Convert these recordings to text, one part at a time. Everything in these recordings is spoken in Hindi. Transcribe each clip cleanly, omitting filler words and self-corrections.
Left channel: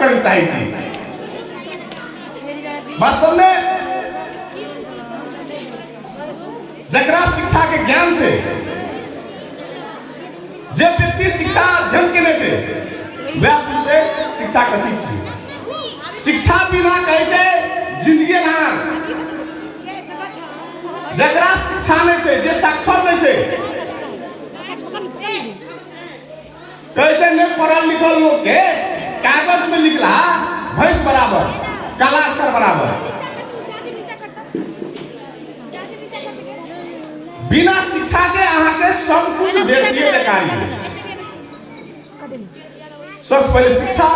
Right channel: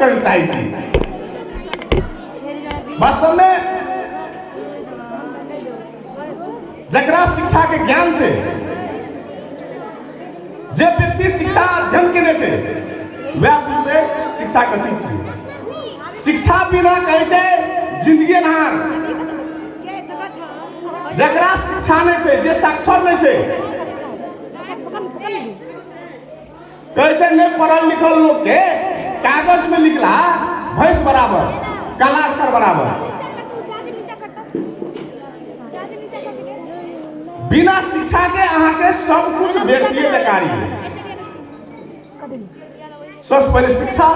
करना चाहिए। वास्तव में जकरा शिक्षा के ज्ञान से जे व्यक्ति शिक्षा अध्ययन केने से वह से शिक्षा कथी छी। शिक्षा बिना कहे छे जिंदगी ना। जकरा शिक्षा नहीं छे, जे साक्षर नहीं छे, कहे छे ने पढ़ल लिखल लोग के कागज में लिखला भैंस बराबर, काला अक्षर बराबर। बिना शिक्षा के अहाँ के सब कुछ व्यक्तिगत कार्य। सबसे पहले शिक्षा,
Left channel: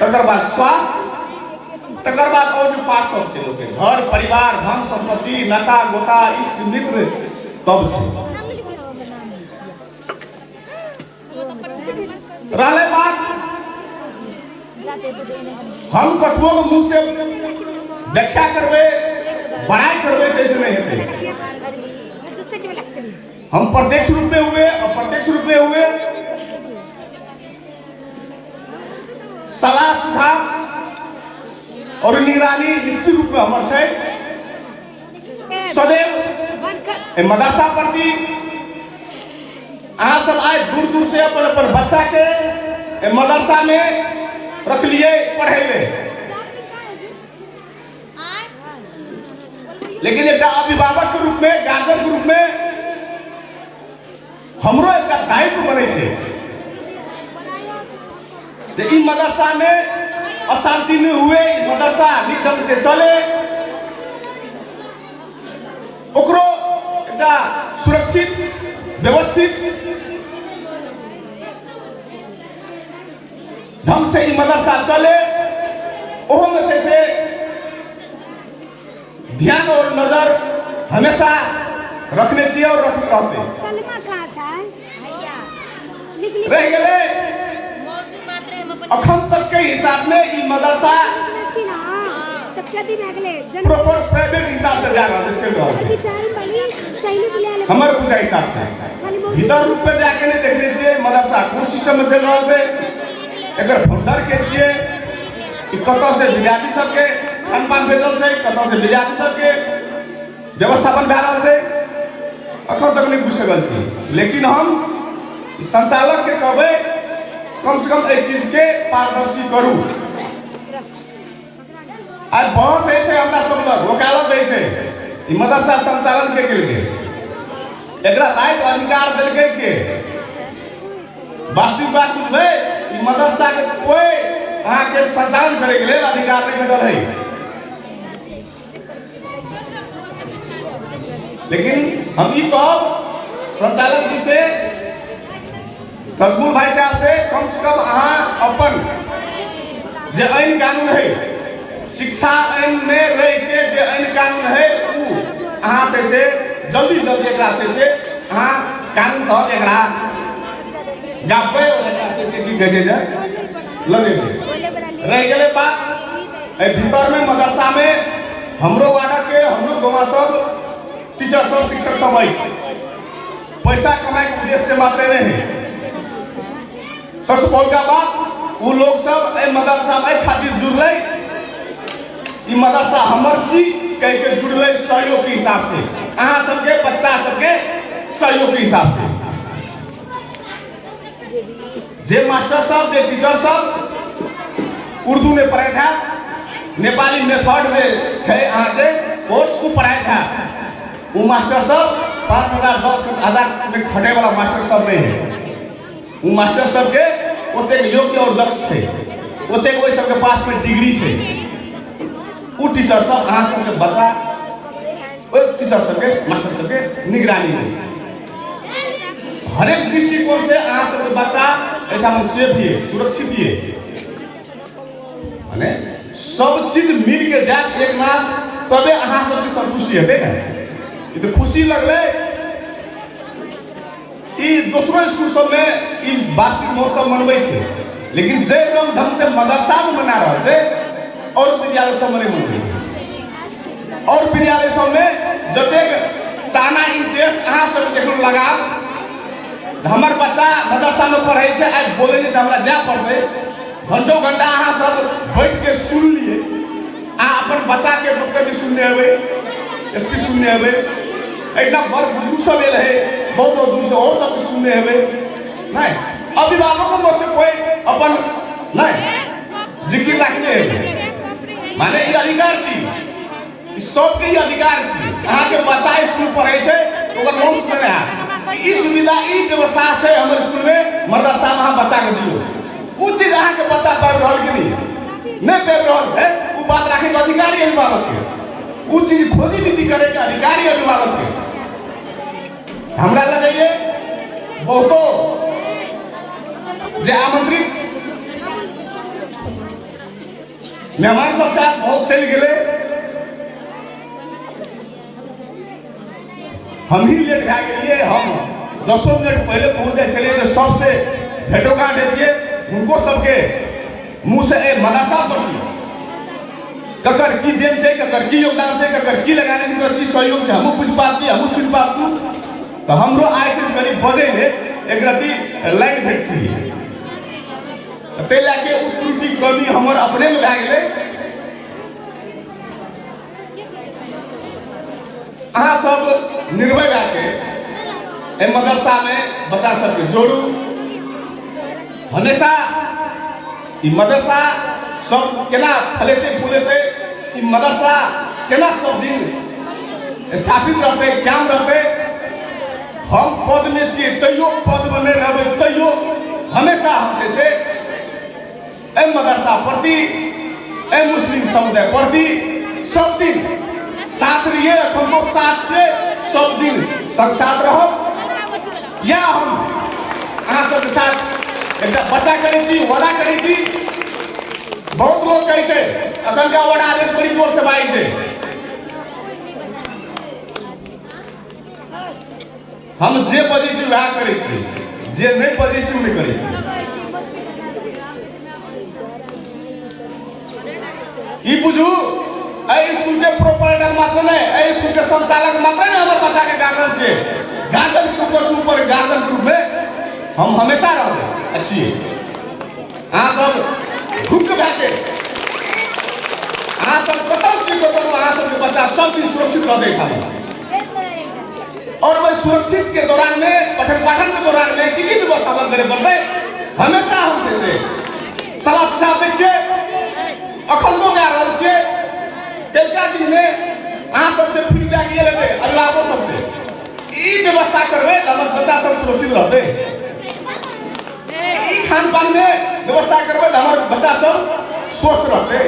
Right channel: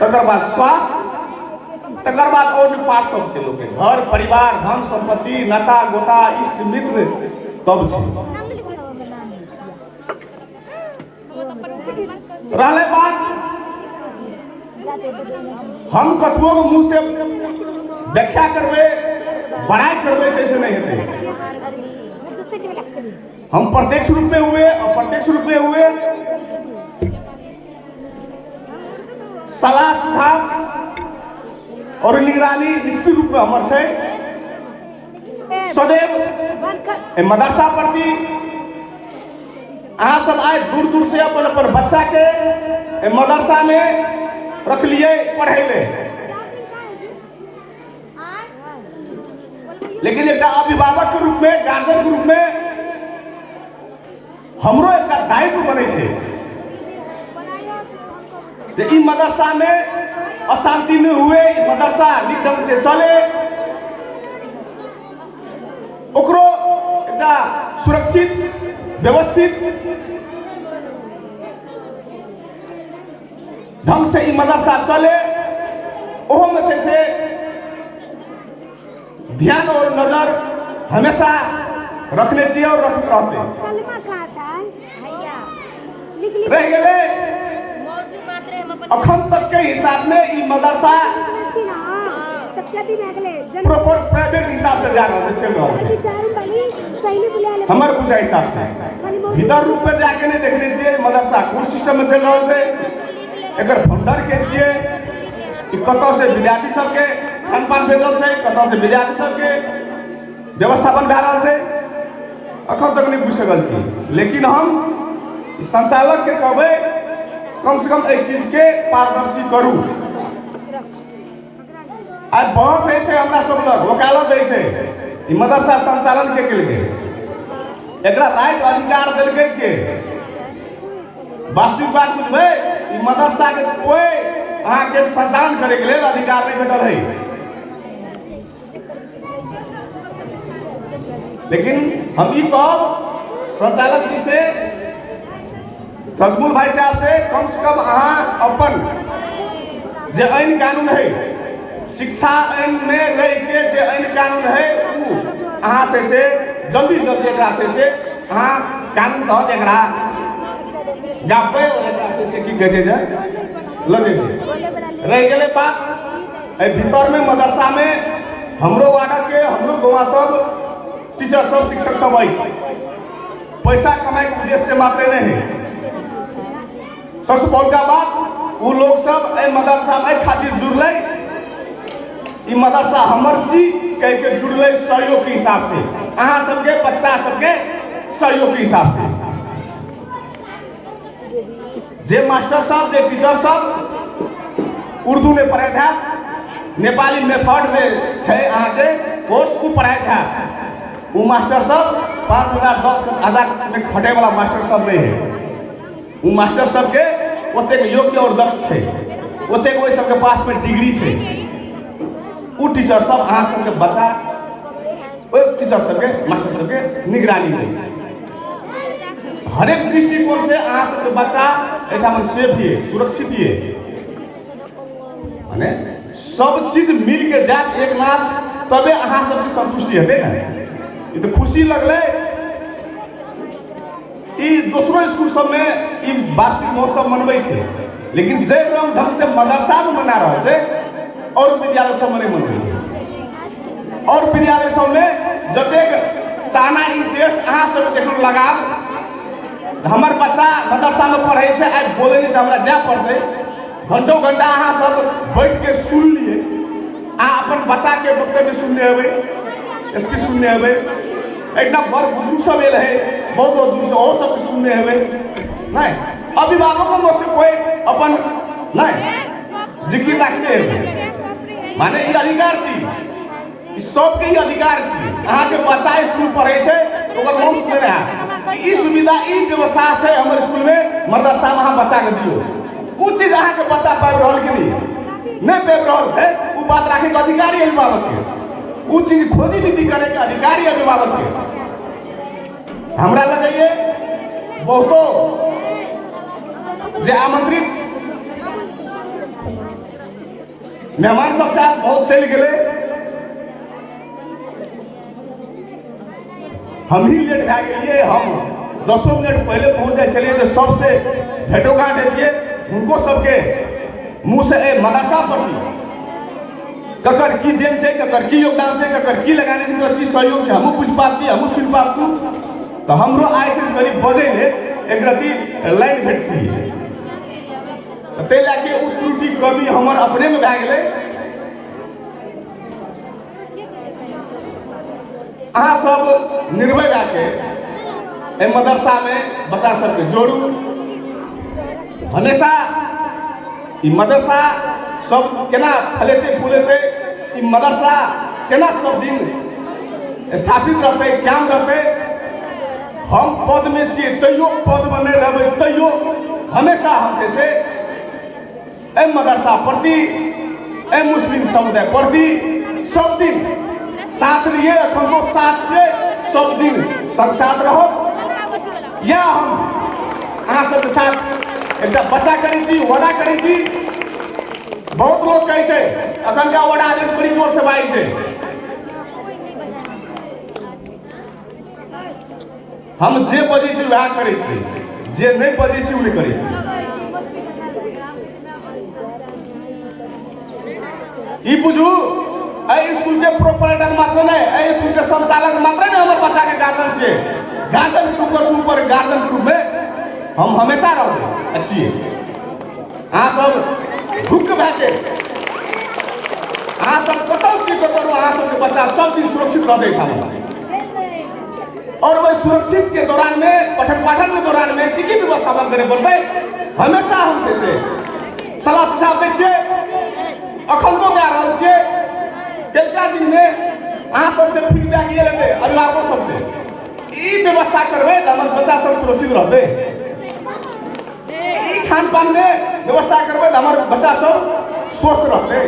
तकर बाद स्वास्थ्य, तकर बाद और जो पार्ट सब छे लोग के घर परिवार धन संपत्ति नाता गोता इष्ट मित्र तब छे। रहले बात हम कतबो मुंह से व्याख्या करबे बड़ाई करबे कैसे नहीं हेते। हम प्रत्यक्ष रूप में हुए अप्रत्यक्ष रूप में हुए सलाह सुझाव और निगरानी निश्चित रूप में हमर से सदैव मदरसा प्रति अहाँ सब आए दूर दूर से अपन बच्चा के मदरसा में रख लिए पढ़े ले। लेकिन एक अभिभावक के रूप में गार्जियन के रूप में हमरो एक दायित्व बने छे जे ई मदरसा में अशांति न हुए, मदरसा नीक ढंग से चले, ओकरो एकटा सुरक्षित व्यवस्थित ढंग से ई मदरसा चले। ओहो में से ध्यान और नजर हमेशा रखने चाहिए और रखते रहते रह गए। अखन तक के हिसाब में ई मदरसा प्रॉपर प्राइवेट हिसाब से जा रहा है, चल रहा है हमारे पूरा हिसाब से। भीतर रूप में जाके नहीं देखने चाहिए मदरसा कोन सिस्टम में चल रहा है। अगर भंडार के लिए कतौ से विद्यार्थी सबके खान-पान भेटल छै, कतौ से विद्यार्थी सबके व्यवस्थापन भए रहल छै, अखन तक नहीं बुझ सकल छी। लेकिन हम संचालक के कहबै कम से कम एहि चीज के पारदर्शी करू। आज बहुत से हमरा सब लग वकालत दै छै ई मदरसा संचालन के लिए एकरा राइट अधिकार देलकै के। वास्तविक बात बुझबै ई मदरसा के कोई अहाँ के संचालन करे के लिए अधिकार नहीं भेटल है। लेकिन हम ई कहब संचालक जी से, तजमुल भाई साहब से, कम से कम अहाँ अपन जे आइन कानून है शिक्षा आइन में रह के जे आइन कानून है अहाँ से जल्दी जल्दी एकरा से अहाँ कानून तहत एकरा गापे एकरा से की कहे जाए लगे रह गेले बात ए भीतर में मदरसा में हमरो वार्ड के हमरो गोवा सब टीचर सब शिक्षक सब आई पैसा कमाए के उद्देश्य से मात्र नहीं है। सबसे बड़का बात वो लोग सब ए मदरसा में खातिर जुड़ले, ई मदरसा हमर छी कह के जुड़ले सहयोग के हिसाब से, अहाँ सबके बच्चा सबके सहयोग के हिसाब से। जे मास्टर साहब जे टीचर साहब उर्दू में पढ़ाए था, नेपाली मेथड में छै अहाँ के कोर्स को पढ़ाए था, वो मास्टर साहब 5,000 10,000 में खटे वाला मास्टर साहब नहीं है। वो मास्टर सब के ओते योग्य और दक्ष है, ओते कोई सबके पास में डिग्री है। वो टीचर सब अहाँ सबके बच्चा ओए टीचर सबके मास्टर सबके निगरानी है। हर एक दृष्टिकोण से अहाँ सबके बच्चा एठा में सेफ है, सुरक्षित है। माने सब चीज मिल के जाए एक नाश तबे अहाँ सबके संतुष्टि हेतै ना। ई तो खुशी लगले ई दूसरो स्कूल सब में ई वार्षिक महोत्सव मनबै छै, लेकिन जे ढंग से मदरसा में मना रहल छै और विद्यालय सब में मनबै छै। और विद्यालय सब में जतेक चाहना इंटरेस्ट अहाँ सब देखन लगाब हमर बच्चा मदरसा में पढ़ै छै, आज बोले छै हमरा जा पढ़तै घंटों घंटा अहाँ सब बैठ के सुन लिए, अहाँ अपन बच्चा के वक्तव्य सुनने हेबै, स्पीच सुनने हेबै, एकदम बड़ बुजुर्ग सब एल है, बहुत दूर से और सब सुनने हेबै, नहीं अभिभावकों में से कोई अपन नहीं जिक्र रखते हैं, माने ये अधिकार छी, सबके ये अधिकार छी, अहाँ के बच्चा स्कूल पढ़े छे ओकर मन सुने रहा ई सुविधा ई व्यवस्था है हमारे स्कूल में मदरसा वहाँ बच्चा के दियो, कुछ चीज अहाँ के बच्चा पढ़ रहा कि नहीं पढ़ रहा है, वो बात रखे के अधिकारी अभिभावक के, कुछ चीज खोजी नीति करे के अधिकारी अभिभावक के। हमरा लगे बहुतो जे आमंत्रित मेहमान सब साथ बहुत चल गए, हम ही लेट भए गेलिए, हम 10 मिनट पहले पहुंच गए चलिए तो सबसे भेटो गांठ देतिए, उनको सबके मुंह से ए मदरसा पढ़ी ककर की देन से, ककर की योगदान से, ककर की लगाने से, ककर की सहयोग से हम कुछ पाती हम सुन पातू, तो हमरो आय से करीब बजे में एक रति लाइन भेटती है, ते लाके त्रुटि कमी हमर अपने में भए गेलै। अहाँ सब निर्भय जाके ए मदरसा में बच्चा सबके जोड़ू, हमेशा ई मदरसा सब केना फलेते फूलेते, ई मदरसा केना सब दिन स्थापित रहते, कायम रहते, हम पद में छिए तैयो पद में नहीं रहबै तैयो हमेशा हम जैसे ए मदरसा प्रति ए मुस्लिम समुदाय प्रति सब दिन साथ रहिए, अपनो साथ से सब दिन संग साथ रहो, या हम अहाँ सबके साथ एक बच्चा करै छी, वड़ा करै छी, बहुत लोग कहै छै अखन का वड़ा जे बड़ी जोर से बाई छै, हम जे बजै छी वएह करै छी, जे नहीं बजै छी नहीं करै छी, ई बुझू ए स्कूल के प्रोपराइटर मात्र नहीं, ए स्कूल के संचालक मात्र नहीं, हमारे बच्चा के गार्जियन के गार्जियन के ऊपर गार्जियन के रूप में हम हमेशा रहोगे अच्छी है। हाँ सब भूख बैठे, हाँ सब बताओ कि हाँ सब बच्चा सब दिन सुरक्षित रह देखा, और वह सुरक्षित के दौरान में पठन पाठन के दौरान में किसी व्यवस्था बंद करे बोलते हमेशा हम जैसे सलाह सुझाव देखिए, अखंडो दे रहल छिए, एकटा दिन में अहाँ सबसे फीडबैक ये लेबै अभिभावक सबसे, ई व्यवस्था करबै त हमर बच्चा सब सुरक्षित रहतै, ई खान पान में व्यवस्था करबै त हमर बच्चा सब स्वस्थ रहतै,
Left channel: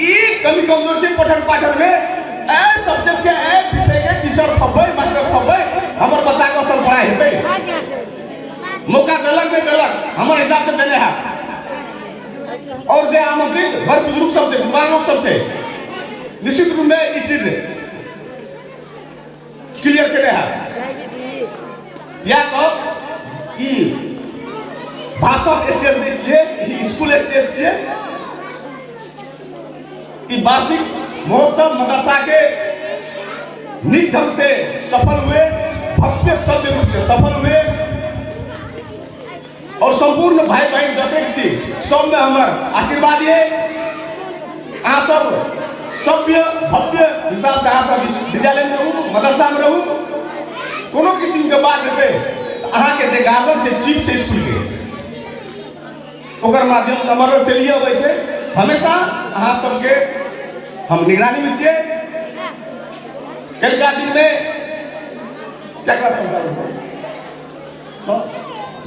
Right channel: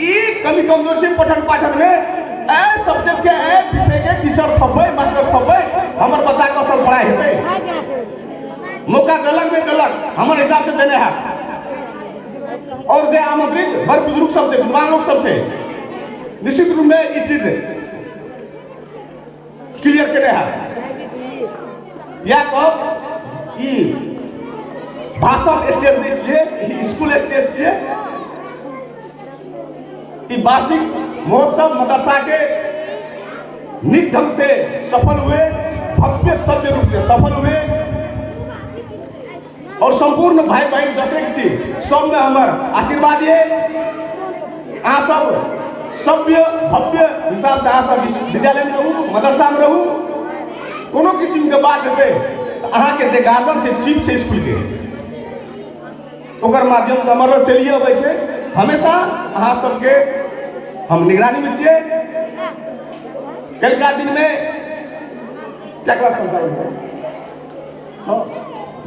ई कमी कमजोरी पठन पाठन में ए सब्जेक्ट के ए विषय के टीचर खबै मास्टर खबै हमर बच्चा के असल पढ़ाई हेतै, मौका देलक नहीं देलक हमर हिसाब से देने है, और जे आमंत्रित हर बुजुर्ग सबसे विद्वानों सबसे निश्चित रूप में ये चीज क्लियर करे है, या कब कि भाषण स्टेज नहीं चाहिए, स्कूल स्टेज चाहिए, कि वार्षिक महोत्सव मदरसा के निक ढंग से सफल हुए, भव्य सभ्य रूप से सफल हुए, और संपूर्ण भाई बहन जतेक छी सब में हमार आशीर्वाद है, अहाँ सब सभ्य भव्य हिसाब से अहाँ सब विद्यालय में रहू, मदरसा में रहू, कोनो किस्म के बात हेतै अहाँ के जे गार्जियन छै चीफ छै स्कूल के ओकर माध्यम से हमारो चलिए अबै छै, हमेशा अहाँ सबके हम निगरानी में छियै, कलका दिन में क्या क्लास में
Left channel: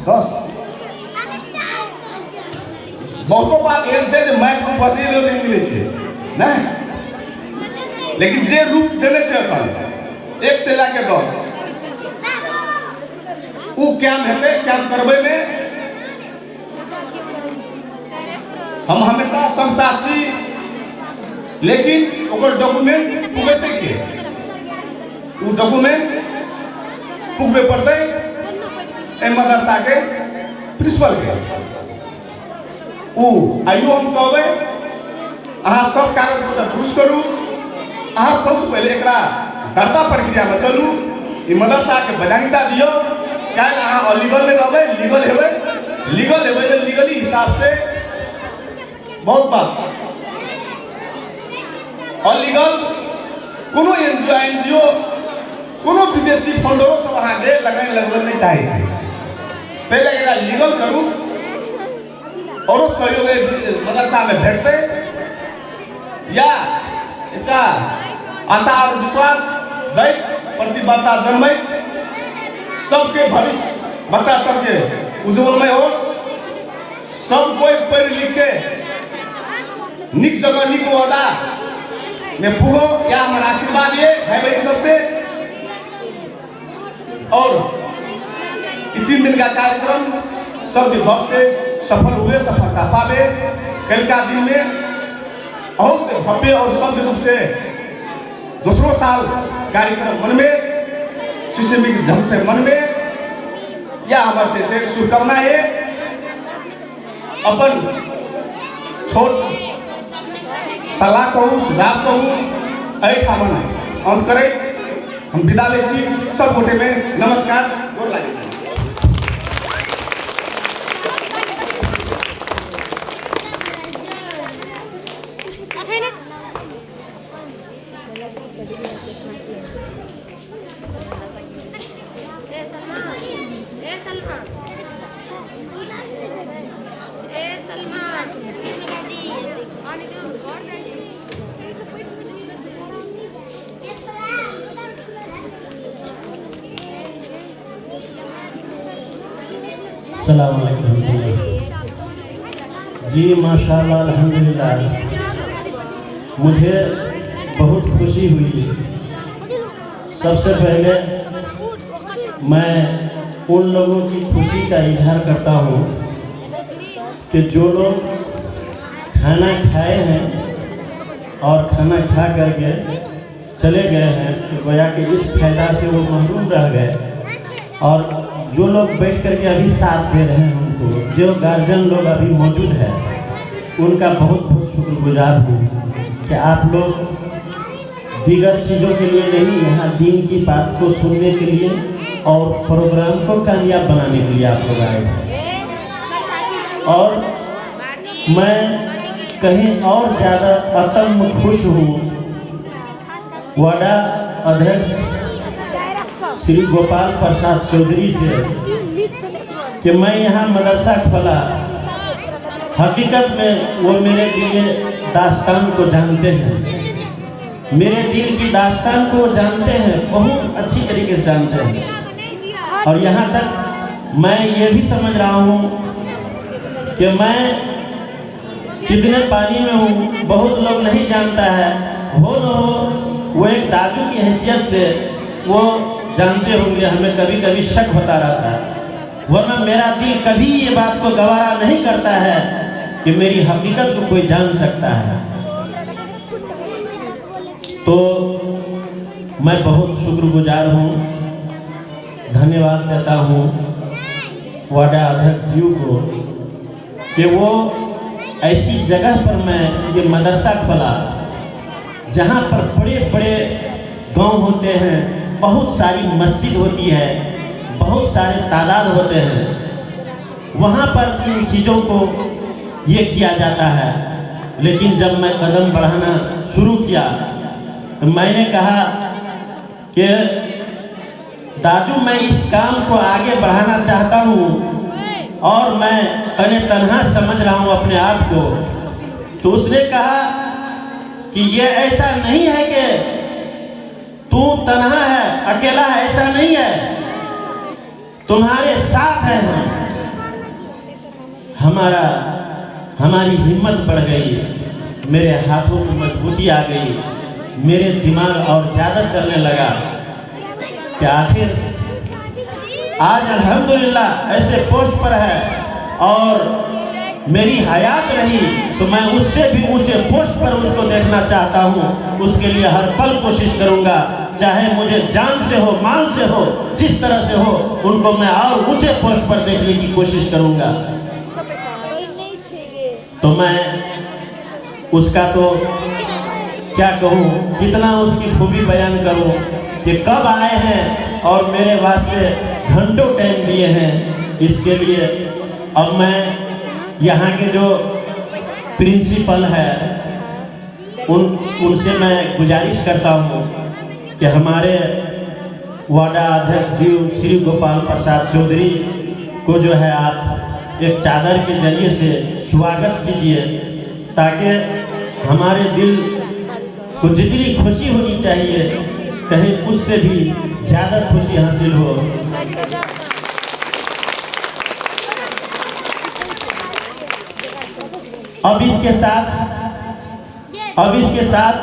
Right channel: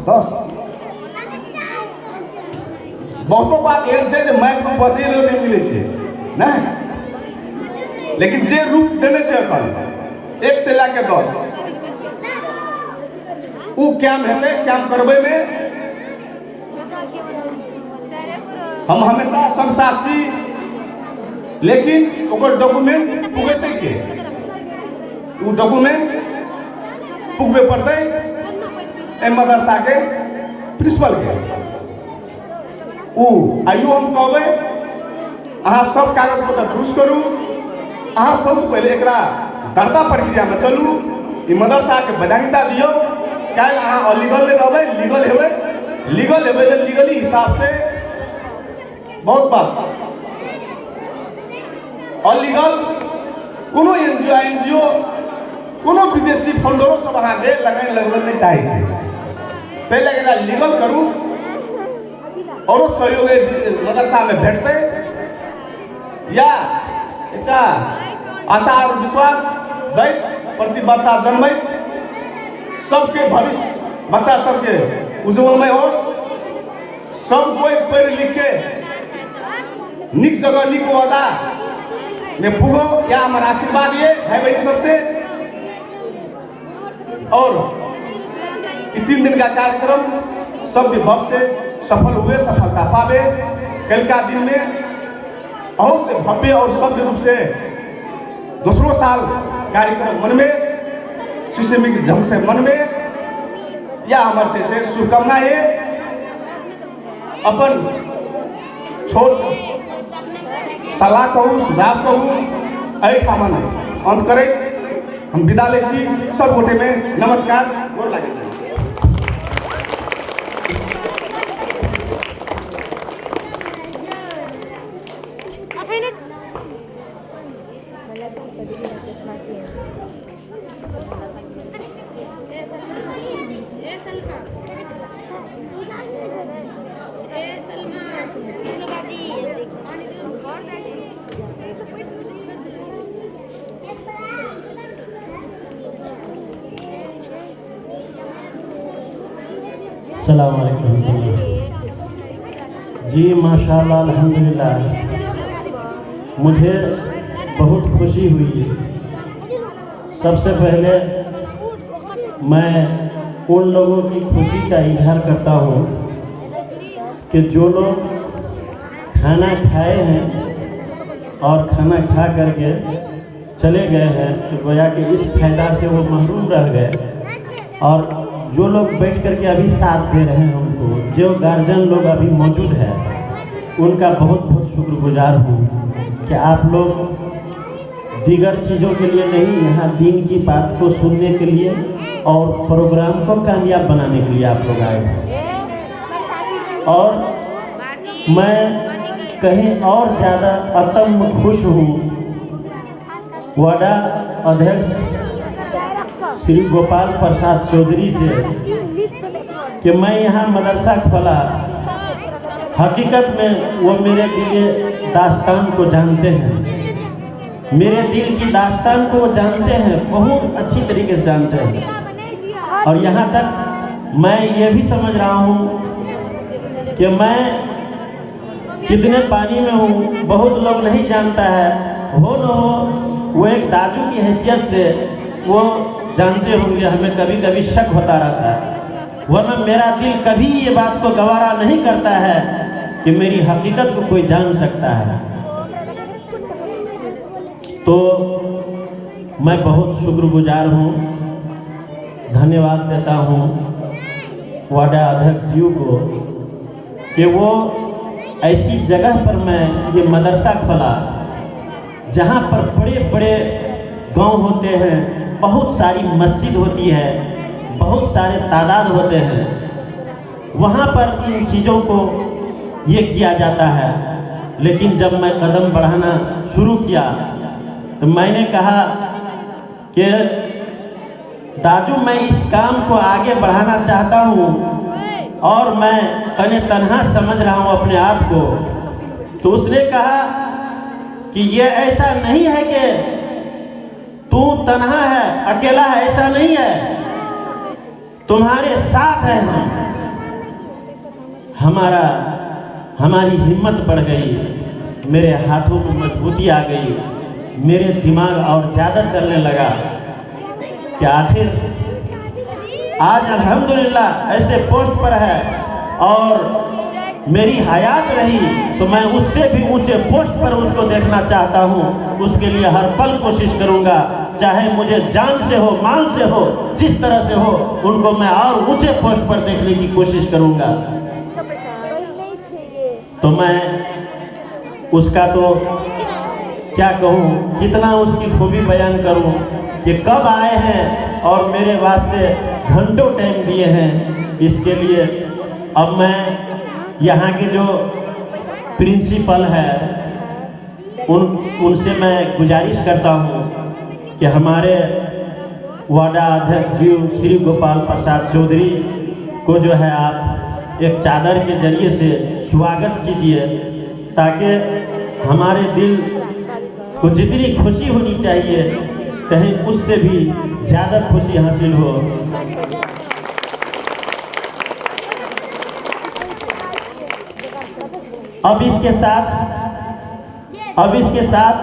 10 बहुतो बात एहन छै जे मैथ में बचे लोग मिलै छै नहीं, लेकिन जे रूप देने छै अपन 1 से लेके 10 उ कैम हेतै, कैम करबै में हम हमेशा संसार छी, लेकिन ओकर डॉक्यूमेंट पुगेतै के, उ डॉक्यूमेंट पुगबे पड़तै ए मदरसा के प्रिंसिपल के, उ आइयो हम कहबै अहाँ सब कागज पत्र पुरुष करू, अहाँ सबसे पहले एकरा दर्ता प्रक्रिया में चलू, ई मदरसा के वैधानिकता दियो, क्या अहाँ अलीगल में रहबै लीगल हेबै, लीगल हेबै लीगली हिसाब से बहुत बात अलीगल कोनो एनजीओ कोनो विदेशी फंडों सब अहाँके लगाए लगबे नहीं चाहे छे। पहले एकरा लीगल करू और सहयोग मदरसा में भेटते या एकटा आशा और विश्वास दै प्रतिबद्धता जन्मे सबके भविष्य बच्चा सबके उज्जवलमय हो, सब कोई पढ़ लिख के निक जगह निक वादा में पुगो या हमारा आशीर्वाद ये है भाई सबसे। और 3 दिन का कार्यक्रम सब विभाग से सफल हुए, सफलता पावे। कल का दिन में बहुत से भव्य और सभ्य रूप से दूसरों साल कार्यक्रम मन में सिस्टमिक ढंग से मन में या हमारे से शुभकामनाएं अपन छोट सलाह कहूँ सुझाव कहूँ ठामन अंत करें। हम विदा ले सब गोटे में नमस्कार गोर लागे। अस्सलाम वालेकुम जी, माशाअल्लाह अल्हम्दुलिल्लाह। मुझे बहुत खुशी हुई। सबसे पहले मैं उन लोगों की खुशी का इजहार करता हूँ कि जो लोग खाना खाए हैं और खाना खा करके चले गए हैं, तो गोया कि इस फायदा से वो महरूम रह गए। और जो लोग बैठ करके अभी साथ दे रहे हैं उनको, जो गार्जियन लोग अभी मौजूद है, उनका बहुत बहुत शुक्रगुजार हूँ कि आप लोग दीगर चीज़ों के लिए नहीं, यहाँ दीन की बात को सुनने के लिए और प्रोग्राम को कामयाब बनाने के लिए आप लोग आए हैं। और मैं कहीं और ज़्यादा अतम खुश हूँ वाडा अध्यक्ष श्री गोपाल प्रसाद चौधरी से कि मैं यहाँ मदरसा खोला। हकीकत में वो मेरे लिए दास्तान को जानते हैं, मेरे दिल की दास्तान को जानते हैं, बहुत अच्छी तरीके से जानते हैं। और यहाँ तक मैं ये भी समझ रहा हूँ कि मैं कितने पानी में हूँ, बहुत लोग नहीं जानता है। हो न हो वो एक दादू की हैसियत से वो जानते होंगे, हमें कभी कभी शक होता रहता है, वरना मेरा दिल कभी ये बात को गवारा नहीं करता है कि मेरी हकीकत को कोई जान सकता है। तो मैं बहुत शुक्रगुजार हूँ, धन्यवाद देता हूँ वाडा अध्यक्ष जी को कि वो ऐसी जगह पर मैं ये मदरसा खोला जहाँ पर बड़े बड़े गांव होते हैं, बहुत सारी मस्जिद होती है, बहुत सारे तादाद होते हैं, वहाँ पर इन चीज़ों को ये किया जाता है। लेकिन जब मैं कदम बढ़ाना शुरू किया तो मैंने कहा कि दादू मैं इस काम को आगे बढ़ाना चाहता हूँ और मैं अने तन्हा समझ रहा हूँ अपने आप को। तो उसने कहा कि ये ऐसा नहीं है कि तू तन्हा है, अकेला है, ऐसा नहीं है, तुम्हारे साथ है हम। हमारी हिम्मत बढ़ गई, मेरे हाथों में मजबूती आ गई, मेरे दिमाग और ज़्यादा चलने लगा कि आखिर आज अल्हम्दुलिल्लाह ऐसे पोस्ट पर है और मेरी हयात रही तो मैं उससे भी ऊंचे पोस्ट पर उसको देखना चाहता हूँ। उसके लिए हर पल कोशिश करूँगा, चाहे मुझे जान से हो, माल से हो, जिस तरह से हो, उनको मैं और ऊंचे पोस्ट पर देखने की कोशिश करूँगा। तो मैं उसका तो क्या कहूँ, कितना उसकी खूबी बयान करूँ कि कब आए हैं और मेरे वास्ते घंटों टाइम दिए हैं। इसके लिए अब मैं यहाँ के जो प्रिंसिपल है उनसे मैं गुजारिश करता हूँ कि हमारे वार्डा अध्यक्ष जी श्री गोपाल प्रसाद चौधरी को जो है आप एक चादर के जरिए से स्वागत कीजिए, ताकि हमारे दिल को जितनी खुशी होनी चाहिए कहीं उससे भी ज़्यादा खुशी हासिल हो। अब इसके साथ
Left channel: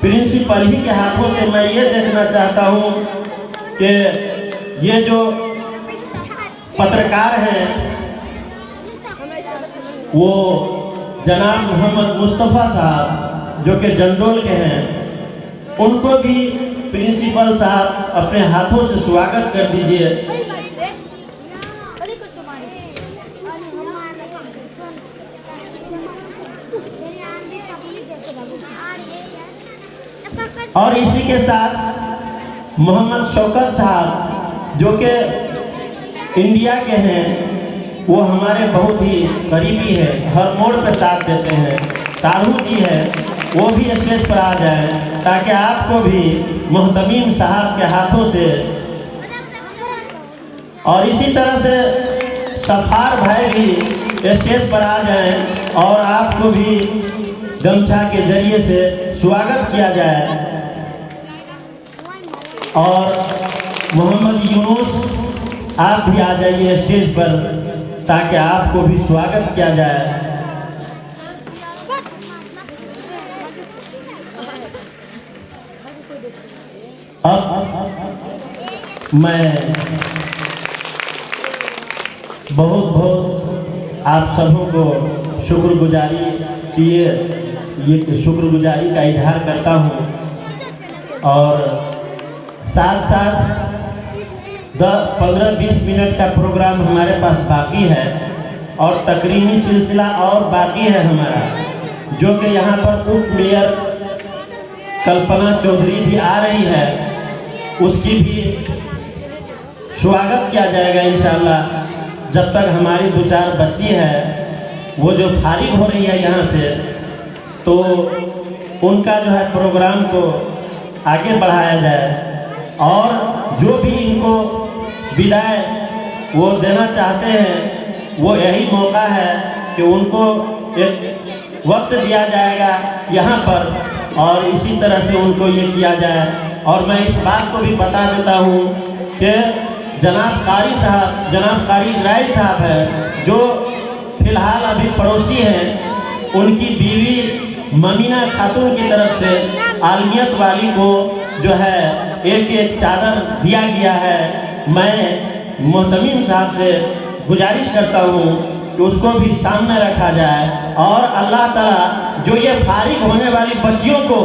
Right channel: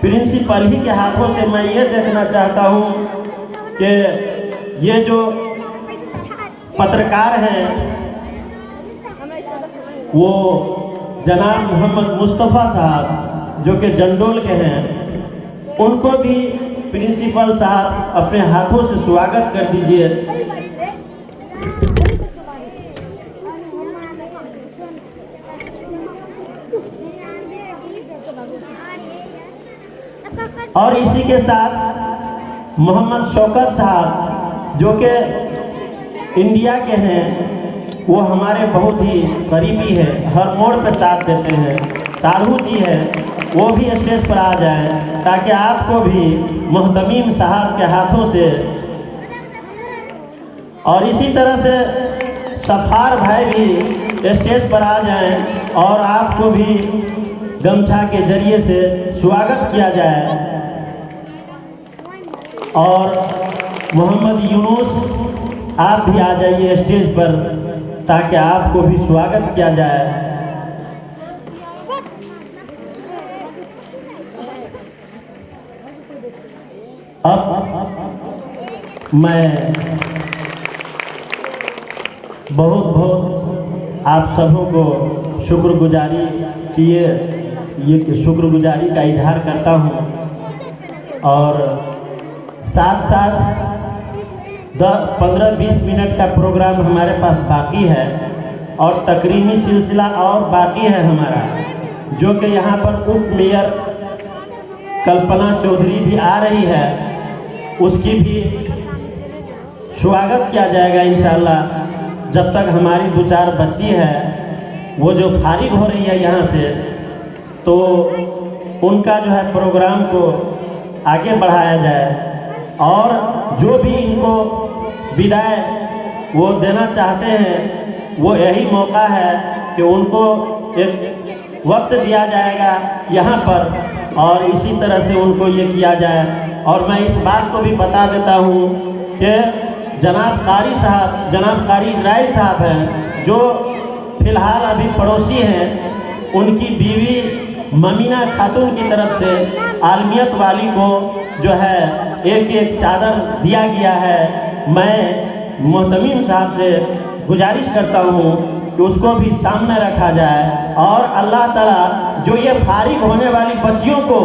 प्रिंसिपल ही के हाथों से मैं ये देखना चाहता हूँ कि ये जो पत्रकार हैं वो जनाब मोहम्मद मुस्तफ़ा साहब जो कि जंडोल के हैं, उनको भी प्रिंसिपल साहब अपने हाथों से स्वागत कर दीजिए। और इसी के साथ मोहम्मद शौकत साहब जो कि इंडिया के हैं, वो हमारे बहुत ही करीबी है, हर मोड़ पे साथ देते हैं। तारू जी है, वो भी स्टेज पर आ जाए ताकि आपको भी मोहतमीम साहब के हाथों से, और इसी तरह से सफार भाई भी स्टेज पर आ जाए और आपको भी गमछा के जरिए से स्वागत किया जाए। और मोहम्मद यूनुस आप भी आ जाइए स्टेज पर ताकि आपको भी स्वागत किया जाए। अब मैं बहुत आप सबों को शुक्रगुजारी का इजहार करता हूँ, और साथ 15-20 मिनट का प्रोग्राम हमारे पास बाकी है और तकरीमी सिलसिला और बाकी है हमारा, जो कि यहाँ पर उप मेयर कल्पना चौधरी भी आ रही है, उसकी भी स्वागत किया जाएगा इंशाअल्लाह। जब तक हमारी 2-4 बच्ची है वो जो फारिग हो रही है यहाँ से, तो उनका जो है प्रोग्राम को आगे बढ़ाया जाए, और जो भी इनको विदाई वो देना चाहते हैं वो यही मौका है कि उनको एक वक्त दिया जाएगा यहाँ पर, और इसी तरह से उनको ये किया जाए। और मैं इस बात को भी बता देता हूँ कि जनाब कारी इजराइल साहब है, जो फिलहाल अभी पड़ोसी हैं, उनकी बीवी ममीना खातून की तरफ से आलमियत वाली को जो है एक चादर दिया गया है। मैं मोहतमीम साहब से गुजारिश करता हूँ कि उसको भी सामने रखा जाए, और अल्लाह ताला जो ये फारिग होने वाली बच्चियों को,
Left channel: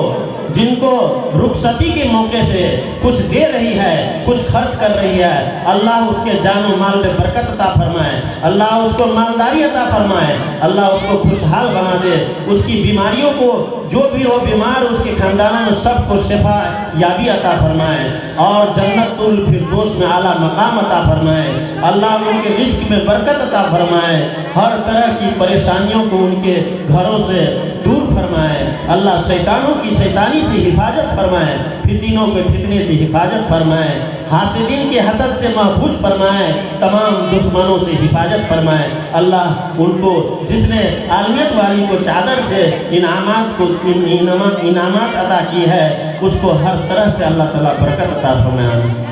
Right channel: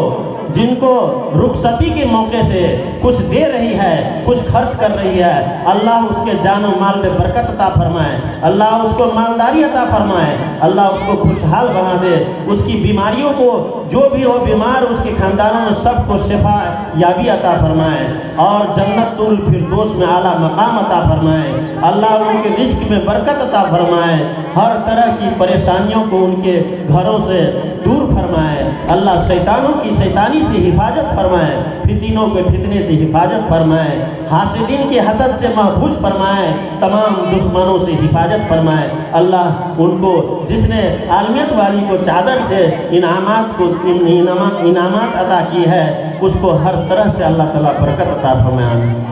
जिनको रुखसती के मौके से कुछ दे रही है, कुछ खर्च कर रही है, अल्लाह उसके जान और माल में बरकत अता फरमाए, अल्लाह उसको मालदारी अता फरमाए, अल्लाह उसको खुशहाल बना दे, उसकी बीमारियों को, जो भी हो बीमार उसके खानदानों में सबको शिफा याबी अता फरमाए, और जन्नतुल फिरदौस में आला मकाम अता फरमाए, अल्लाह उनके रिज्क में बरकत अता फरमाए, हर तरह की परेशानियों को उनके घरों से दूर फरमाए, अल्लाह शैतानों की शैतानी से हिफाजत फरमाए, फितनों के फितने से हिफाजत फरमाए, हासिदीन के हसद से महफूज फरमाए, तमाम दुश्मनों से हिफाजत फरमाए। अल्लाह उनको, जिसने आलमियत वाली को चादर से इनामात अता की है, उसको हर तरह से अल्लाह ताला बरकत अता फरमाए।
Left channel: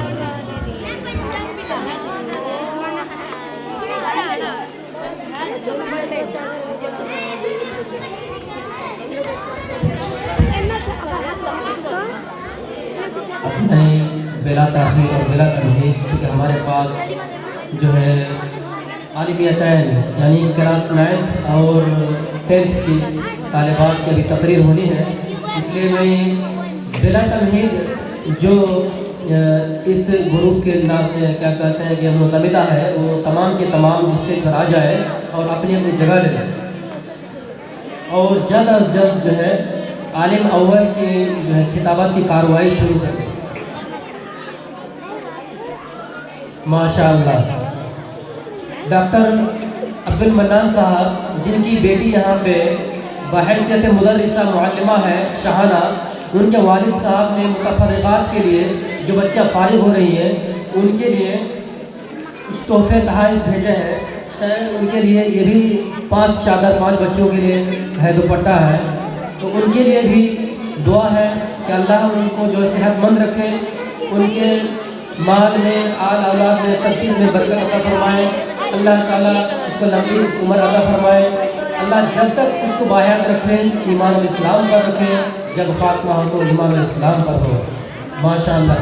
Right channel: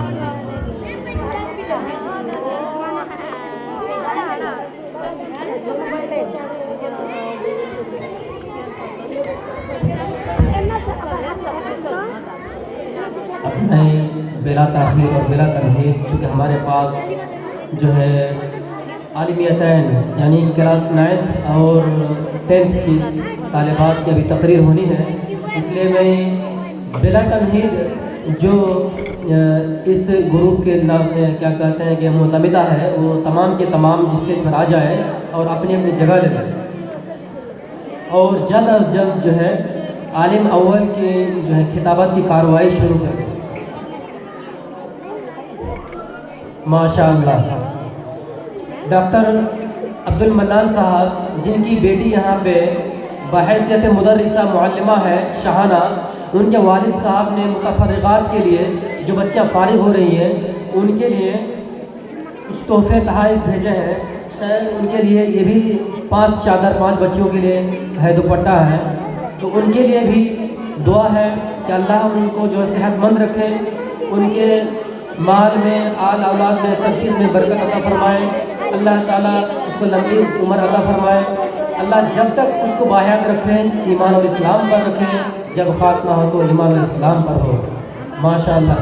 बिला ताख़ीर और बिला तमहीद, क्योंकि हमारे पास जो है आलिमियतैन यानी क्लास 9 और 10th की तालिबात की अभी तकरीर होनी है, इसलिए मैं बिला तमहीद जो इस ग्रुप के नाम से क्या कहते हैं कि मुतमिदा है, वो तमाम के तमाम स्टेज पर आ जाए और अपनी अपनी जगह ले जाए, और जल्द अज जल्द जो है आलिम अव्वल की जो है खिताबत की कार्रवाई शुरू करें। माशाअल्लाह। डॉक्टर अब्दुल मन्नान साहब, जिनकी बेटी यहाँ पे बहैसियत मुदर्रिसा मुअल्लिमा है शहाना, उनके वालिद साहब ने मुतफर्रिगात के लिए जो बच्चियाँ फारिग हो रही हैं उनके लिए कुछ तोहफे तहाइफ भेजे हैं। शायद उनके लिए ये भी 5 चादर 5 बच्चियों के लिए है, दुपट्टा है, तो उनके लिए भी दुआ है कि अल्लाह उनको जो सेहतमंद रखे, उनके माल में आल औलाद में सब चीज़ में बरकत अता फरमाए। अल्लाह ताला उसको लंबी उम्र अता फरमाए। अल्लाह जब तक उसको बाहयात रखे, ईमान और इस्लाम पर रखे, जब फातमा हो तो ईमान और इस्लाम पर हो। माशाअल्लाह।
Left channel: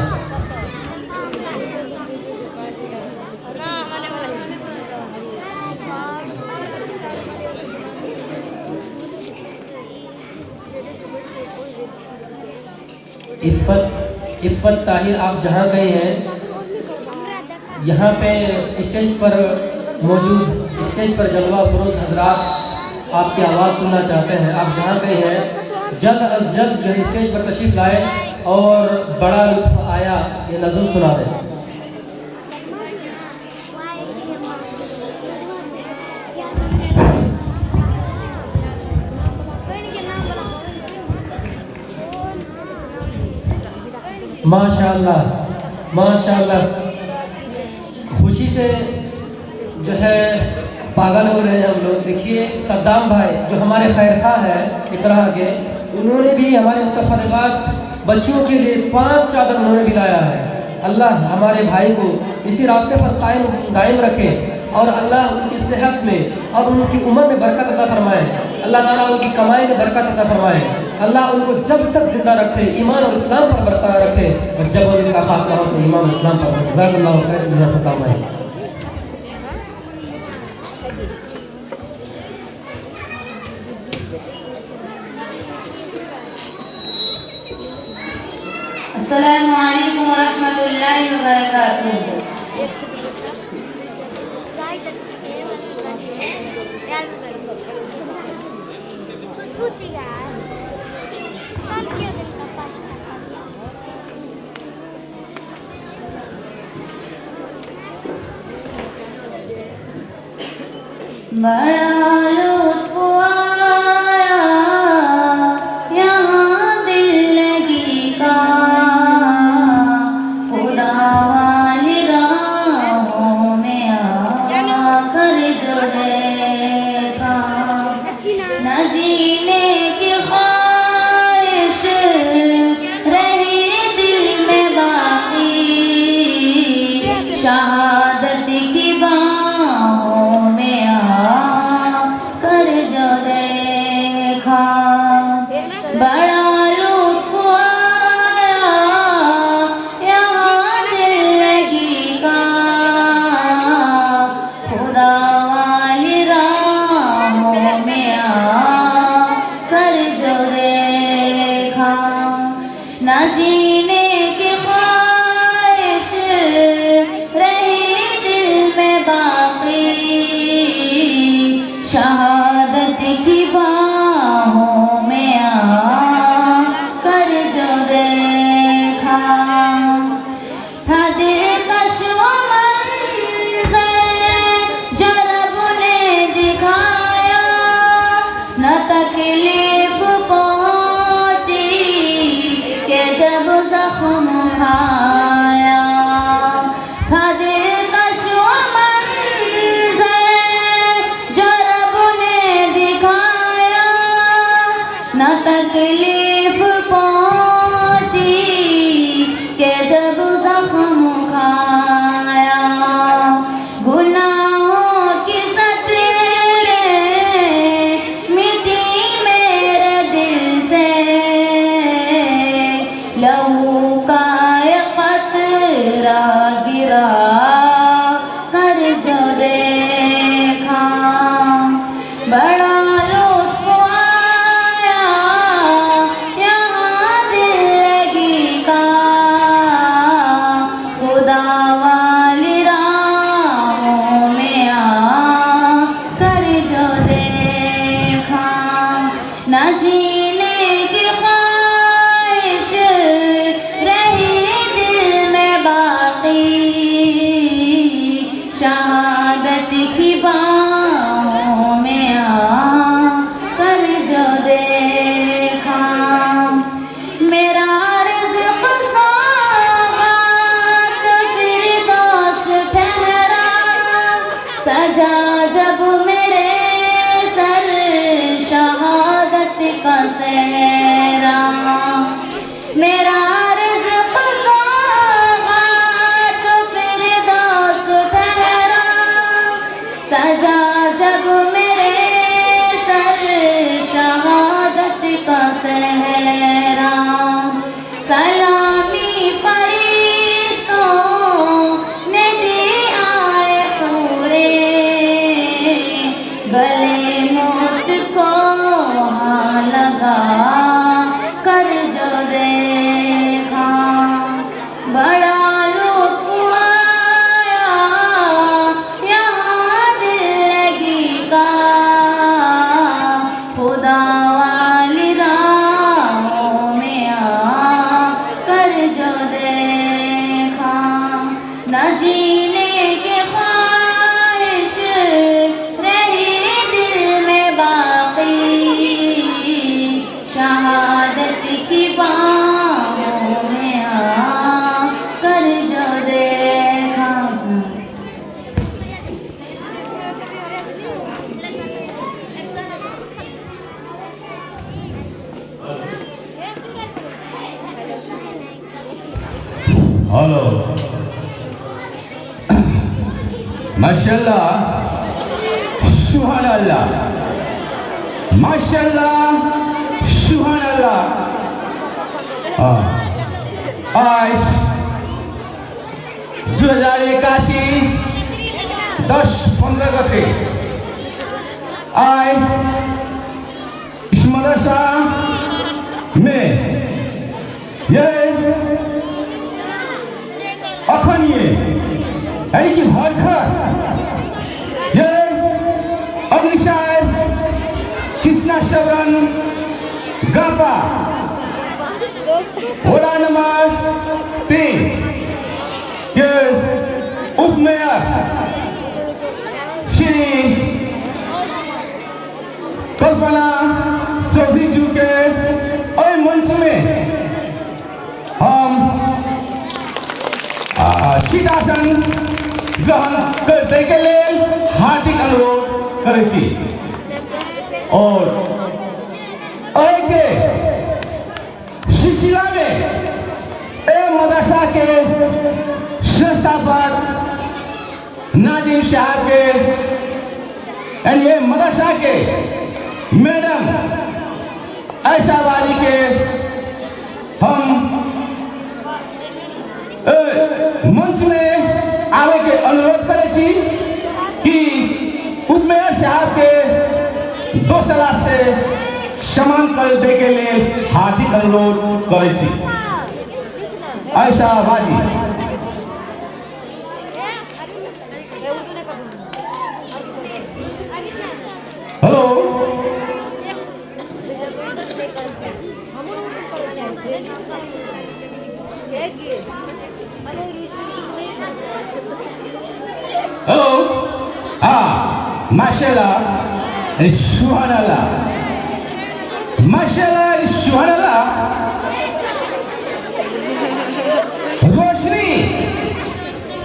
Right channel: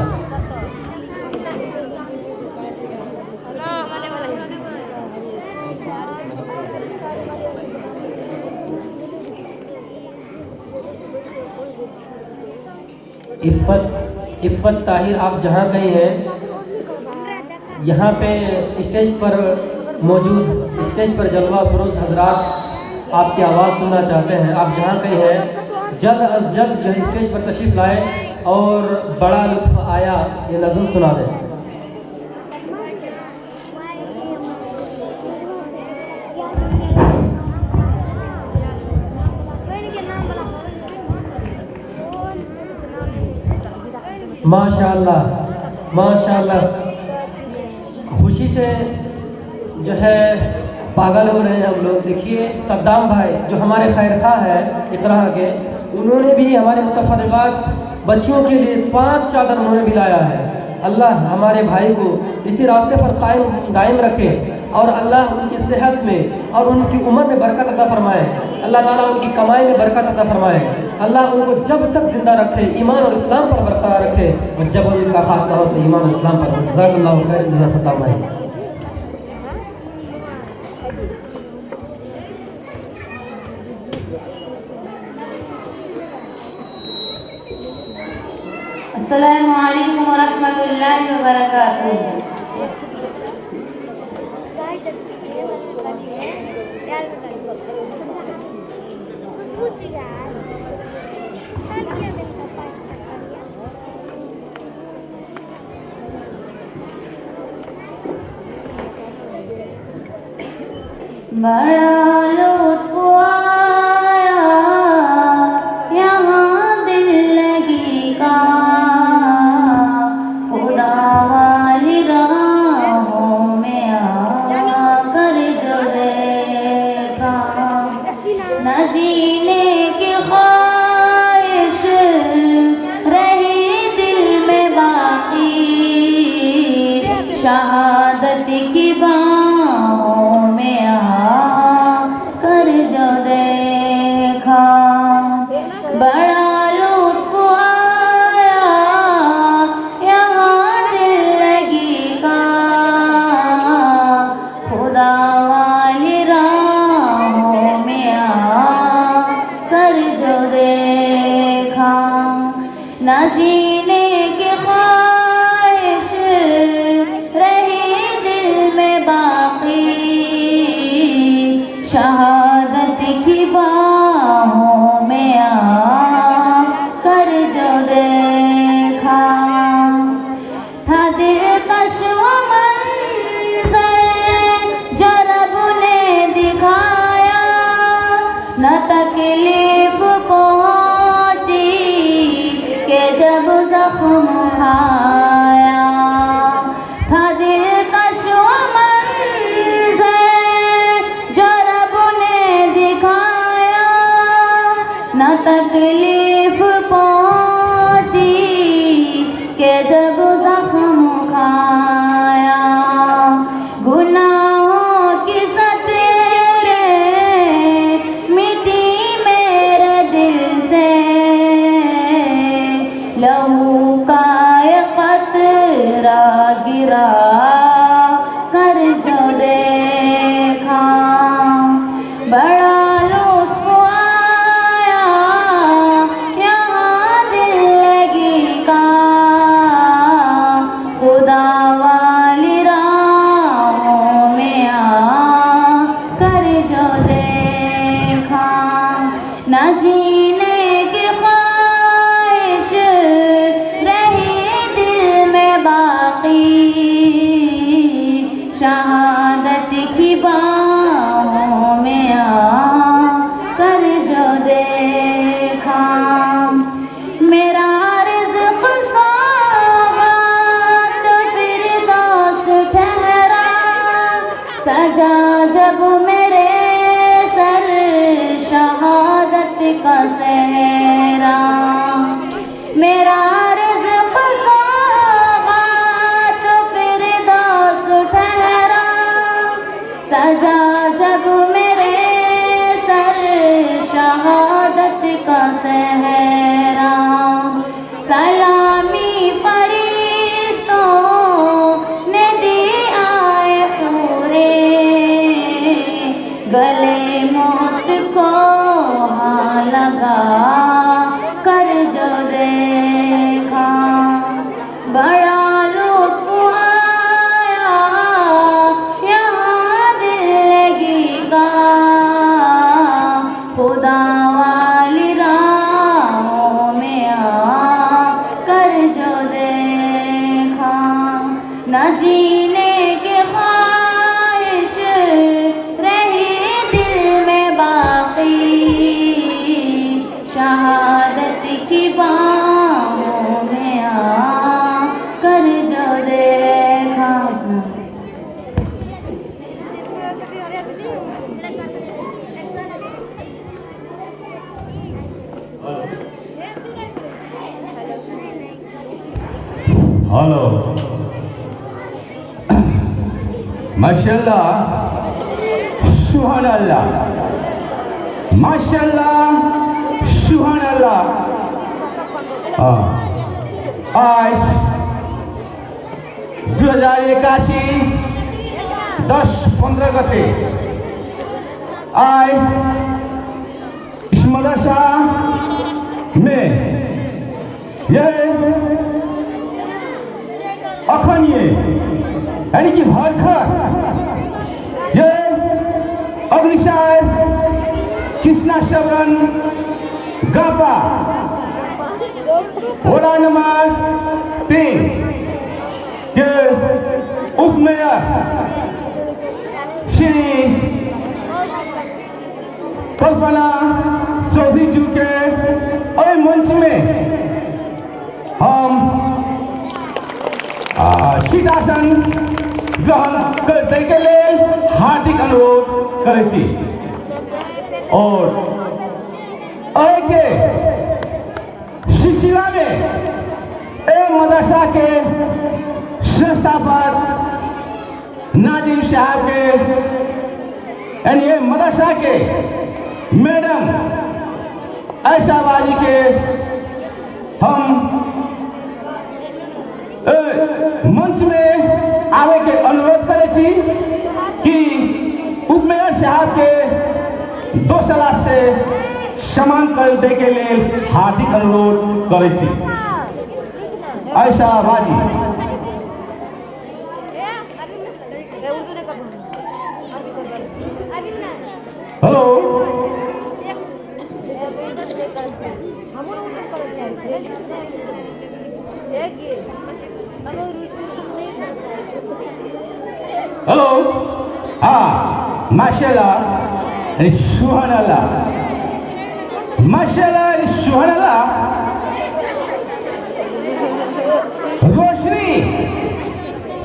इफ़्फ़त ताहिर, आप जहाँ गए हैं यहाँ पे स्टेज पर मौजूद स्टेज पर जलवा फरोज़ हजरात आपकी आवाज़ सुनना चाहते हैं। आप जहाँ गए हैं जल्द अज जल्द जो है स्टेज पर तशरीफ लाए और बड़ा लुत्फ़ आया ये नज़म सुना दें। माशाअल्लाह माशाअल्लाह, खुशी से जो है पागल हो रहे हैं हम लोग। देखिए सद्दाम भाई जो हमारे खैरखा है इकरा के, उन्होंने भी हमारे मुतफर्रिगात बच्चियों के लिए 5 चादर उन्होंने भी लाया है। अल्लाह हमारे भाई को इसी रास्ते पर कायम रखे और अल्लाह उनकी सेहत में और उनकी उम्र में बरकत अता फरमाए। अल्लाह ताला उनकी कमाई में बरकत अता फरमाए। अल्लाह उनको जब तक जिंदा रखे, ईमान और इस्लाम पर बरकरार रखे, और जब उनका खात्मा हो तो ईमान और इस्लाम पर जज़ाकल्लाहु खैर जज़ाकल्लाहु। अस्सलामु अलैकुम व रहमतुल्लाहि व बरकातुहू। बड़ा लुत्फ़ आया यहाँ दिल लगी का, खुदा वाली राहों में आकर जो देखा, न जीने की ख्वाहिश रही दिल में बाकी, शहादत की बाहों में आकर जो देखा, बड़ा लुत्फ़ आया यहाँ दिल लगी का, खुदा वाली राहों में आकर जो देखा, न जीने की ख्वाहिश रही दिल में बाकी, शहादत की बाहों में आकर जो देखा, था दिलकश वो मंज़र जो रब ने दिखाया, न तकलीफ पहुंची कि जब ज़ख्म खाया, था दिलकश वो मंज़र जो रब ने दिखाया, न तकलीफ पहुंची कि जब ज़ख्म खाया, गुनाहों की सतरें मिटी मेरे दिल से, लहू का ये क़तरा गिरा कर जो देखा, बड़ा लुत्फ़ आया खुदा वाली राहों में आकर जो देखा न जीने की ख्वाहिश रही दिल में बाकी शहादत की बाहों में आकर जो देखा। हेलो माशाल्लाह सुभान अल्लाह माशाल्लाह सुभान अल्लाह। आज 2081 10-15 गते आज इस मदरसा में ये अखन यानी कि भरखर ये अग्निशार कृष्णा श्रवण गापा वड़ा नंबर 3 के उप मेयर श्री कल्पना चौधरी जी के और मंच में हम शीतासन ग्रहण करने के लिए हार्दिक अनुरोध करें छी और के शिशिला में मदरसा के संस्थापक नाजिम साहब के यानी मदरसा के मैडम ऐशा वाली के हम मंच में आने के अनुरोध करे छी कि उपमेयर साहब के 2 सलाह से सम्मान कर दे के लिए हार्दिक अनुरोध करे छी। ऐसा वाली हेलो हेलो माशाल्लाह सुभान अल्लाह माशाल्लाह सुभान अल्लाह।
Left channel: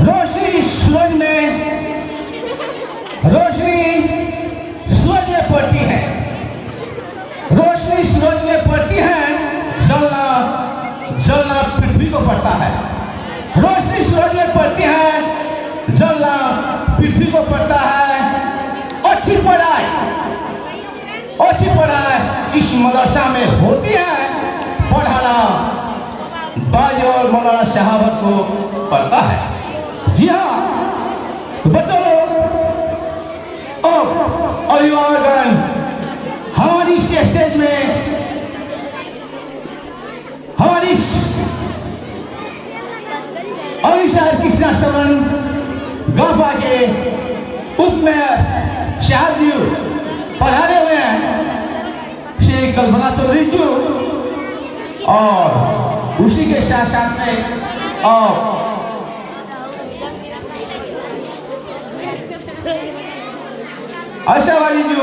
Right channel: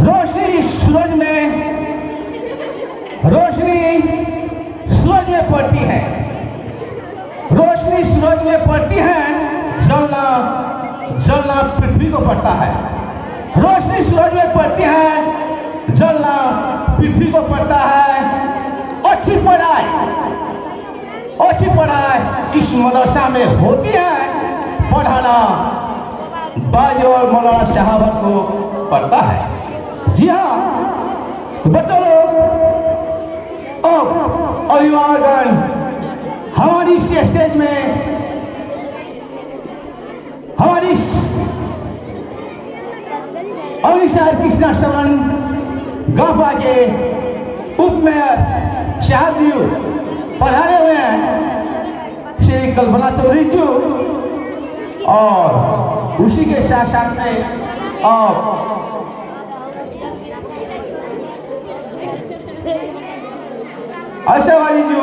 रोशनी सूरज में पड़ती है, रोशनी सूरज में पड़ती है, जलना पृथ्वी को पड़ता है। रोशनी सूरज में पड़ती है, जलना पृथ्वी को पड़ता है। अच्छी पढ़ाई इस मदरसा में होती है, पढ़ाना बाज और मौलाना शहावत को पड़ता है। जी हाँ बच्चों लोग और अभिभावकगण हमारी स्टेज में हमारी अग्निशार कृष्णा श्रवण गापा के उप मेयर साहब जी पढ़ाने हुए हैं श्री कल्पना चौधरी जी और उसी के साथ साथ में आशा वाली जी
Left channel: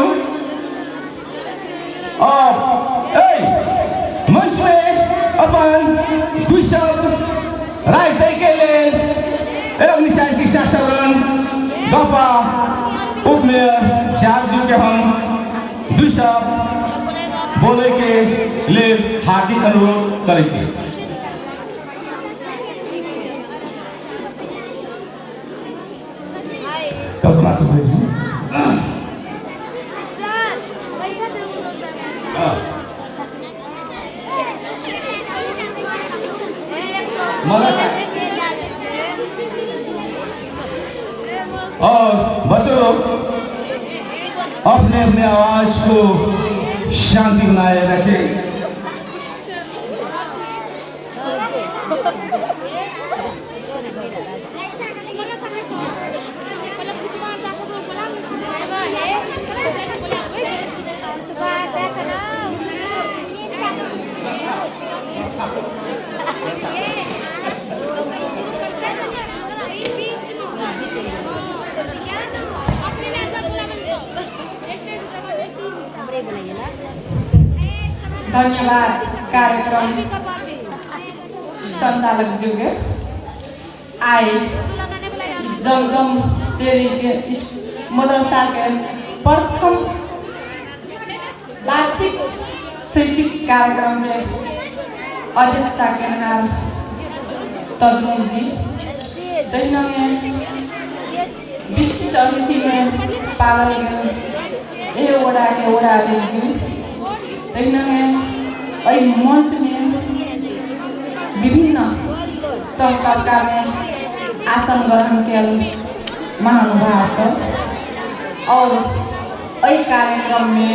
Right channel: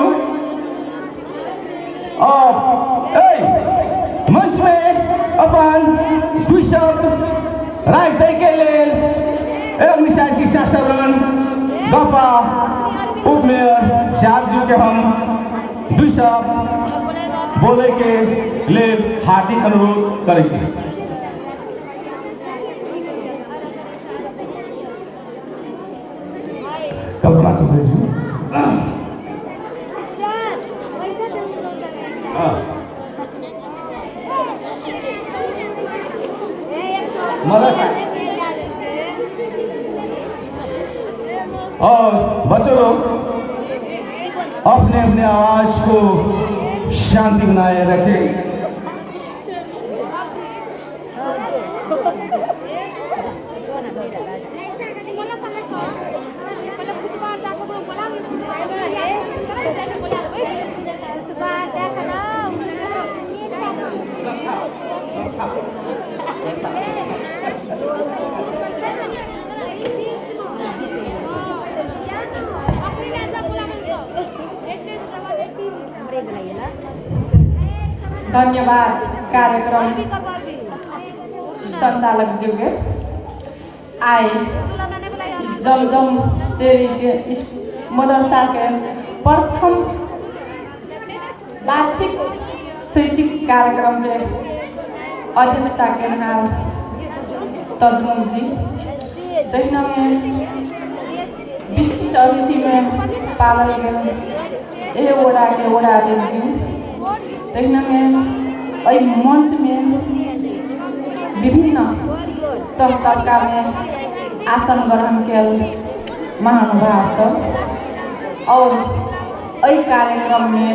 और मंच में अपन 2 शब्द राय दे के लिए अग्निशार कृष्णा श्रवण गापा उप मेयर साहब जी के हम 2 शब्द बोले के लिए हार्दिक अनुरोध करेंगे। कल्पना तो भेजिए। और बच्चों लोग अपने अपने आवाज को शांति बनाए रखें। धन्यवाद कार्यक्रम संचालक जी के आए जमजम देवी के इस मदरसा के प्रथम वार्षिक शैक्षिक कार्यक्रम के अध्यक्षता के नाम तजमुल जी दैना में विशिष्ट अतिथि में पागल गए ये ओड़ा के ओड़ा जी दैना में मंच में विभिन्न तबका में आसन ग्रहण के महानुभाव और यही कार्यक्रम में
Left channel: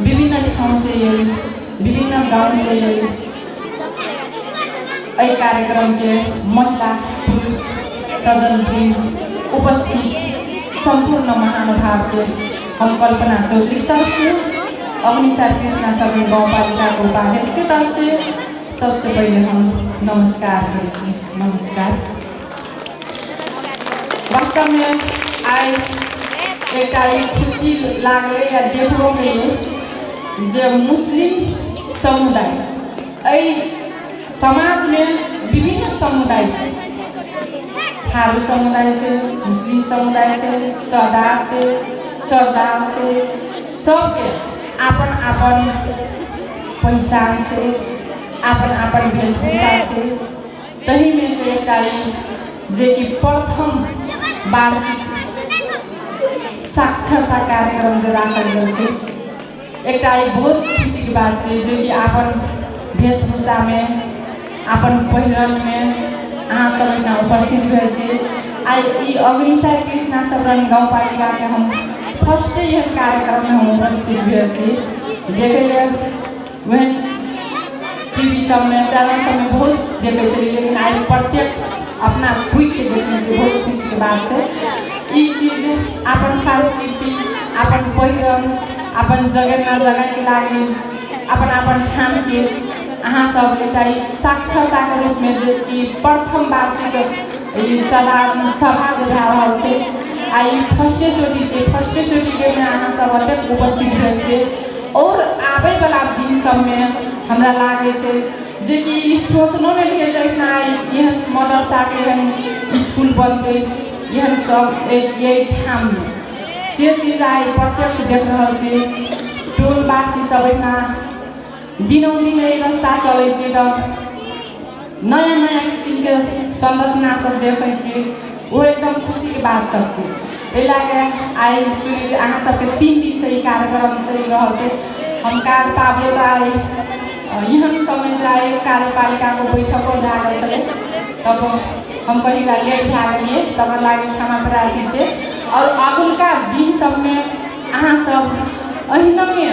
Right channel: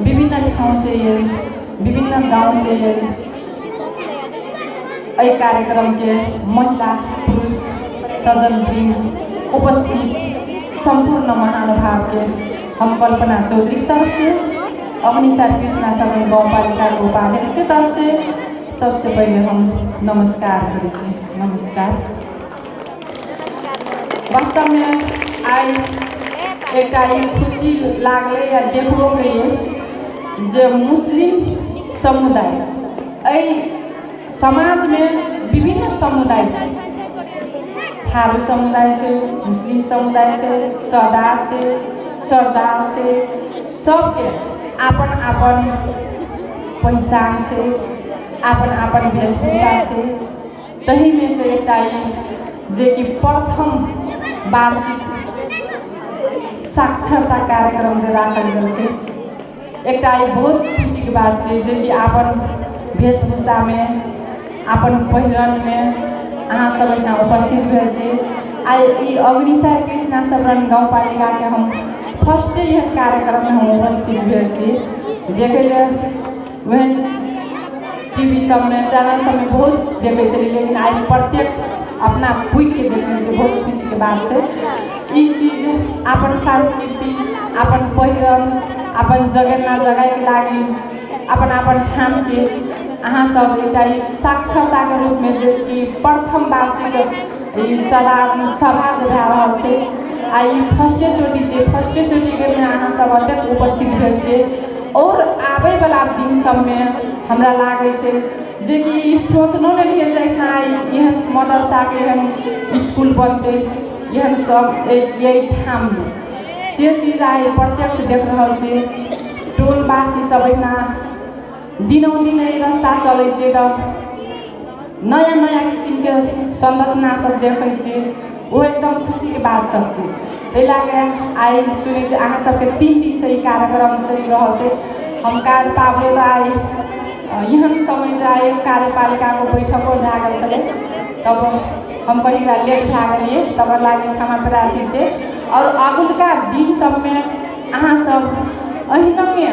विभिन्न ठाउँ से विभिन्न गाँव से यही कार्यक्रम के महिला पुरुष सदन उपस्थित संपूर्ण महानुभाव के हम कल्पना चौधरी तरफ से अग्निशा कृष्णा सदन गाँव पालिका उपाध्यक्ष के तरफ से सबसे पहले हम नमस्कार करते हैं। नमस्कार। वास्तव में आज एक खुशी लागले या देखो के जो मुस्लिम समुदाय समाज में विभिन्न समुदाय थारू समुदाय से मुस्लिम समुदाय से सरदार से सबके अपन अपन पहचान से अपन अपन वेशभूषा से तही में से जे कि प्रथम वार्षिक साक्षरता कार्यक्रम एक बहुत खुशी की बात है जो कि अपन वेशभूषा में अपन पहिरन में अहाँ सब उपस्थित हुए आई अग्निशा कृष्णा सबरन गाँव पालिका के हम फर्स्ट यह कार्यक्रम में हम उपस्थित हुए देखे वह टीवी सब में चैनल सब में बहुत देखे लेकिन आज प्रत्यक्ष अपना खुद के देखने को बहुत खुशी की बात है। ये चीज अपन संस्कृति अपन पहिरन अपन जगह के लागि अपन ठाम से अहाँ सब साक्षरता के रूप में जो कि प्रथम वार्षिक सभा बुझा रहा थे आई फर्स्टे चोटी के में अहाँ सब अत्यंत उपस्थित हुए और आवे वाला दिन सब में हमरा लागे थे जो कि सोचनो में लिए जैसा यह मदरसा के स्कूल बनते यह सब यही ठाम से चीज आए प्रत्यक्ष देख रहा थे टोलवासी सब दिनों दिन रास्ता चलते नया नया किस्म के संरचना सब देखे वो एकदम खुशी की बात सब आई सुनी अहाँ सबके 3 दिन से कार्यक्रम चल रहा थे हम कार्यपालिका आए यहाँ समय जाए कार्यपालिका को बैठक हो जाए तब हम कहीं लेट लागे तब लागे क्षमा प्रार्थी थे और अगुलका दिन सब में अहाँ सब अहिना में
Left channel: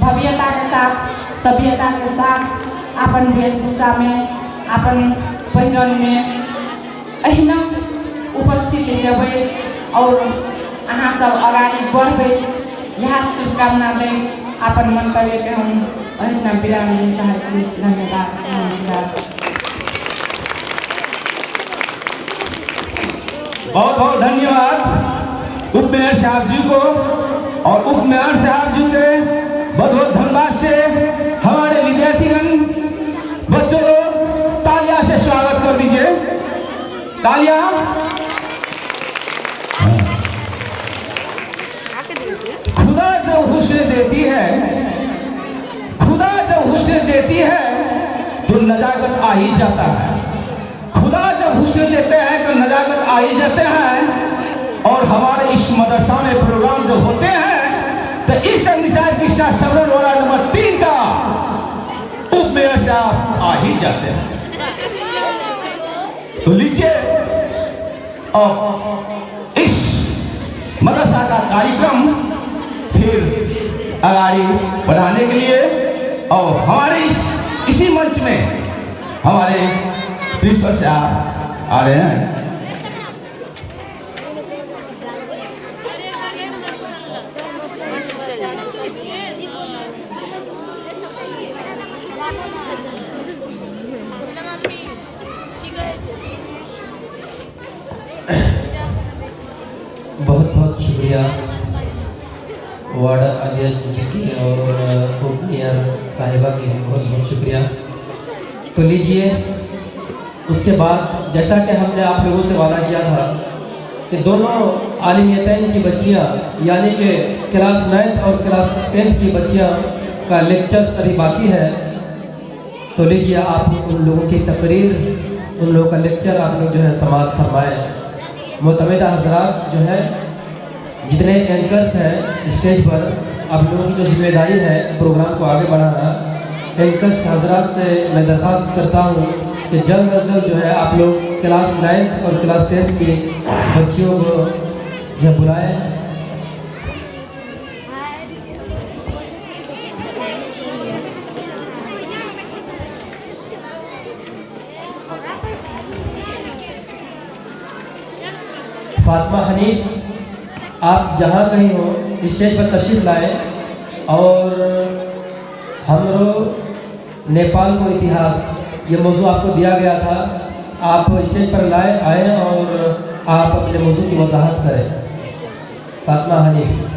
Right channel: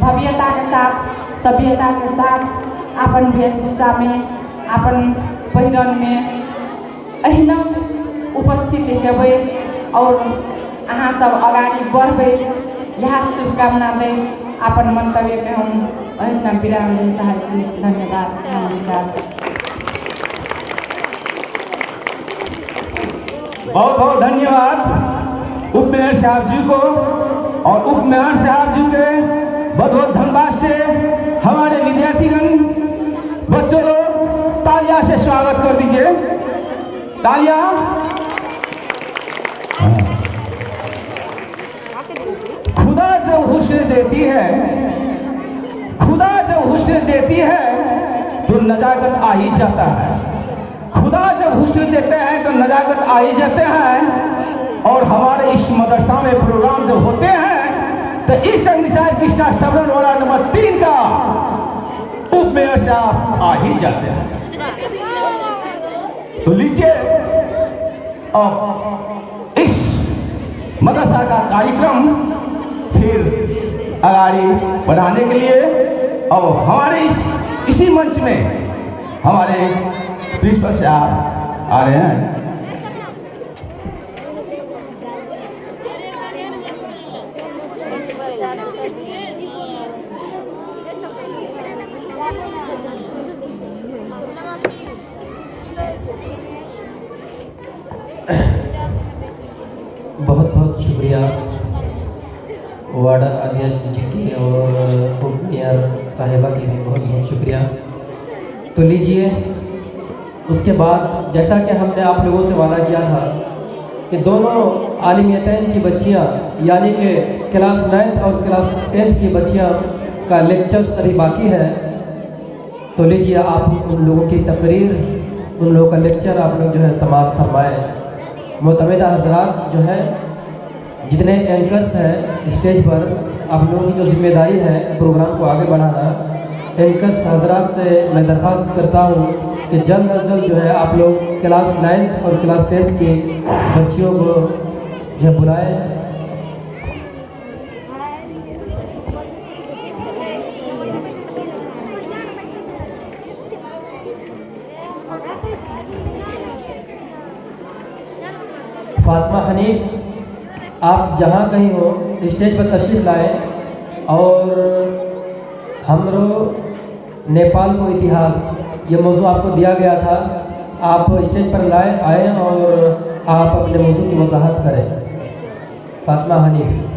भव्यता के साथ सभ्यता के साथ अपन वेशभूषा में अपन पहिरन में अहिना उपस्थित देवे और अहाँ सब अगाडि बढ़े यह शुभकामना दे अपन मंतव्य के हम अहिना विराम दिन चाहते हैं। धन्यवाद। नमस्कार। बहुत बहुत धन्यवाद उप मेयर साहब जी को और उप मेयर साहब जी के बहुत बहुत धन्यवाद से हमारे विद्यार्थीगण बच्चों को तालियां से स्वागत कर दीजिए। तालियां। खुदा जब हुस्न देती है तो नजाकत आ ही जाता है। खुदा जब हुस्न देते हैं तो नजाकत आ ही जाते हैं। और हमारे इस मदरसा में प्रोग्राम जो होते हैं तो इस अग्निशा कृष्णा सबरन वार्ड नंबर 3 का उप मेयर साहब आ ही जाते हैं। तो लीजिए और इस मदरसा का कार्यक्रम फिर आगे बढ़ाने के लिए और हमारे इसी मंच में हमारे प्रिंसिपल साहब आ रहे हैं। बहुत बहुत शुक्रिया वार्ड वार्ड अध्यक्ष जी की और उप मेयर साहिबा की बहुत बहुत शुक्रिया। तो लीजिए, उसके बाद जैसा कि हमने आप लोगों से वादा किया था कि दोनों आलिमियतैन की बच्चियाँ यानी कि क्लास 9 और क्लास 10 की बच्चियाँ का लेक्चर अभी बाकी है। तो लीजिए, आप उन लोगों की तकरीर, उन लोगों का लेक्चर आप लोग जो है समाप्त फरमाएँ। मुतमिदा हजरात जो है, जितने एंकर्स हैं स्टेज पर, आप लोगों की जो जिम्मेदारी है प्रोग्राम को आगे बढ़ाना, एंकर्स हजरात से मैं दरख्वास्त करता हूँ कि जल्द अज जल्द जो है आप लोग क्लास 9 और क्लास 10 की बच्चियों को जो बुलाएं। फातिमा हनीफ, आप जहाँ कहीं हो स्टेज पर तशरीफ लाए और हम लोग नेपाल को इतिहास ये मौजूद आपको दिया गया था, आप स्टेज पर आए और आप अपने मौजूद की वजाहत करें। फातिमा हनीफ।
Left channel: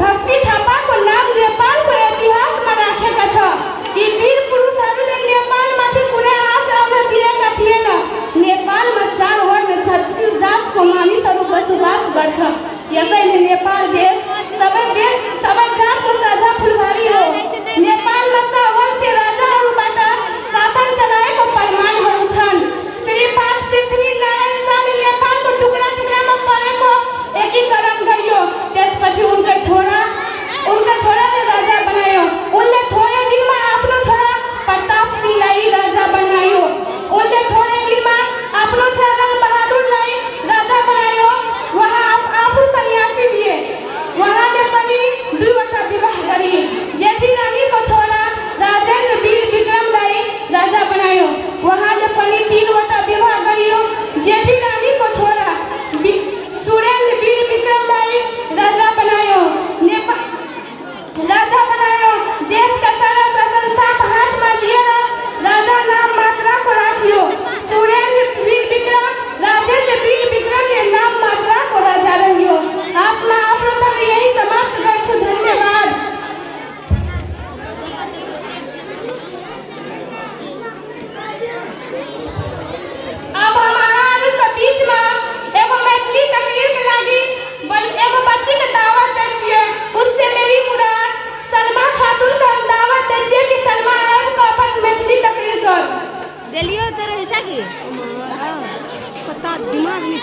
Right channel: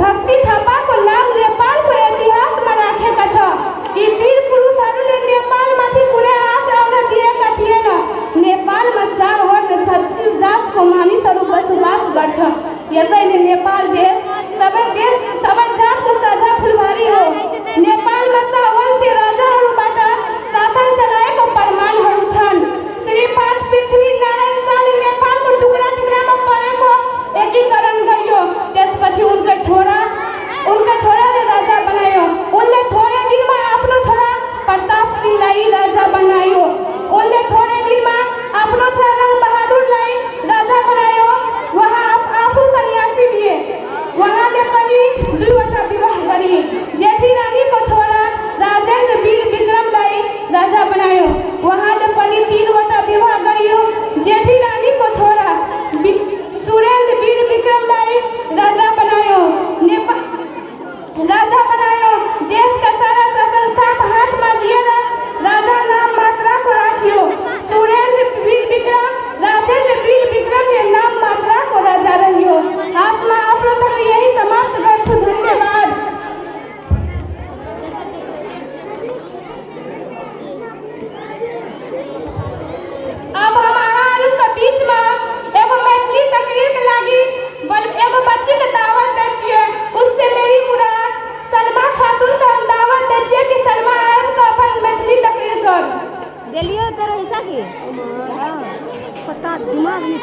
भक्ति थापा को नाम नेपाल को इतिहास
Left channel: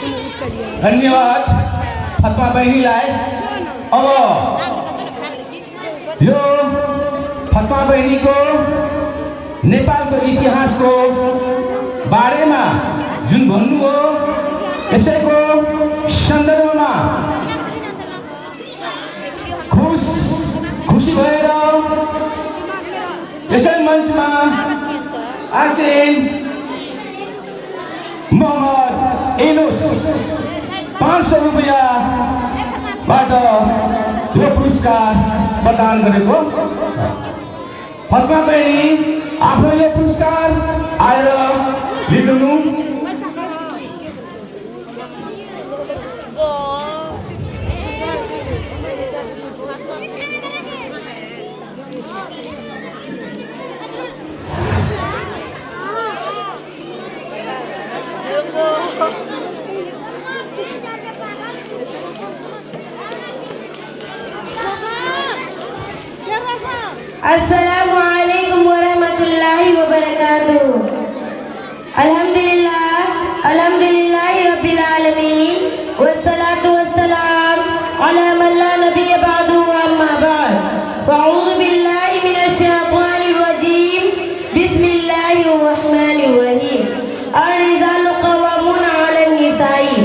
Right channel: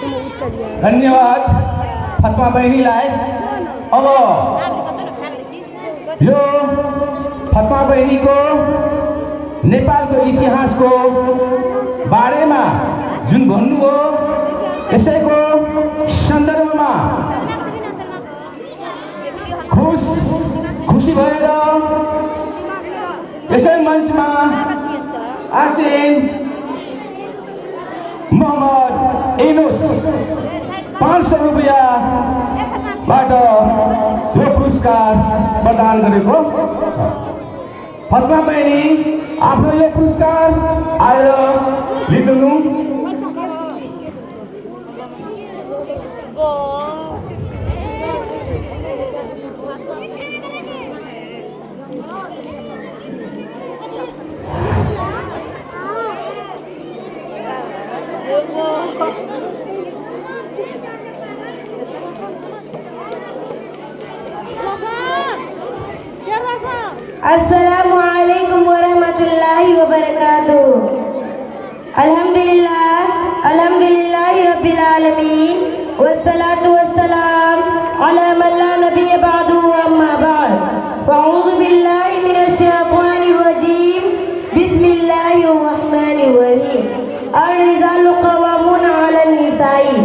धन्यवाद फतवा बहनी लाए और यो फतवा बहनी को नेपाल को इतिहास को बारे में जुन भन्नु हो यसैको सन्दर्भमा खुसी भएर यसै मञ्चमा आसिन मोहम्मद इनुस 500 रुपैयाँबाट यो पुरस्कार प्रदान गरेको फतवा बहिनी आफ्नो यो पुरस्कार आएर लिनु। अस्सलामुअलैकुम वरहमतुल्लाहि वबरकातुहू। अल्हम्दुलिल्लाहि रब्बिल आलमीन वस्सलातु वस्सलाम अला मन ला नबिय्य बअदहु अम्मा बअद। अऊज़ु बिल्लाहि मिनश शैतानिर रजीम। बिस्मिल्लाहिर रहमानिर रहीम। अर्रिजालु क़व्वामूना अलन निसाई।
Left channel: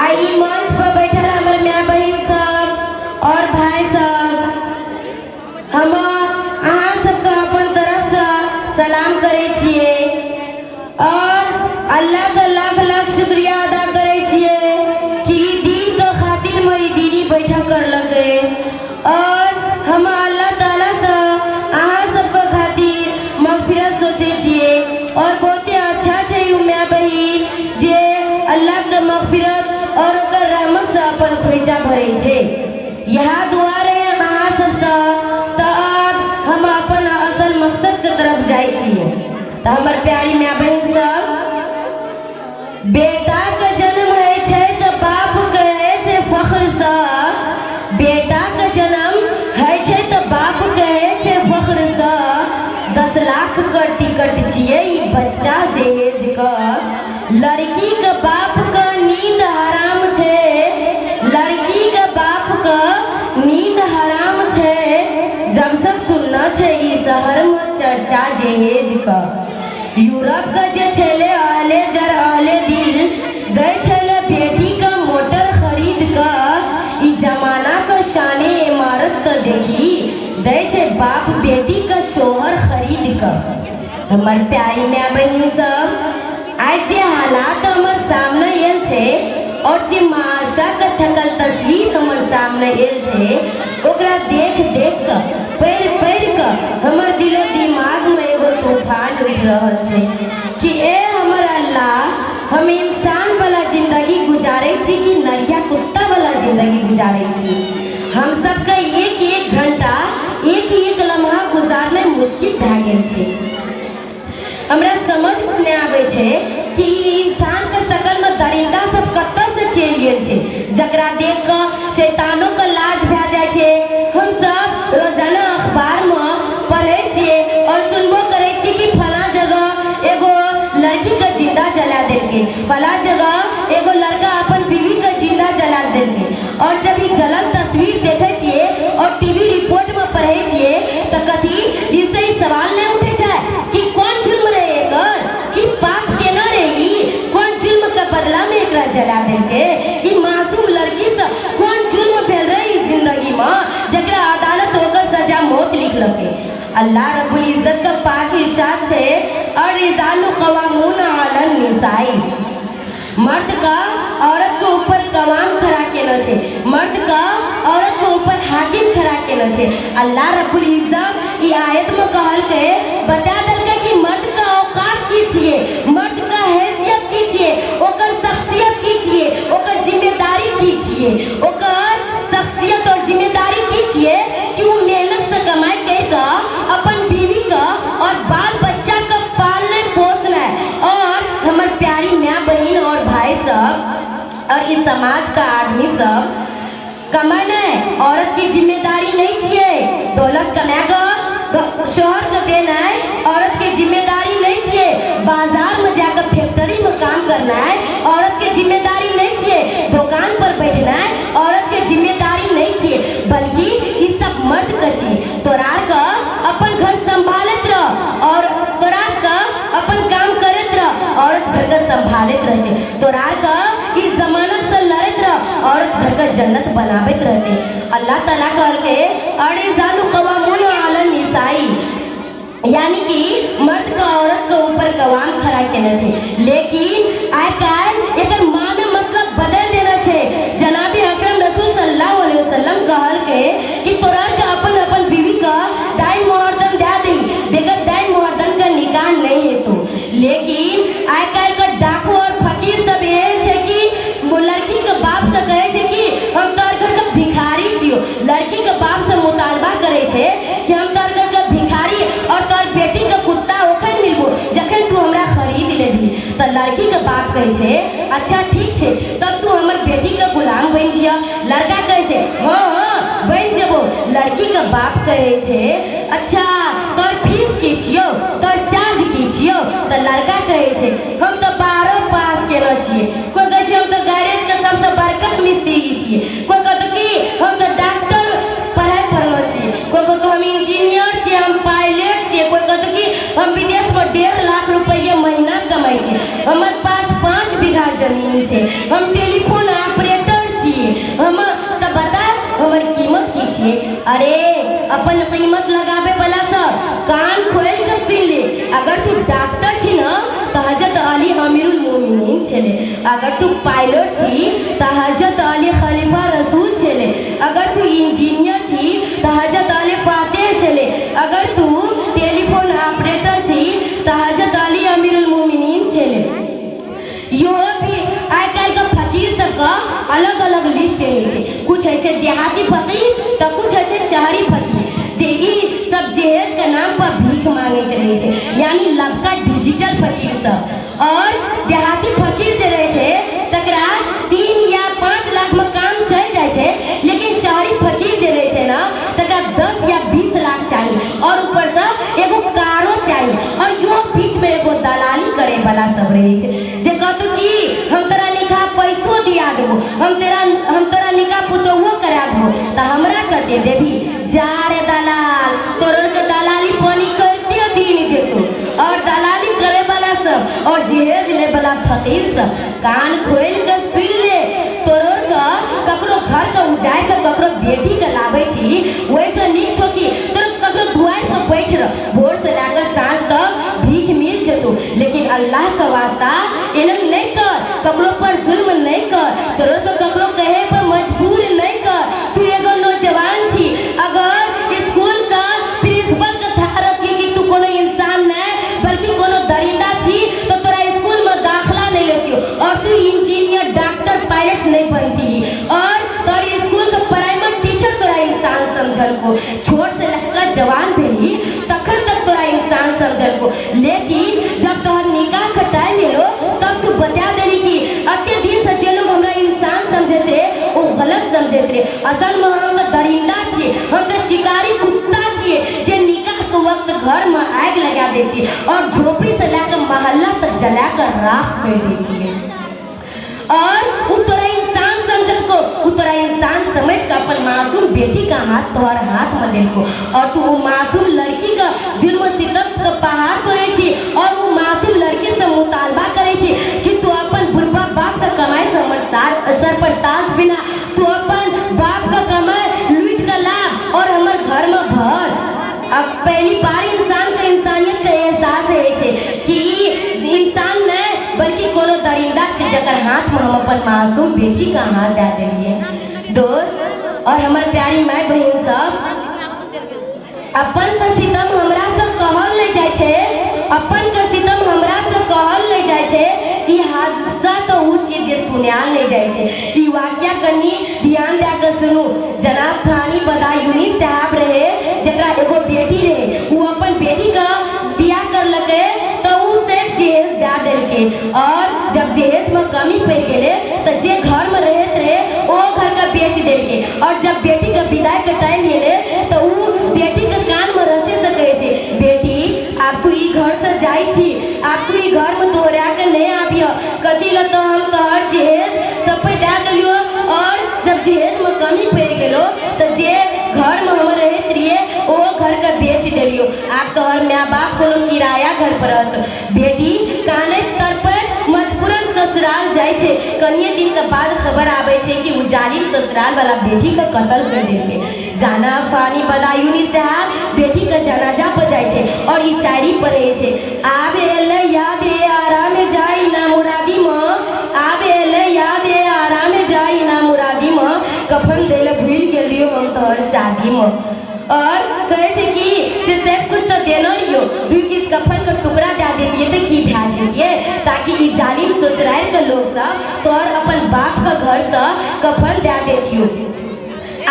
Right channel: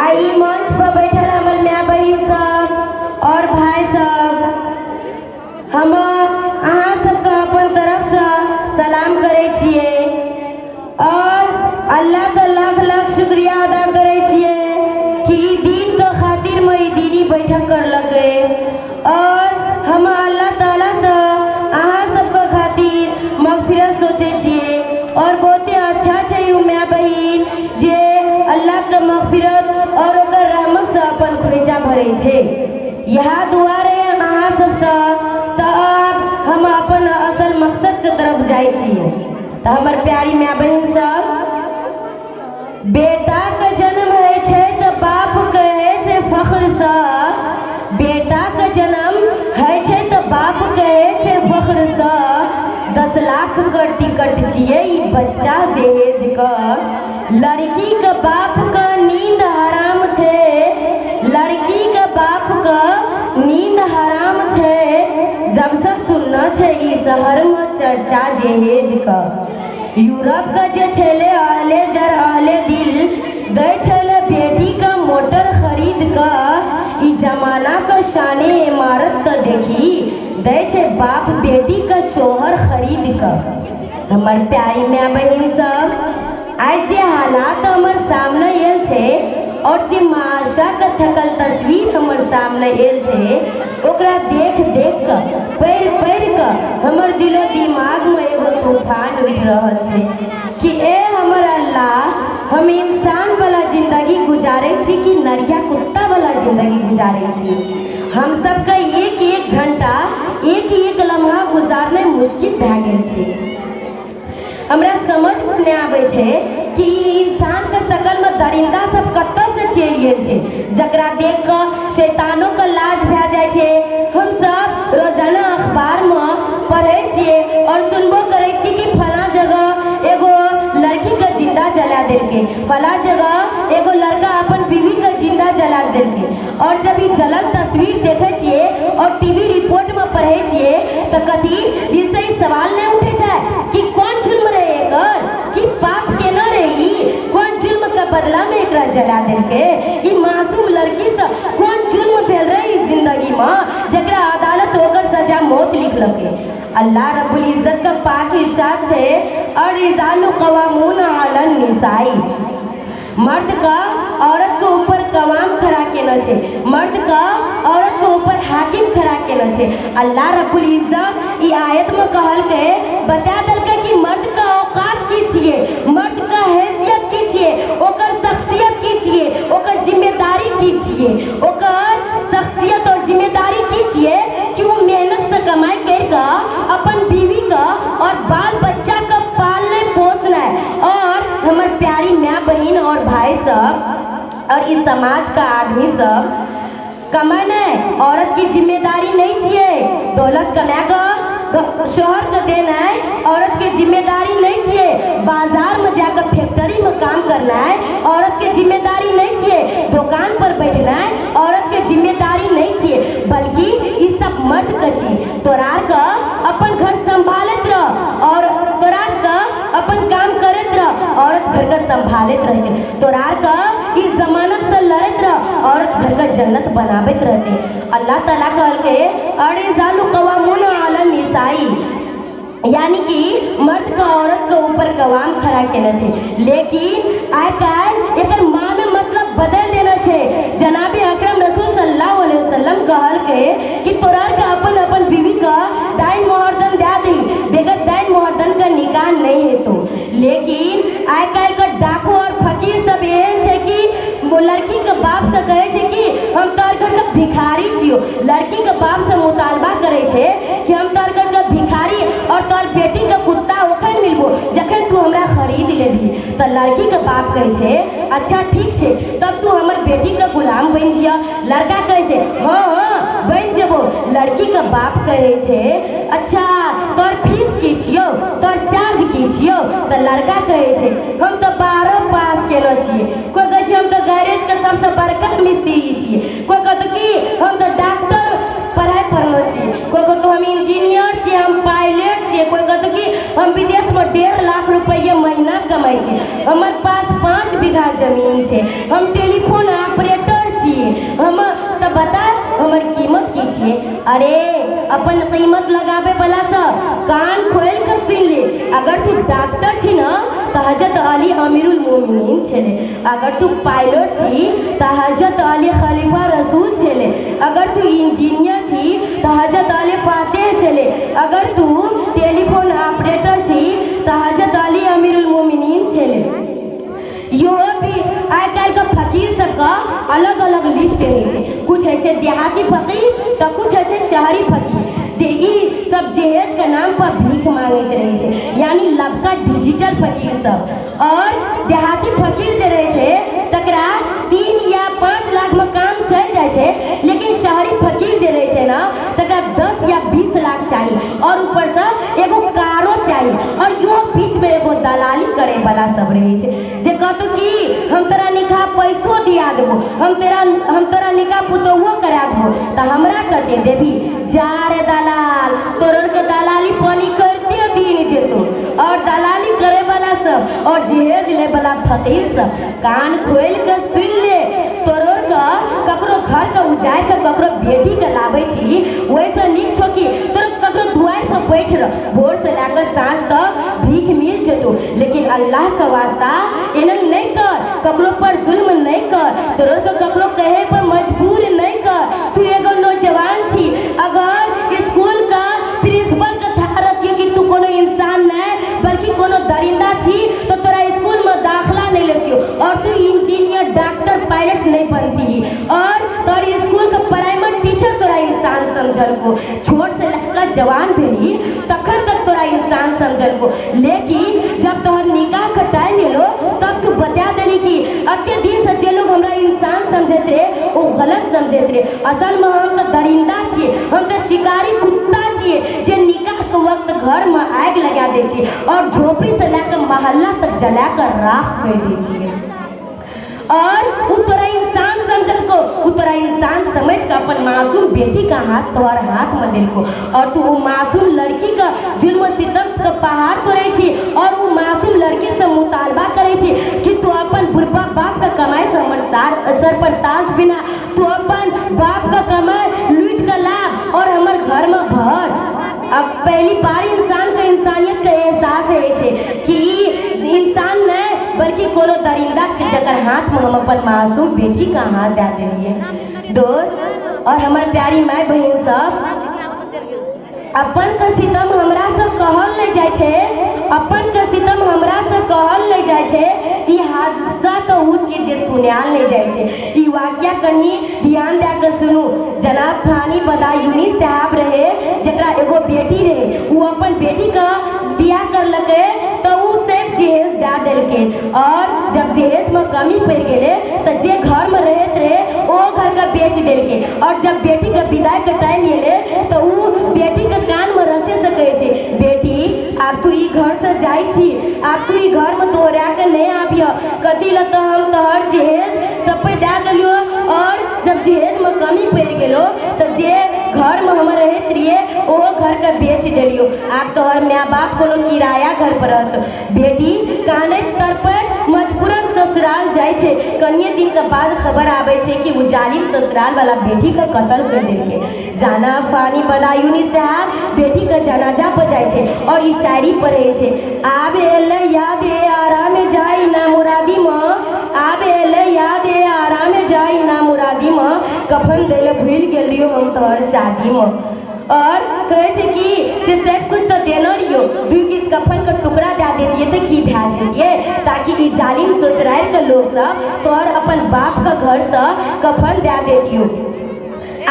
आई मंच पर बैठल हमर माय बहिन सब और भाई सब, हम अहाँ सबके अपन तरफ से सलाम करे छिए और अल्लाह का लाख लाख शुक्रिया अदा करे छिए कि दीन के खातिर में दीनी बैठक करलकै और हम अल्लाह ताला से अहाँ सबके खातिर मगफिरत सोचे छिए और बहुते अच्छा छै उ माय बहिन जे अल्लाह के मगफिरत और ओकर रहमत से अपन खोइचा भरे छै। यहाँ दुआ रहे अहाँ सबसे हम अपन असल मकसद के तरफ जाए छिए। तो हमर प्यारी माय बहिन सब, बेटा के जन्म है छै तो बाप कहे से फख्र से, बेटा के जन्म है छै तो बाप कहे से फख्र से। 10 लाख के टिकट छिए ई बच्चा दहेज का, लड़की के बाप का नींद हराम थे, लड़की के बाप का नींद हराम थे। जब सब सुनना छै ई शहर में चर्चा दहेज का, यूरोप का जे छले अहले जर अहले दिल गए छले बेटी का मोटर खरीद का, ई जमाना का शाने इमारत का देखी दे छे बाप बेटी का शोहर खरीद का। हमर प्यारी माय बहिन सब, आज जे हालात हमर सामने आयल छे और जे माशा का थकल तस्वीर हमर सामने आयल छे ओकरा देख देख के पैर पैर के हमर दिलो दिमाग में एगो तूफान उठ रहल छे कि ए हमर अल्लाह, हम इंसान वाला जिंदगी गुजारे छी कि नरिया कुत्ता वाला जिंदगी गुजारे छी। हम सबके एक घंटा एक लम्हा गुजारना मुश्किल भए गेल छै। हमरा समझ नहीं आवे छे कि इंसान के शकल में दरिंदा सब कत्ता से चलि गेल छे, जकरा देख के शैतानों के लाज भए जाए छे। हम सब रोजाना अखबार में पढ़े छिए और सुनबो करे छी कि फला जगह एगो लड़की का जिंदा जला देलके, फला जगह एगो लड़का अपन बीवी का जिंदा जला देलके। और जब ई जलल तस्वीर देखे छिए और टीवी रिपोर्ट में पढ़े छिए तो कथी जिससे सवाल नहीं उठे जाए कि कौन जुल्म रहे एकर, कि पाप केना रही, कौन जुल्म का बदला में एकरा जला देलके, ई मासूम लड़की से कौन जुल्म भेल रही जिंदगी में जकरा अदालत होकर सजा मौत लिखलकै। अल्लाह रब्बुल इज्जत का पाक इरशाद छे अर्रिजालु क़व्वामूना अलन निसाई। मर्द का औरत के ऊपर कवाम खड़ा केलो छे, मर्द का औरत के ऊपर हाकिम खड़ा केलो छे। अल्लाह रब्बुल इज्जत ई आयत में कहल के बता देलकै कि मर्द का औकात की छिए, मर्द का हैसियत की छिए, ओकर शख्सियत की छिए, ओकर जिम्मेदारी की छिए, ओकर शख्सियत और जिम्मेदारी की छिए कि वो मेहनत से कमाई करके अपन बीवी का और बाल बच्चा का पालने पोसना। और हमर प्यारी माय बहिन और भाई सब और इस समाज का आदमी सब कमाना औरत की जिम्मेदारी नहीं छिए, दौलत कमाएगा तो शोहर को देना है औरत की जिम्मेदारी नहीं छिए, बाजार में जाकर फैक्ट्री में काम करना है अल्लाह ताला कहल के अरे जालू कवामुन अला निसाई, यानी कि मर्द का औरत के ऊपर कवाम खड़ा केना छै। लेकिन आइ काल्हि एकर माने मतलब बदल देना छै। जनाबे अकरम रसूल सल्लल्लाहु अलैहि वसल्लम कहल के कि तोरा के अपन अपन बीवी का दाई मोहर्दन दे दी, बेगर दाई मोहर्दन का निकाह नहीं है तो। लेकिन आइ काल्हि का डाकू और फकीर सब एहन छै कि लड़की के बाप से कहे छै कि हम तोर घर के भिखारी छियो, लड़की के बाप से मुतालबा करे छै कि हम तोर घर के भिखारी और तोर बेटी के कुत्ता ओखन मिलबो जखन तू हमरा खरीद लेबी। तो लड़की के बाप कहे छै अच्छा ठीक छै तब तू हमर बेटी के गुलाम बन जिया। लड़का कहे छै हाँ हाँ बन जेबो। लड़की के बाप कहे छै अच्छा तोर फीस की छियो, तोर चार्ज की छियो। तो लड़का कहे छै हम तो 12 पास केलो छियै, कोई कहे छै हम तो गैरेज के सबसे बड़का मिस्त्री छियै, कोई कहत कि हम तो डॉक्टर पढ़ाई पढ़लो छियै, कोई कहत हम इंजीनियर छियै, हम पायलट छियै, कोई कहत कि हम विदेश में 1.5 लाख रुपया महीना कमाई छियै, हमर पास 5 बीघा जमीन छै, हम टेलीफोन ऑपरेटर छियै। हम तो बता हमर कीमत की छियै। अरे अपन कीमत लगावे वाला सब कान खोल के सुन ले। अगर तू डॉक्टर छी ना तो हजरत अली अमीरुल मोमिनीन छले, अगर तू पायलट छी तो हजरत अली खलीफा रसूल छले, अगर तू इंजीनियर छी तो हजरत अली फातेह छले, अगर तू टेलीफोन ऑपरेटर छी तो हजरत अली अमीरुल मोमिनीन छले। यो भी आइ काल्हि के फकीर सबका अलग अलग लिस्ट है। कुछ ऐसे देहाती फकीर तो कुछ ऐसे शहरी फकीर। देखी सब जहेज के नाम पर भीख मांगते रहे छै, यानी लबका डिजिटल फकीर सब। और देहाती फकीर जे रहे छै तकरा 3 या 5 लाख में काम चल जाए छै, लेकिन शहरी फकीर जे रहे छै ना तकरा 10 या 20 लाख चाहिए और ऊपर से एगो कारो चाहिए। और यो बीच में एगो दलाली करे वाला सब रहे छै जे कहतो कि हम तोरा निकाह पैसो दिया देबो, हम तोरा निकाह पुतौहो करा देबो, तो हमरा कते देबी। जा रे दलाल, तोर के दलाली पानी करते दिन जेतो। और दलाली करे वाला सब और जहेज ले वाला फकीर सब कान खोल के सुन ले। तोर का ककरो घर के उजाय के ककरो बेटी के लावे छी, वैसे नीक छो कि तोर ककरो दुआर पे बैठ रह, भोर से लेकर सांझ तक भीख मिल जेतो। लेकिन अल्लाह के वास्ता एना नहीं कर, ककरो पर जुल्म नहीं कर, तोर तो ककरो कहे पर मजबूर नहीं कर। तू एगो नौजवान छी, अगर स्कूल का प्रिंसिपल के थारत कि तू कोनो इंसान नहीं बल्कि कोनो दरिंदा छी तो तोरा स्कूल में दाखला नहीं लेती और तू इंजीनियर डॉक्टर पायलट नहीं बनती। और तोर स्कूल के प्राइमरी टीचर तोरा इंसान समझल को, छोट से लेकर जवान भेली तखन तक तोरा इंसान समझल को। लेकिन जब तोहर निकाह का टाइम एलो तब तू बता देली कि अते दिन से जे लोग हमरा इंसान समझते वो गलत समझते। असल में हम तो दरिंदा छियै, हम तो शिकारी कुत्ता छियै जे निकाह के वक्त घर में आग लगा दे छियै और झोपड़ी से लेकर मोहल्ला तक जला कर राख कर दे छियै। और उ तोरा इंसान समझल को, उ तोरा इंसान समझ के अपन मासूम बेटी का हाथ तोहर हाथ में लेको और तू वो मासूम लड़की का जुल्म सितम के पहाड़ तोड़े छी और वो मासूम लड़की से मुतालबा करे छी कि तू अपन बुढ़बा बाप का कमाई से हमर सर पर ताज बिना, तू अपन बाप का कमाई लूट के ला और हमर घर में भर। अब पहली बार इंसान का इंसानियत का एहसास है छै कि इंसान नहीं बल्कि कोनो दरिंदा छै जकर हाथ में हम अपन मासूम बेटी का हाथ दे देंगे। दोस्त और हमार प्यारी माय बहन सब, अपन का सितम हमरा से कहल ले जाय छै, अपन का सितम हमरा से कहल ले जाय छै। ई हादसा तो उ चीज जे सुनाल ले जाय छै। ई वाकया कनी ध्यान दे के सुनू। जनाब फलानी बदायूनी साहब रहे जकरा एगो बेटी रहे, वो अपन बेटी का बियाह कर लगे तो उ से जहेज दे देलके और जब जहेज में कमी पड़ गेले तो जे घर में रहत रहे वो घर का बेच देलके। और जब बेटी का विदाई के टाइम एले तो उ बेटी के कान में रस्सी से कहे छै बेटी आप तू ई घर से जाई छी, आप तू ई घर में तोरा के नहीं आबियो, कथी ल तो हम तोहर जहेज सब पे दे देलियो। और जब जहेज में कमी पड़ गेलो तो जे घर में हम रहत रहिए वो घर का बेच देलियो। आप तोहर माँ बाप को किराया घर पर रहत। बेटी काने तर पर मजबूरन ससुराल जाय छै। कनिए दिन के बाद खबर आवे छै कि उजाली ससुराल वाला बेटी का कत्ल कर देलके। छे आबे एले याद ए आराम जाई ना मुरादी मां आबे एले याद ए आराम जाई ना मुरादी मां कफन देले भूल गेलियो हम तोहर शादी में और कहे छे कि से सब कुछ तो देना रियो दुई के कफन का टुकड़ा दे देतिए तो की भा जेतिए ताकि ई जालिम ससुराल के लोग सब तोहर अपन बाप का घर से कफन दे देतियो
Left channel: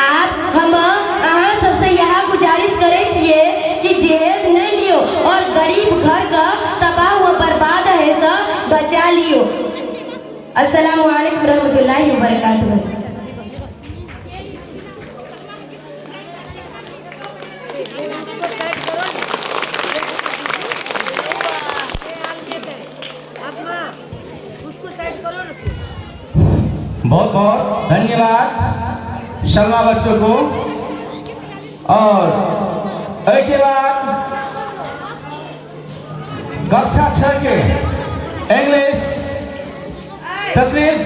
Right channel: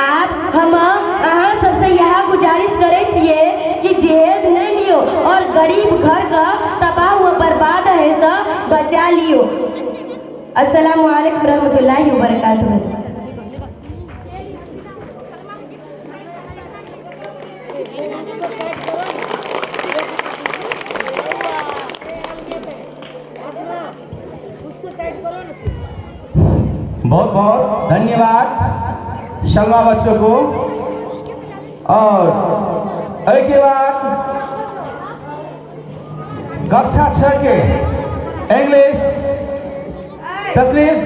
आप हम अहाँ सबसे यह गुजारिश करे छिए कि जहेज नहीं लियो और गरीब घर का तबाह हुआ बर्बाद है तो बचा लियो। अस्सलाम वालेकुम रहमतुल्लाहि व बरकातुहू। बहुत बहुत धन्यवाद शर्मा बच्चों को। और एक बाद कक्षा 6 के इंग्लिश तकरीब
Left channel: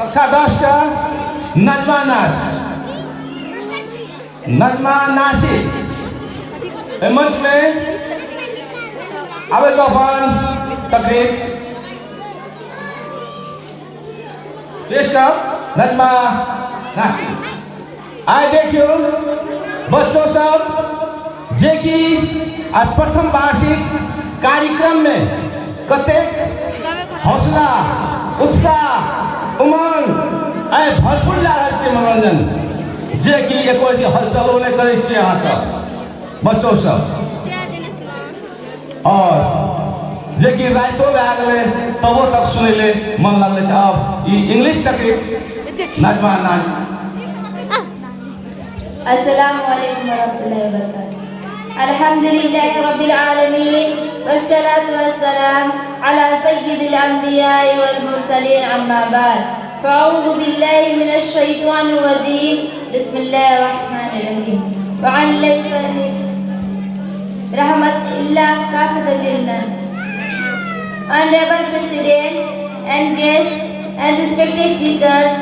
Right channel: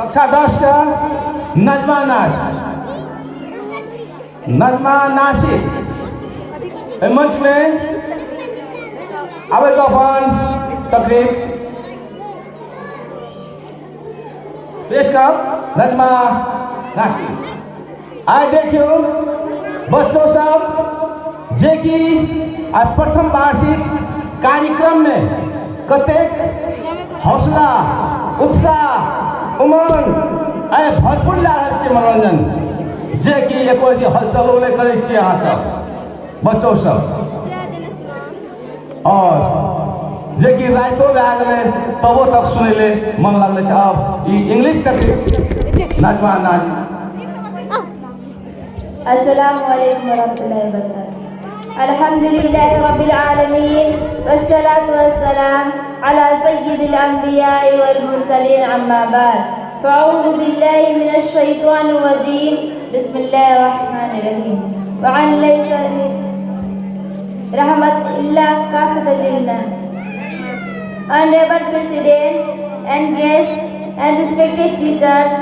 कक्षा 10 का नजमा नाशी मंच में आवे गफान तकरीब पेश कर नजमा नाशी। आए देखियो बच्चों सब जे कि आज प्रथम वार्षिक कार्यक्रम में कते हौसला उत्साह उमंग आए भरपूर लागल छै मनोरंजन जे कि एको हलचल नहीं करे छी अहाँ सब बच्चों सब। और जे कि राइतो में आ गए तबो तक सुने ले मन लगल छै। अब ई इंग्लिश तक नजमा नाच। अस्सलामु अलैकुम वरहमतुल्लाहि वबरकातुहू। अल्हम्दुलिल्लाहि रब्बिल आलमीन वस्सलातु वस्सलाम अला सय्यिदिल अंबिया'i वल मुरसलीन अम्मा बाद। फ़अऊज़ु बिल्लाहि मिनश शैतानिर रजीम। बिस्मिल्लाहिर रहमानिर रहीम। वअन लैसा रहमत इल्ला काफ़ियतुल लिन्नास। Honorable President and guests and respected teachers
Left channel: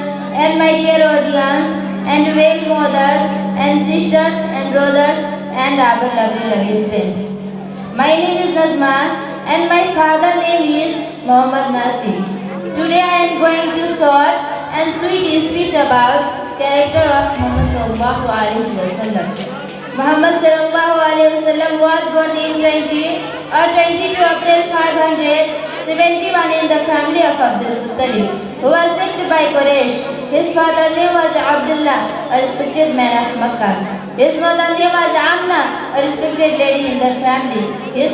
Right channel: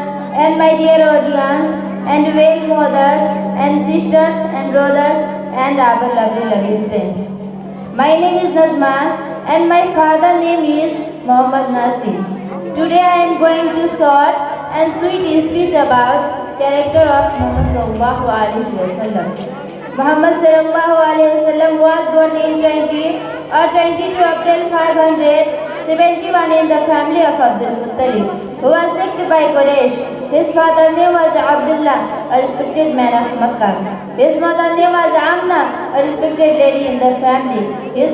and my dear audience and very mothers and sisters and brothers and our lovely friends. My name is Nazma and my father's name is Muhammad Nasir. Today I am going to short and sweet speech about character of Muhammad sallallahu alaihi wasallam. Muhammad sallallahu alaihi wasallam was born in 22 April 571 in the family of Abdul Muttalib, who was sent by Quraysh. His father's name was Abdullah, a respected man of Makkah. His mother's name was Amna, a respected lady in the family. His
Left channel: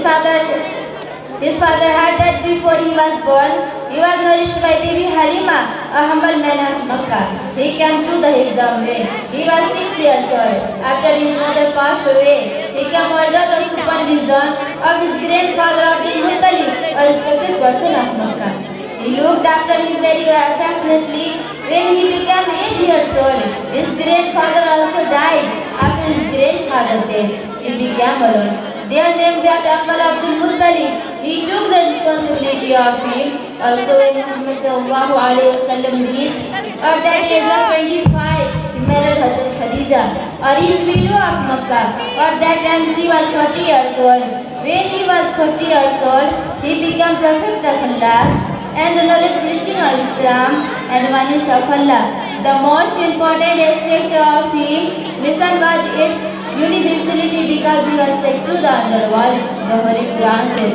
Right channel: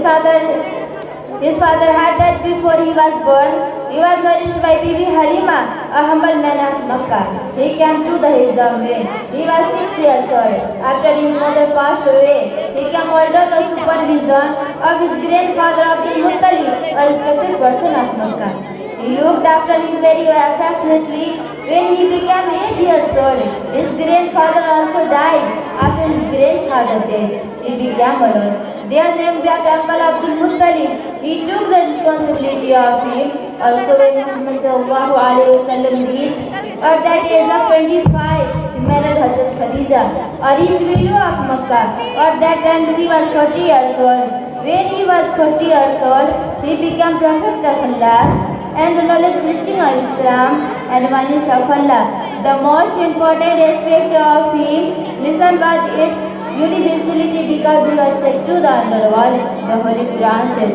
father had died before he was born. He was nourished by baby Halima, a humble man of Makkah. He came to the Hijra when he was 6 years old. After his mother passed away, he came under the supervision of his grandfather Abdul Muttalib, a respected person of Makkah. He looked after him very affectionately. When he became 8 years old, his grandfather also died. After his grandfather's death, he became alone. Their name that Uncle Abdul Muttalib. He took the responsibility of him. Also when Muhammad sallallahu alaihi wasallam reached at that age of 25, he married Hazrat Khadija, a rich widow of Makkah. At that time he was 40 years old. When he was 40 years old, he became Prophet of Allah and the knowledge preaching of Islam and oneness of Allah. The most important aspect of his mission was its universality because he was sent to the underworld. The Holy Quran says,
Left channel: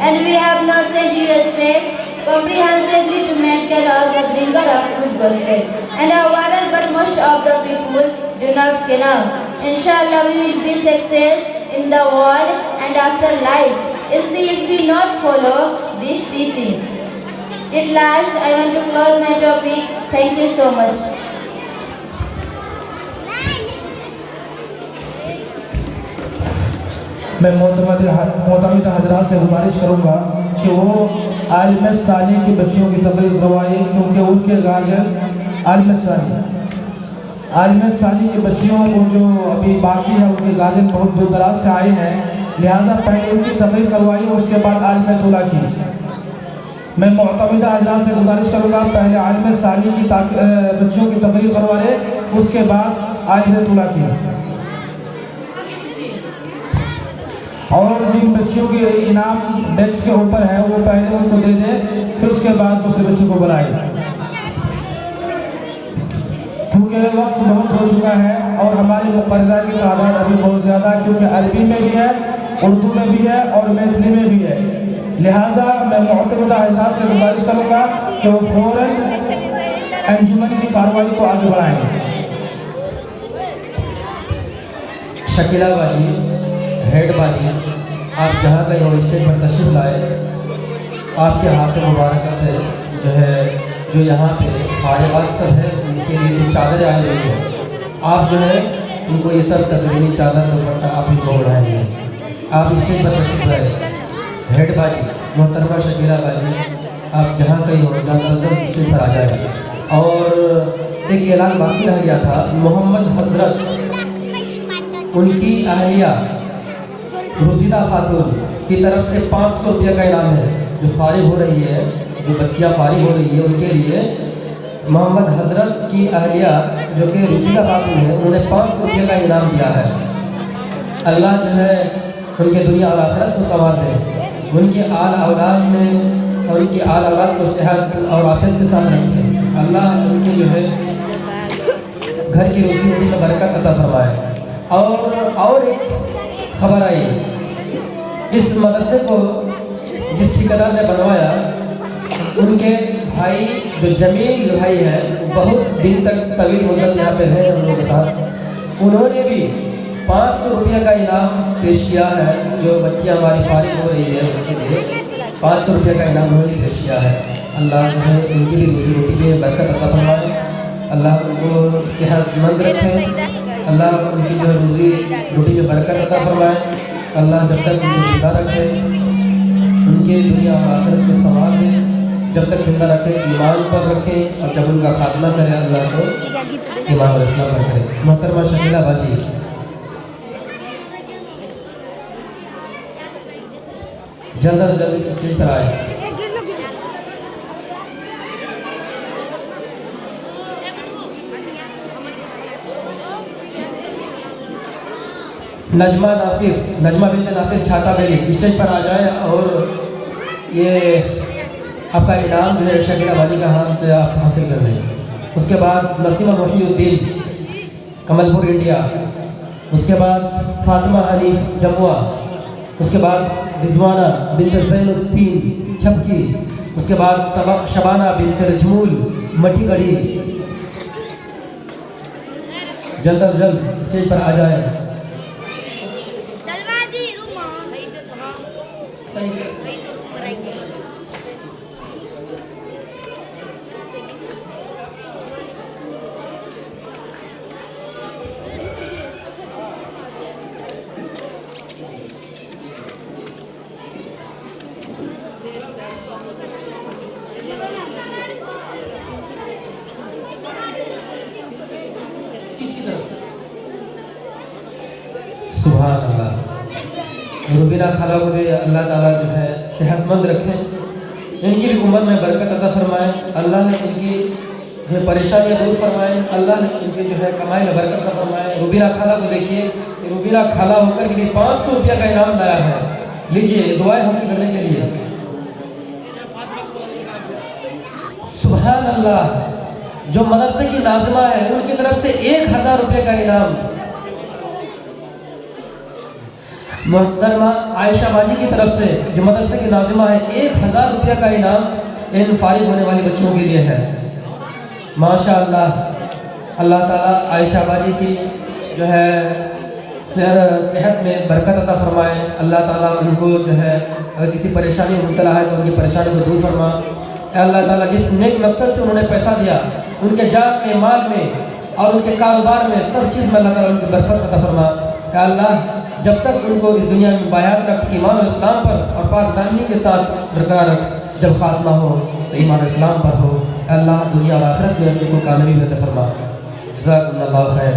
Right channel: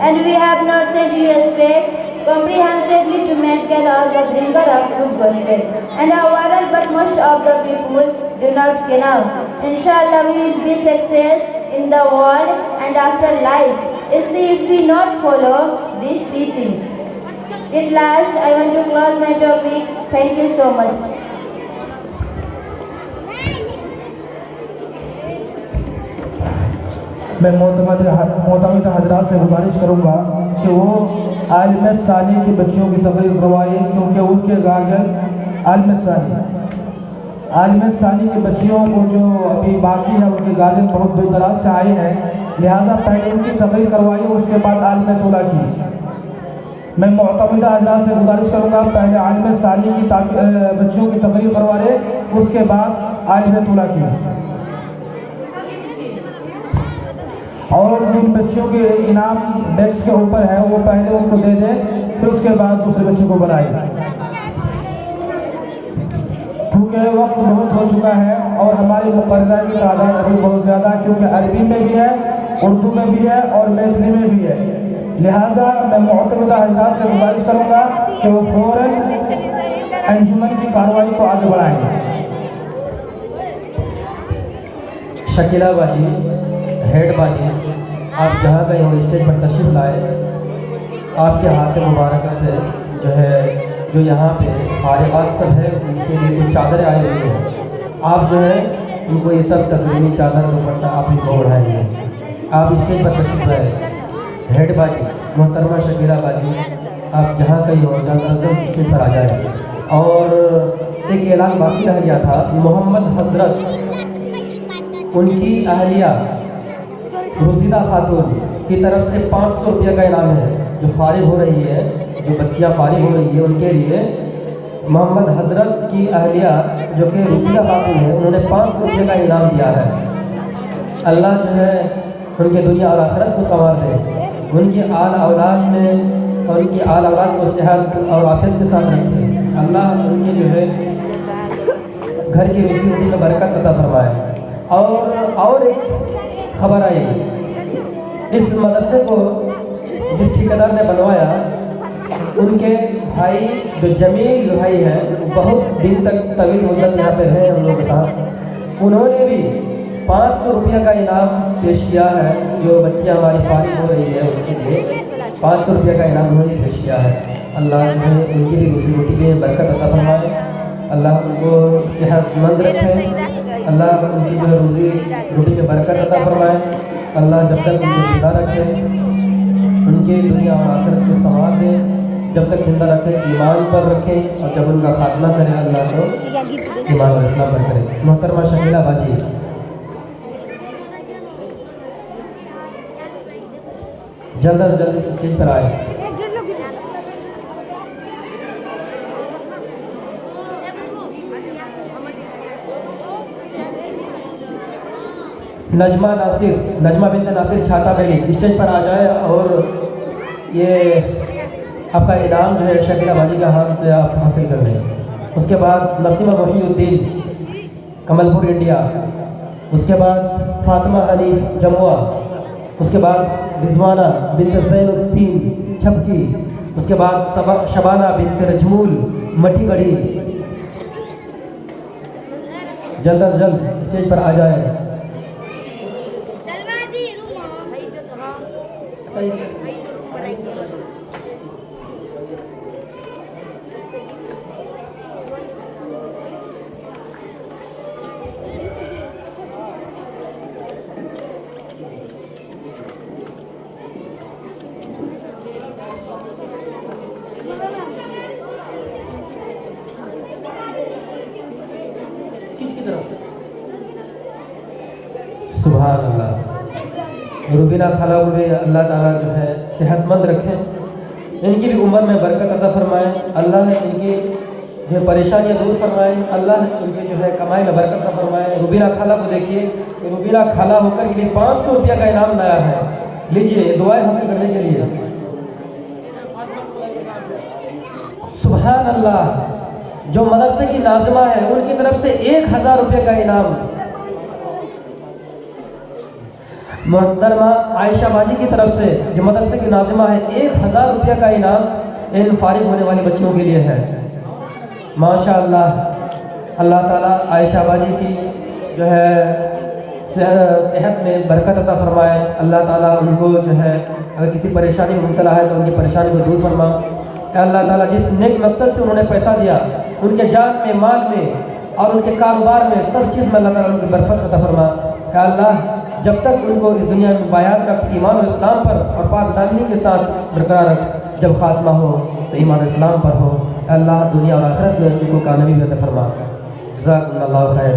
And we have not sent you a straight comprehensively to maintain all the bringer of good gospel. And however, but most of the people do not know. Inshallah, we will be success in the world and after life if we not follow these teachings. At last, I want to close my topic. Thank you so much. मैं मोहतरम हजरात से गुजारिश करूँगा कि वो आलिम सानी की बच्चियों की तकरीर करवाइए, क्योंकि उनके गार्जियन आलिम सानी की बच्चियों को जो अभी बाकी है उनके गार्जियन बहुत दूर दराज से आए हैं, लिहाजा पहले उनकी तकरीर करवाइए, उसके बाद आलिम दूल्हा की। मैं मुअतमिदा हजरात से गुजारिश करूँगा पहले आलिम सानी की बच्चियों की तकरीर करवाए, उसके बाद आलिम तुला की, और जिन बच्चियों के इनाम डेस्क के ऊपर है वो पहले उनको दे दें, फिर उसके बाद दूसरे बच्चों को बुलाएं। क्योंकि वक्त बहुत हो चुका है और हमारी मुक़र्ररा की तादाद अभी बहुत ज़्यादा, क्योंकि अरबी में भी है, उर्दू में भी है और मैथिली में भी है। लिहाजा मैं मुअतमिदा हजरात से गुजारिश करूँगा कि वो फ़ौरन अंजुमन की कार्रवाई को आगे बढ़ाएंगे। शकीला बाजी, हेड बाजी, आप जहाँ कहीं हो स्टेज पर तशरीफ लाए, आपके हाथ मुबारक से जो है जो यहाँ पे हमारे पास सब है उनके लिए जो चादरें आई हुई है, आप जो है उनको ये सब तकरीबी चादर दुपट्टा आप ही को बढ़ाएंगे। आप स्टेज पर तशरीफ लाए। हेड बाजी मोहतरमा शकीला बाजी, आप जहाँ कहीं हो जल्द स्टेज पर आ जाए। और एक ऐलान बाकी रह गया था, मोहम्मद हजरत उनकी अहलिया रुजीदा खातून की तरफ से 500 रुपये का इनाम है। जो फारिग हो रही है, जो बच्चियाँ फारिग हो रही है, उनके लिए मोहम्मद हजरत की अहलिया जो कि रुजीदा खातून है, उन्होंने 500 रुपये का इनाम दिया है। अल्लाह जो है उनके दुनिया और आखिरत को संवार दे, उनकी आल औलाद में और उनकी आल औलाद को सेहत और आफियत के साथ रखे। अल्लाह उनकी जो है घर की रोजी में बरकत अता फरमाए। और एक खबर आई, इस मदरसे को जिस ठेकेदार ने बनवाया, उनके भाई जो जमील भाई है, बहुत दिन तक तवील मुद्दत यहाँ पे रहे हम लोग के साथ, उन्होंने भी 500 रुपये का इनाम पेश किया है। जो बच्चियाँ हमारी फारिग हो रही है उनके लिए 500 रुपये का इनाम उन्होंने पेश किया है। अल्लाह उन्हें उनकी रोजी रोटी में बरकत अता फरमाए, अल्लाह उनको सेहतमंद रखे, अल्लाह उनकी जो रोजी रोटी में बरकत अता फरमाए, अल्लाह जब तक उनको जिंदा रखे, उनकी दुनिया और आखिरत को संवार दे, जब तक जिंदा रखे ईमान पर रखे, और जब उनका खात्मा करे अल्लाह को ईमान और इस्लाम पर करे। मोहतरमा शकीला बाजी, जल्द अज जल्द स्टेज पर आए। नजमा बिन नासिर छाता बेली स्टेज पर आ जाए और ये आपका इनाम जो है शकीला बाजी का हाथ से आप हासिल कर लें। उसके बाद नसीमा रफीउद्दीन कमलपुर इंडिया, उसके बाद फातिमा अली जमुआ, उसके बाद रिजवाना बिन्त ज़ैनुद्दीन छपकी, उसके बाद शबाना बिन्त रजमूल मटीगढ़ी। जल्द अज जल्द स्टेज पर आ जाए। सुभान अल्लाह। रुबीना खाला उन्हें अल्लाह ताला जो है सेहतमंद रखे, इनकी भी उम्र में बरकत अता फरमाए, अल्लाह ने इनकी जो परेशानियाँ दूर फरमाए, अल्लाह ने इनकी जो है कमाई में बरकत अता फरमाए। रुबीना खाला को देखिए, रुबीना खाला होकर के लिए 500 रुपये का इनाम लाया है। लीजिए दुआएं हासिल करने के लिए। सुभान अल्लाह। जो मदरसे की नाज़िमा है उनकी तरफ से 1000 रुपये का इनाम। मोहतरमा आयशा बाजी की तरफ से जो मदरसे की नाज़िमा है 1000 रुपये का इनाम इन फारिग होने वाली बच्चों के लिए है। माशाअल्लाह। अल्लाह ताला आयशा बाजी की जो है सेहत में बरकत अता फरमाए। अल्लाह ताला उनको जो है अगर किसी परेशानी में मुब्तला है तो उनकी परेशानी को दूर फरमा। अल्लाह ताला जिस नेक मकसद से उन्होंने पैसा दिया, उनके जान में, माल में और उनके कारोबार में सब चीज़ में अल्लाह ताला उनकी बरकत अता फरमा। अल्लाह जब तक उनको इस दुनिया में बायात रख, ईमान और इस्लाम पर और पाकदानी के साथ बरकरार रख। जब खात्मा हो तो ईमान इस्लाम पर हो। अल्लाह दुनिया और आखिरत में उनको कामयाबी अता फरमा। जज़ाकल्लाहु खैर।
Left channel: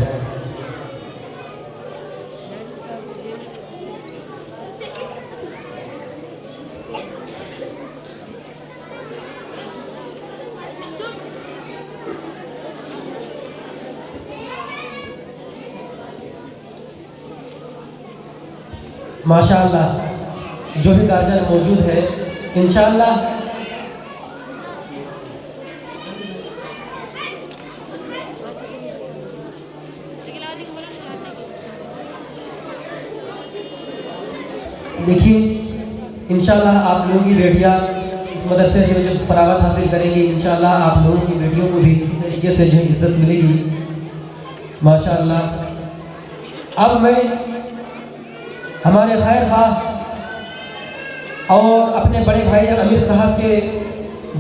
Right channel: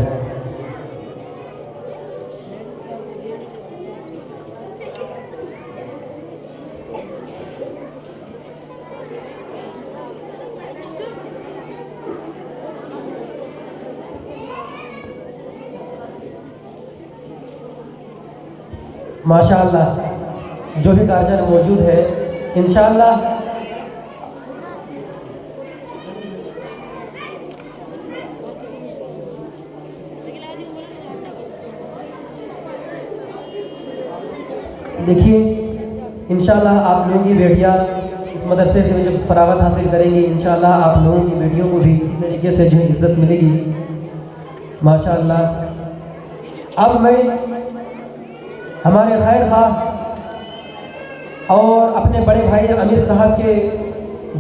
माशाअल्लाह जो भी गार्जियन मौजूद है, इंशाअल्लाह देखिए इंशाअल्लाह आप लोगों की बेटियाँ इस मदरसे से जो फरागत हासिल करेंगी, इंशाअल्लाह आप लोगों की बेटियों को भी इसी तरीके से जो है इज्जत मिलेगी माशाअल्लाह। अब मैं हमारे खैर खां और अपने बड़े भाई अमीर साहब के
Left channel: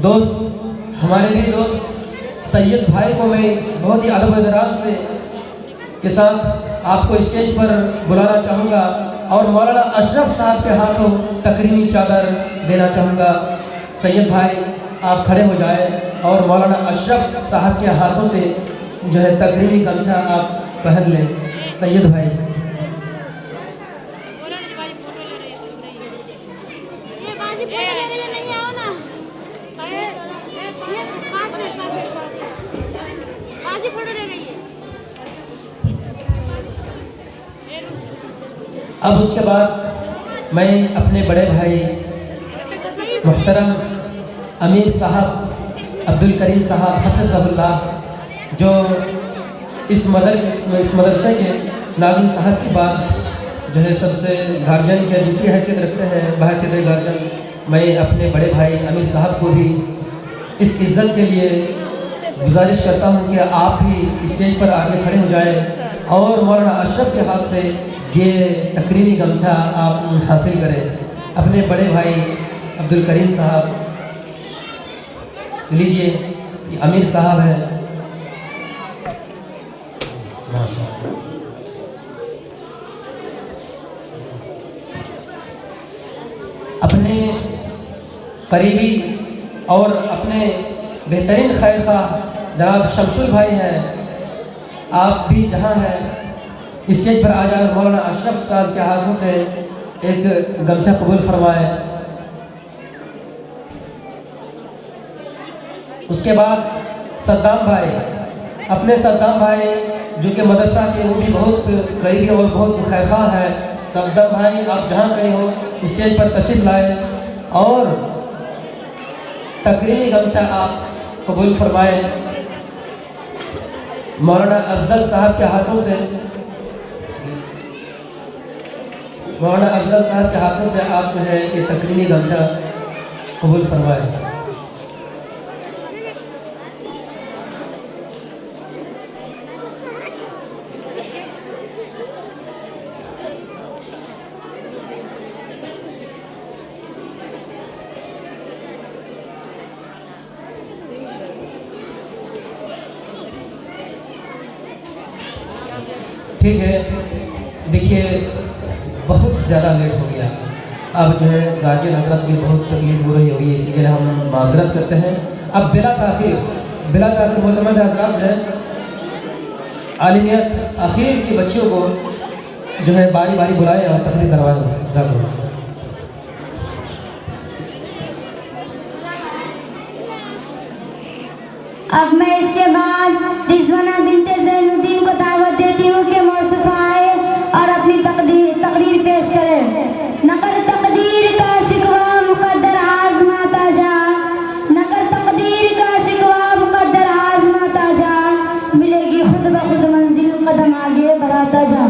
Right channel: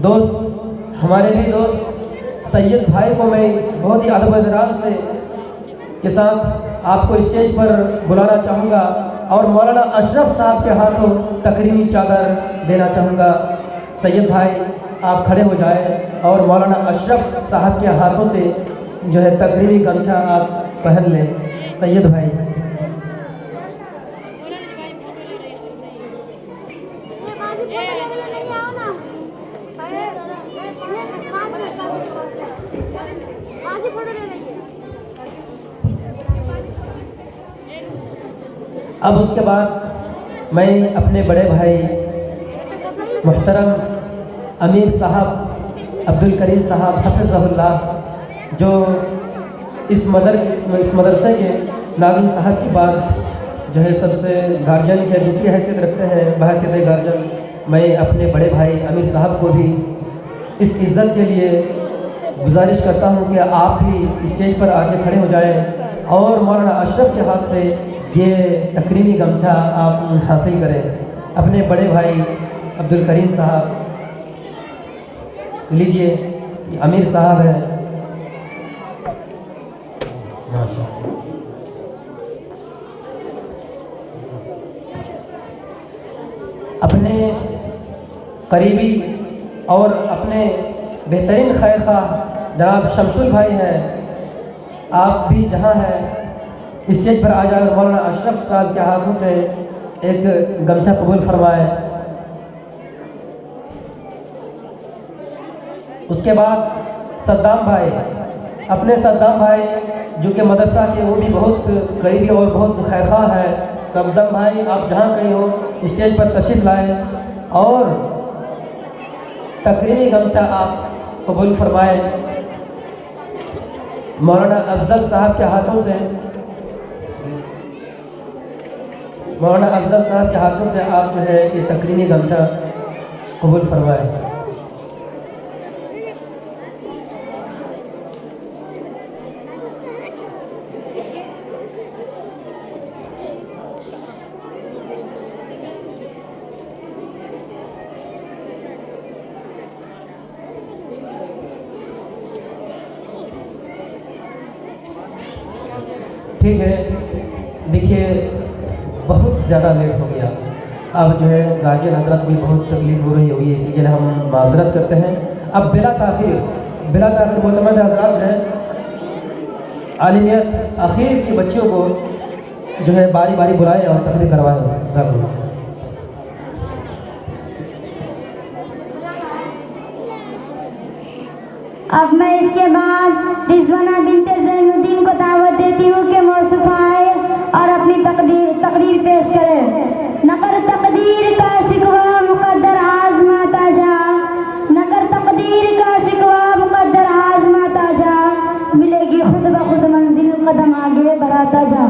दोस्त, हमारे भी दोस्त सैयद भाई को मैं बहुत ही अदब एहतराम से के साथ आपको स्टेज पर बुलाना चाहूँगा और मौलाना अशरफ साहब के हाथों तकरीमी चादर देना चाहूँगा। सैयद भाई आप खड़े हो जाएं और मौलाना अशरफ साहब के हाथों से जो है तकरीमी गमछा आप पहन लें। सैयद भाई अब उसके बाद मैं अपने बड़े भाई मुहतरम अमीर साहब अब्दुल करीम साहब हफ़िज़हुल्लाह जो इस मदरसे के नाज़िम साहब के बाद जो है सबसे गार्जियन के दूसरी हैसियत रखते हैं, बहैसियत गार्जियन, मैं अपने बड़े भाई अमीर साहब को भी इस इज़्ज़त के लिए गुजारिश करता हूँ कि आप भी स्टेज पर आगे खड़े हो जाएं और मौलाना अशरफ के हाथ से ये तकरीमी गमछा आप हासिल करें। अपने बड़े भाई अब्दुल करीम साहब लीजिए, ये अमीर साहब हैं। अपने करीबी और अपने बेहतरीन खैर का जनाब शमसुल भाई हैं, आप भी जहाँ हैं स्टेज पर आ जाकर मौलाना अशरफ साहब के हाथों से एक गमछा कबूल फरमाए। उसके बाद सद्दाम भाई, अपने सद्दाम भाई जो कि मदरसा के वो भी बहुत करीबी और बहुत खैरखा है। सद्दाम भाई आप जहाँ कहीं हो स्टेज पर तशरीफ लाए और तकरीरी गमछा आप कबूल फरमाए। मौलाना अफजल साहब के हाथों से आप जो है ये तकरीमी गमछा कबूल फरमाए। ठीक है, देखिए बहुत ज़्यादा लेट हो गया, अब जो है गार्जियन हजरत की बहुत तकलीफ हो रही होगी, इसलिए हम माजरत करते हैं। अब बिला ताखिर मोहम्मद हजरात हैं आलिमियत आखिर की बच्चियों को जो है बारी बारी बुलाए और तकलीफ करवाए। अब मैं इसके बाद रिजवाना बिनते ज़ैनुद्दीन को दावत देती हूँ कि मौसूफ आए और अपनी तकरीर पेश करें। नकर तकदीर का शिकवा मुकद्दर आज़माता जा, नकर तकदीर का शिकवा मुकद्दर आज़माता जा, मिलेगी खुद ब खुद मंजिल कदम आगे बढ़ाता जा।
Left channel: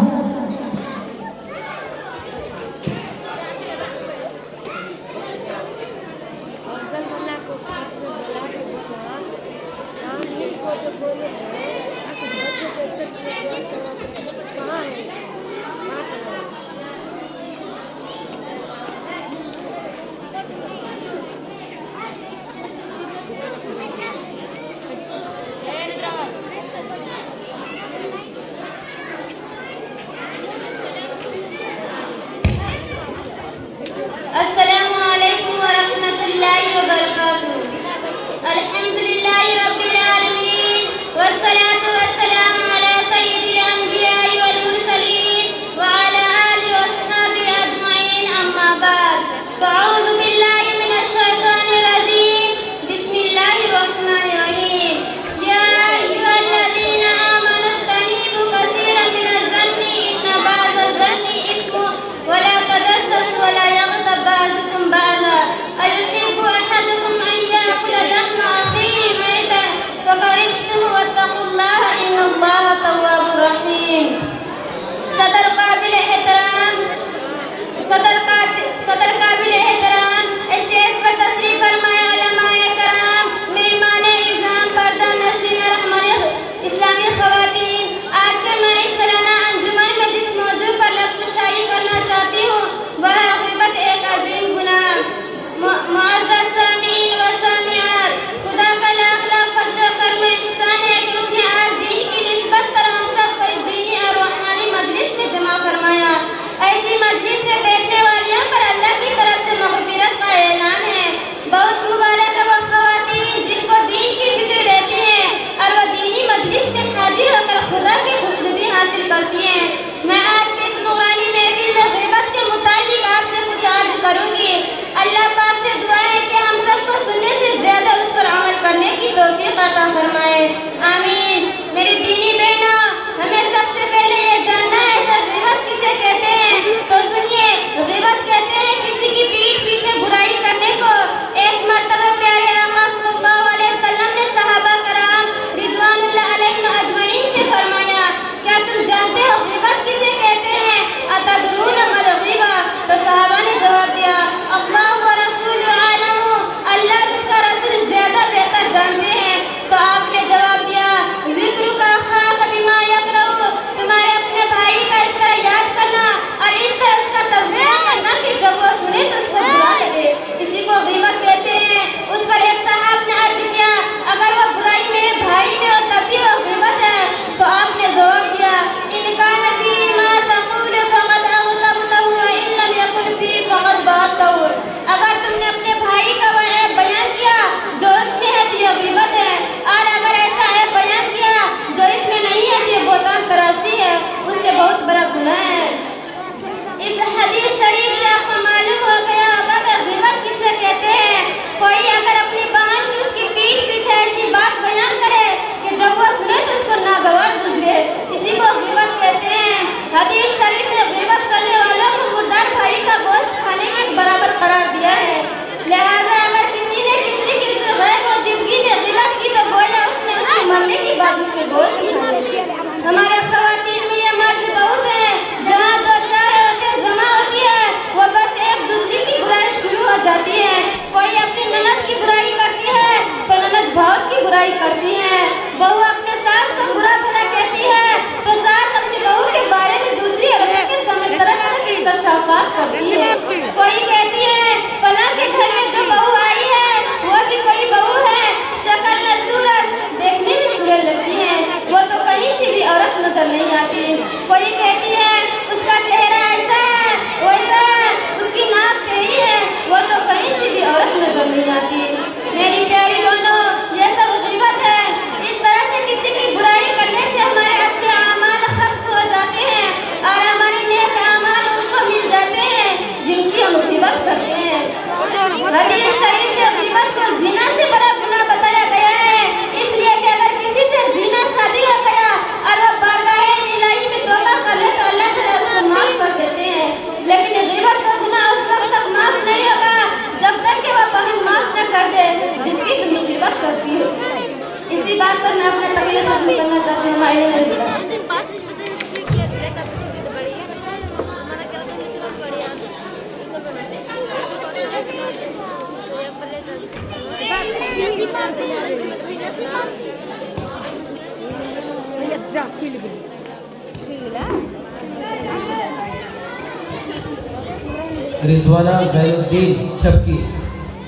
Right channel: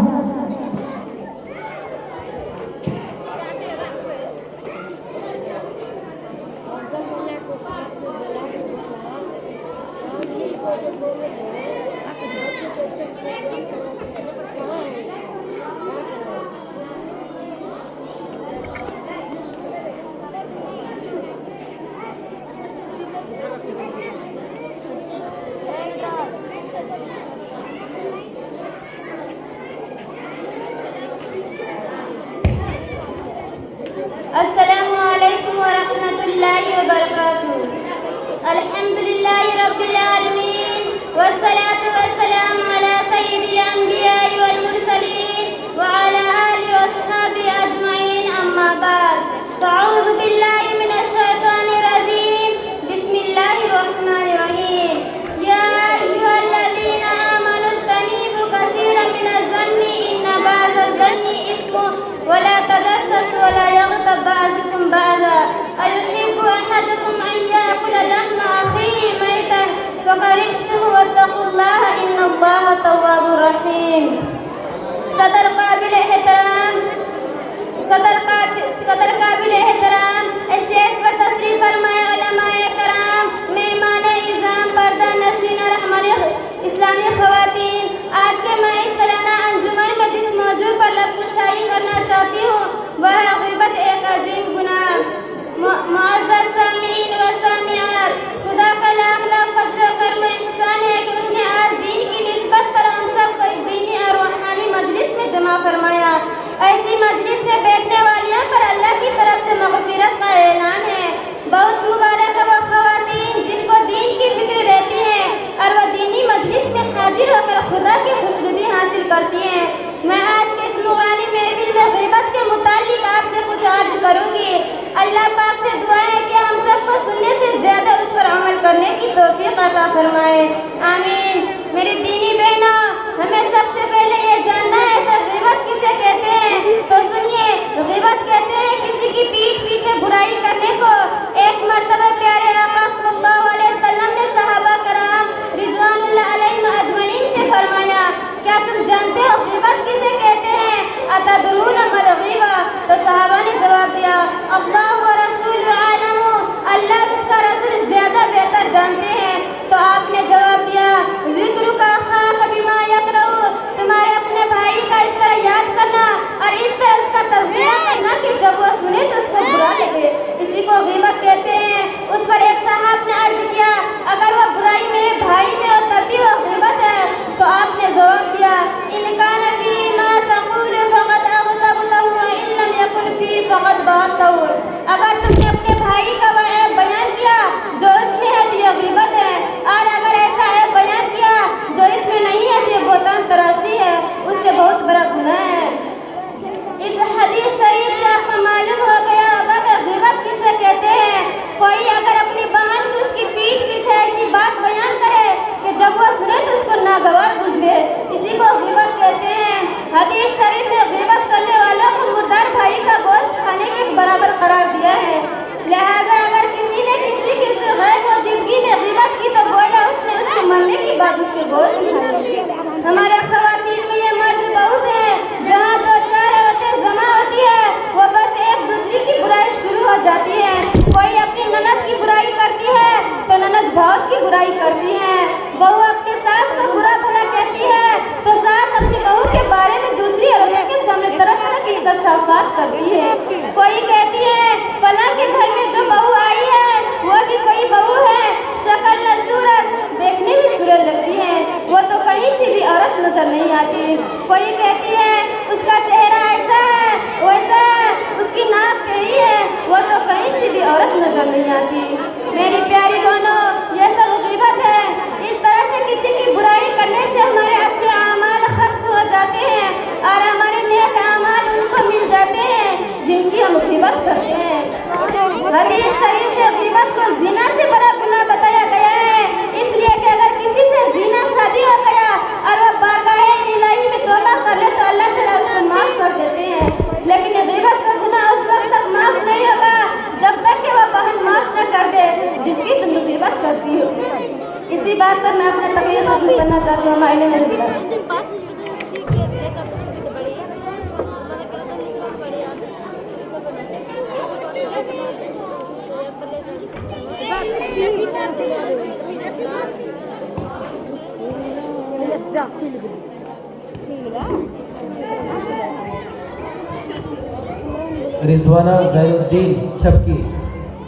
रिजवाना जैनुद्दीन शबकी,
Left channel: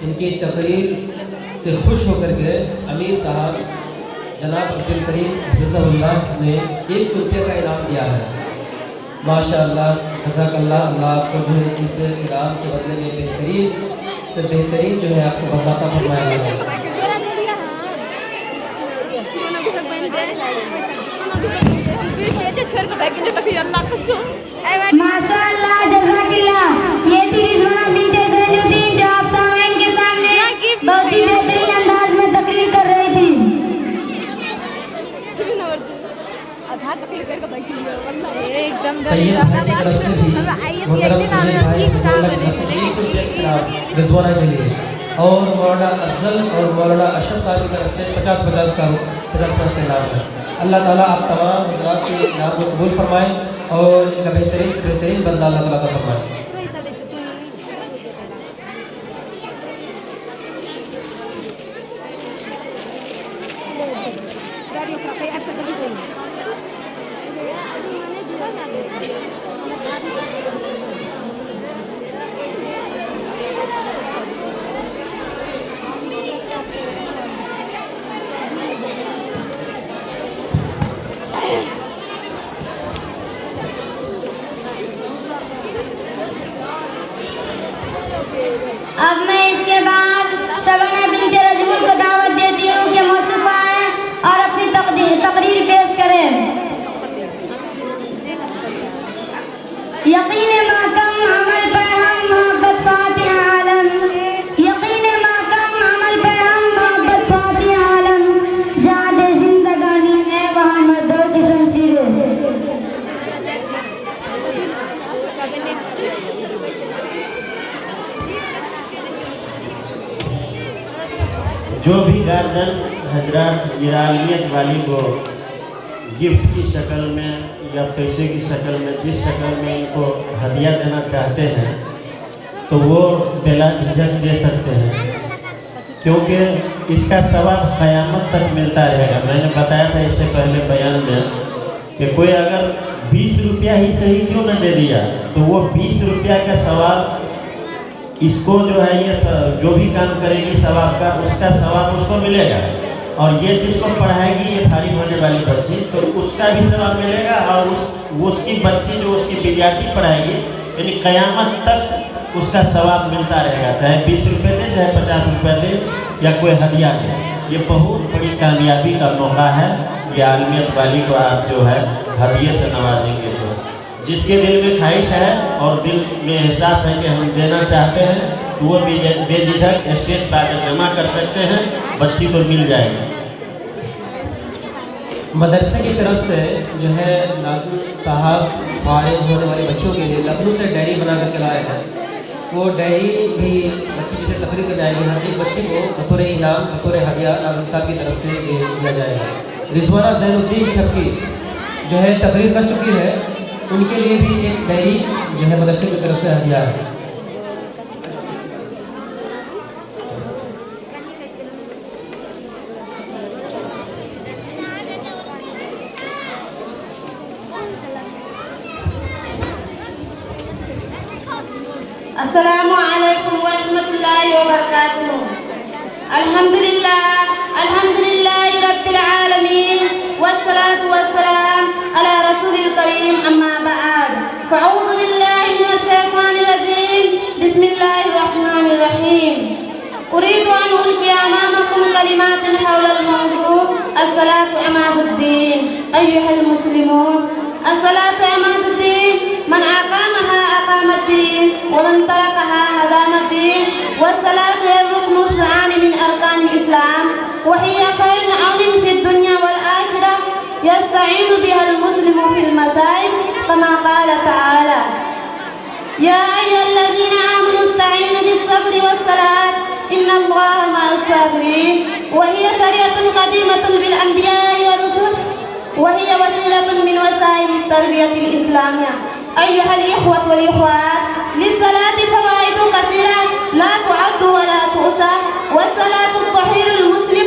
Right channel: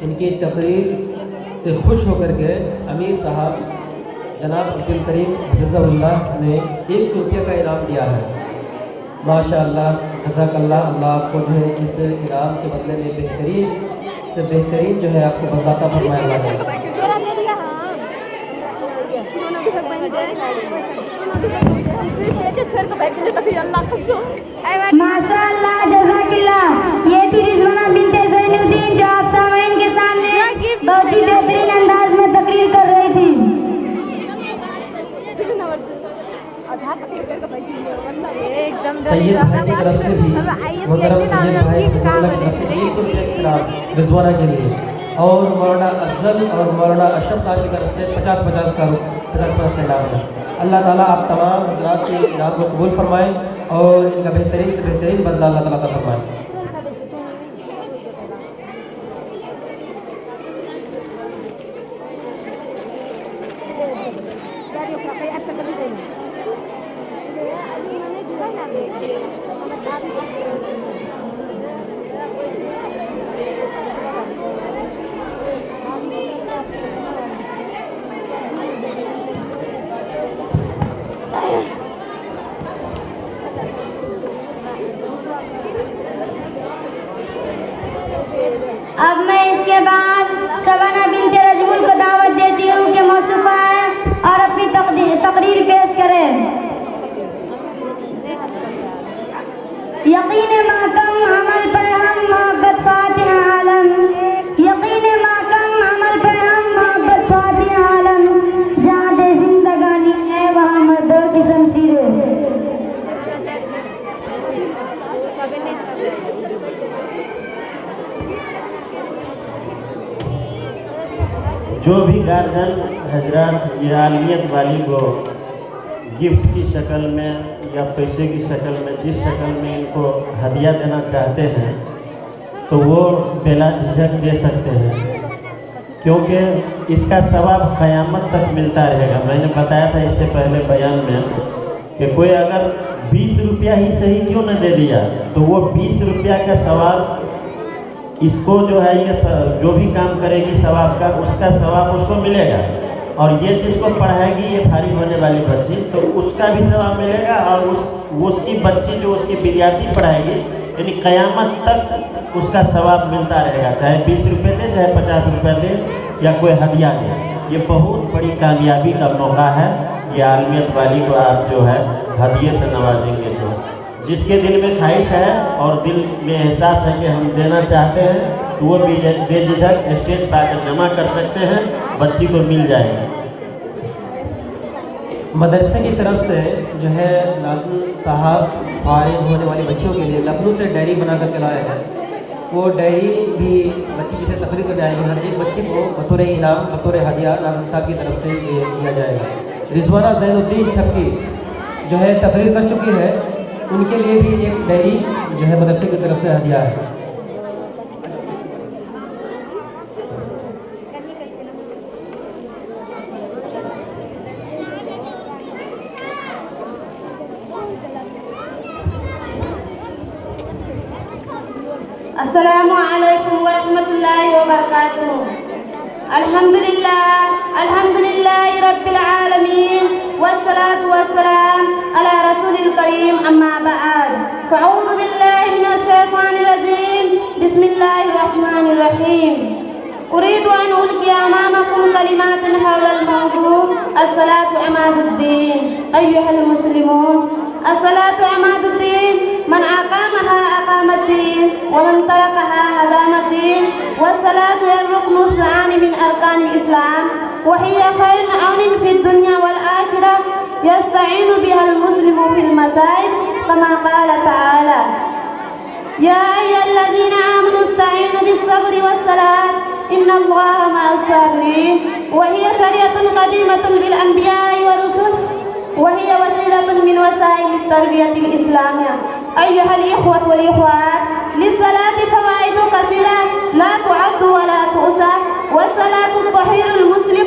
इनकी तकरीर से खुश होकर के अमीर साहब जनाब अब्दुल करीम हफिज़हुल्लाह ने 100 रुपये का इनाम दिया है। माशाअल्लाह, जज़ाकल्लाह, अल्लाह आपको जो है इस इनाम के बदले में बेहतरीन से बेहतरीन जो है आपको बर्बाद फरमाया है। माशाअल्लाह, जज़ाकल्लाह, ये थी रिज़वाना बिन्ते ज़ैनुद्दीन जो आप सामईन के सामने बहुत ही बेहतरीन अंदाज में तकरीर कर रही थी। सैयद भाई की तरफ से भी रिजवाना के लिए और मौलाना अफजल और मौलाना अशरफ साहब की तरफ से 50-50 का इनाम है। अल्लाह ताला आप तमाम हज़रात के इनाम को कबूल फरमाए और इनका बेहतरीन से बेहतरीन बदला अल्लाह ताला का फरमाए। अब मैं इसके बाद शबाना बिन्ते रजमुल को दावत देती हूँ कि मौसूफ आए और अपनी तकरीर पेश करें। यकीन महकम अमल पे हम मोहब्बत फातिह आलम, यकीन महकम अमल पे हम मोहब्बत फातिह आलम, जहाँ दे जिंदगानी है वहाँ मर्दों की शमशीरें। जो भी गार्जियन हजरात ये आलियत वाली को गिफ्ट की शक्ल में या पैसे की शक्ल में जिस शक्ल में इनको हदिया देना चाहते हैं तो वो बेला झिझक दे सकते हैं, क्योंकि इसका सवाब क़यामत तक मिलता रहेगा। मैंने बताया था इससे पहले बयान में कि कोई अगर 20 रुपया ही सही क्यों न दे दिया तो वो 20 रुपया का सवाब इसको जो है ये जो भी काम करेगी सवाब का उसका सवाब उसको मिलेगा, और ये जिसको पढ़ाएगी ये फारिग होने वाली बच्ची तो उसका भी सवाब मिलेगा, और उसकी बच्ची जो उसकी विद्यार्थी पढ़ाएगी यानी क़यामत तक उसका सवाब मिलता रहेगा, चाहे 20 रुपये दे चाहे 50 रुपये दे या कोई हदिया दे। ये बहुत बड़ी कामयाबी का मौका है। ये आलियत वाली को आप जो है हदिये से नवाजेंगे तो जिसके दिल में ख्वाहिश है और दिल में एहसास है कि हम देना चाहते हैं तो वो भी बेझिझक स्टेज पर आकर जमा कर सकते हैं, बच्ची को मिल जाएगी। मदरसे की तरफ से जो है नाज़िम साहब फारिग होने वाले बच्चों के लिए लखनऊ से डायरी बनाकर चलाए हैं। वो डायरी भी बच्ची जिसे तकरीर कर जाएगी, हर एक बच्ची को बतौर इनाम बतौर हदिया नाज़िम साहब की तरफ से दिया जाएगा। रिजवाना जैनुद्दीन शबकी जो है तकरीर कर चुकी है, उनके लिए भी एक डायरी जो है मदरसे की तरफ से हदिया है। अस्सलामु अलैकुम व रहमतुल्लाहि व बरकातुहू। अल्हम्दुलिल्लाहि रब्बिल आलमीन वस्सलातु वस्सलाम अला रसूलिल करीम, अम्मा बअद। फ़अऊज़ु बिल्लाहि मिनश शैतानिर रजीम, बिस्मिल्लाहिर रहमानिर रहीम। उरीदु अन उल्क़िया अमामकुम कलिमातिन हव्लल मौज़ू। अस्सलातु अमादुद्दीन अय्युहल मुस्लिमून। अस्सलातु अमादुद्दीन मन अक़ामहा अक़ामद्दीन व मन तरकहा हज़ामद्दीन। वस्सलातु रुक्नुन सानि मिन अरकानिल इस्लाम व हिया खैरुन औनिन फिद दुन्या वल आखिरह यस्तईनु बिहल मुस्लिमु फिल मसाइब कमा क़ाल तआला या अय्युहल्लज़ीना आमनु इस्तईनु बिस्सब्रि वस्सलात इन्नल्लाहा मअस साबिरीन। व हिया शरीअतुन क़दीमतुन बिल अंबिया'i व रुsul व हिया वसीलतुन मिन वसाइल तरबियतिल इस्लामिय्या। अय्युहल इख़्वतु वल इख़्वात, लिस्सलाति फ़वाइदु कसीरा ला तुअद्दु व ला तुहसा। वस्सलातु तुहिरुल मुस्लिम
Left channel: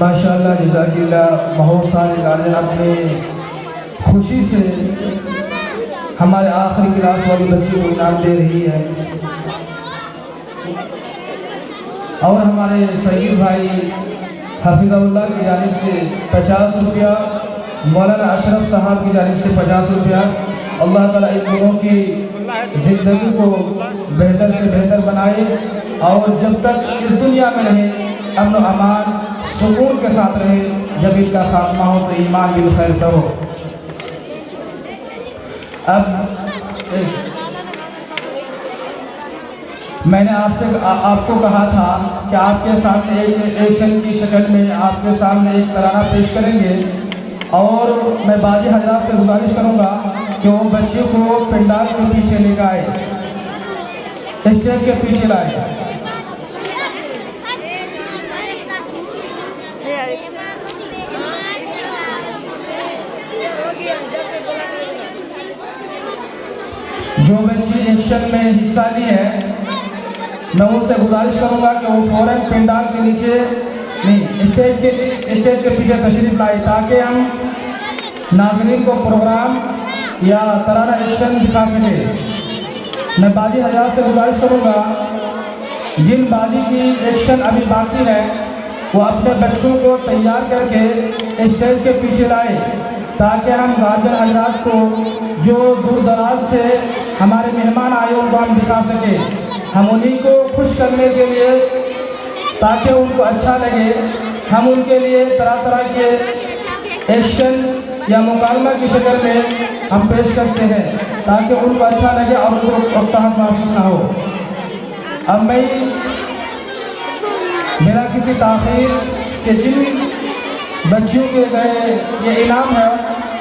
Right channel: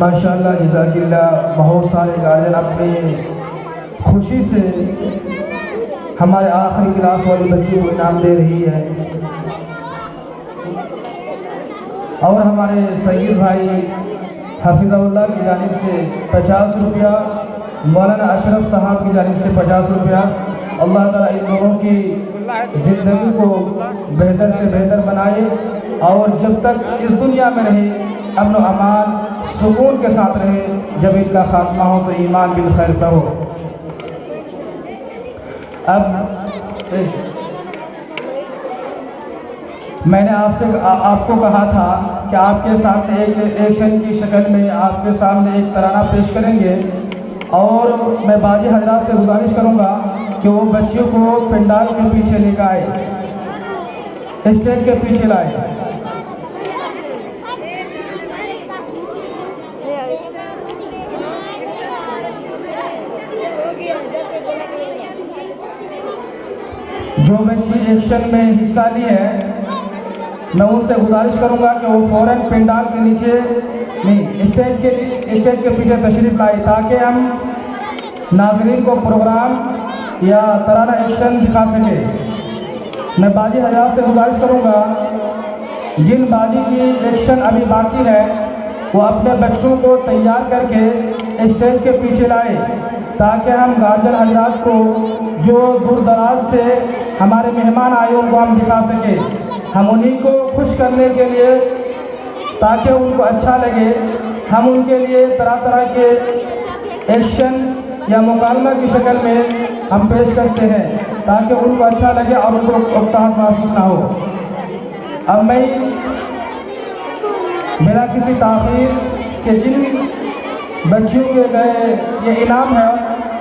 माशाअल्लाह जज़ाकिल्लाह बहुत सारे गाने अपने खुशी से हमारे आखिरी क्लास वाली बच्ची को इनाम दे रही है और हमारे सईद भाई हफीज़ुल्लाह की जानिब से 50 रुपया मौलाना अशरफ साहब की जानिब से 50 रुपया अल्लाह ताला इन लोगों की ज़िंदगी को बेहतर से बेहतर बनाए और जब तक इस दुनिया में रहे अमन अमान सुकून के साथ रहे जब इनका खात्मा हो तो ईमान बिल खैर तो अब मैंने आपको कहा था कि आपके सामने एक एक्शन की शक्ल में आपके सामने एक तराना पेश करेंगे और मैं बाजी हजरात से गुजारिश करूंगा कि वो बच्चे को पंडाल के पीछे लेकर आए स्टेज के पीछे लाए जो बच्ची एक्शन में हिस्सा ली है मैं उनसे गुजारिश करूंगा कि वो फौरन पंडाल के नीचे नहीं स्टेज के पीछे तशरीफ लाए ताकि हम नाज़रीन को प्रोग्राम या तराना एक्शन दिखा सके। मैं बाजी हज़रात से गुजारिश करूंगा जिन बाजी की एक्शन अभी बाकी है वो अपने बच्चों को तैयार करके स्टेज के पीछे लाए ताकि हम गार्जियन हजरात को जो दूर दराज से हमारे मेहमान आए उनको हम दिखा सके। हम उन्हीं को खुश करने के लिए ताकि उनको अच्छा लगे हम उनके लिए तरह तरह के एक्शन या मुकाबला की शक्ल में हम पेश करते हैं ताकि उनको अच्छा लगे और उनको प्रोत्साहन महसूस ना हो। अब मैं बिना किसी ताख़ीर के जिन बच्चियों के गए ये इनाम है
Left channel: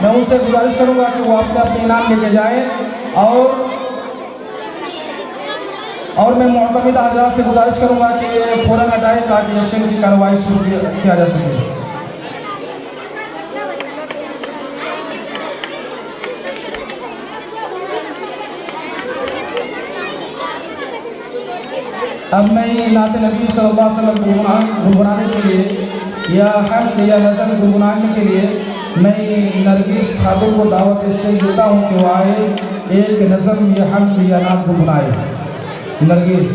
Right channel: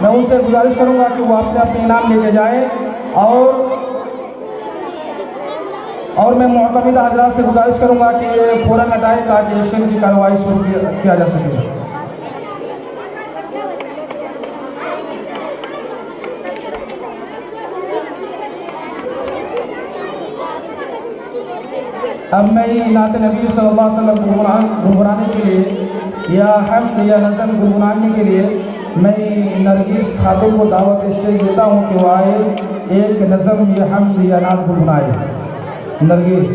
मैं उनसे गुजारिश करूंगा कि वो अपने अपने इनाम लेके जाएं और मैं मोहतमिद हज़रात से गुजारिश करूंगा कि ये फ़ौरन हटाएं ताकि एक्शन की कार्रवाई शुरू किया जा सके। अब मैं नाते नबी सल्लल्लाहु अलैहि वसल्लम गुनगुनाने के लिए या हम्द या नज़र गुनगुनाने के लिए मैं नरगिस खादिम को दावत इसलिए देता हूँ कि वो आए एक नज़म या हम्द या नाम गुनगुनाए। नरगिस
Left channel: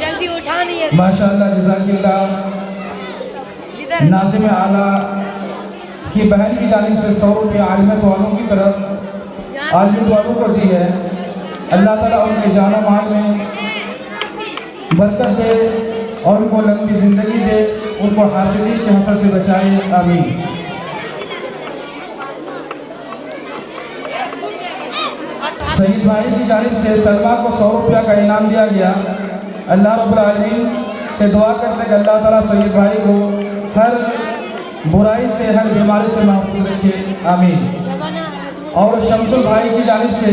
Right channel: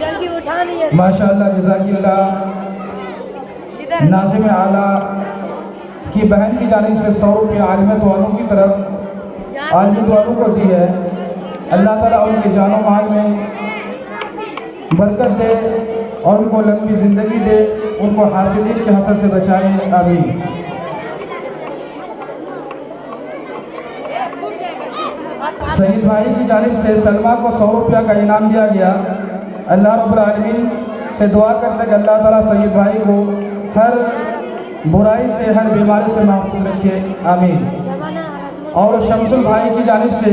जल्दी उठानी है। माशाअल्लाह जज़ाकिल्लाह नाज़िम आला कि बहन की जानिब से 100 रुपये आलिमत वालों की तरफ आलिम वालों को दी है। अल्लाह ताला उनके जानो माल में बरकत दे और उनको लंबी ज़िंदगी दे, उनको हासिलीन के हसद से बचाए, आमीन। शहीद भाई की जानिब से सलमा को 100 रुपया का इनाम दिया गया। अल्लाह रब्बुल आलमीन से दुआ करते हैं कि अल्लाह ताला शहीद भाई को हर बुराई से, हर बीमारी से महफूज रखे, आमीन। और शमसुल भाई की जानिब से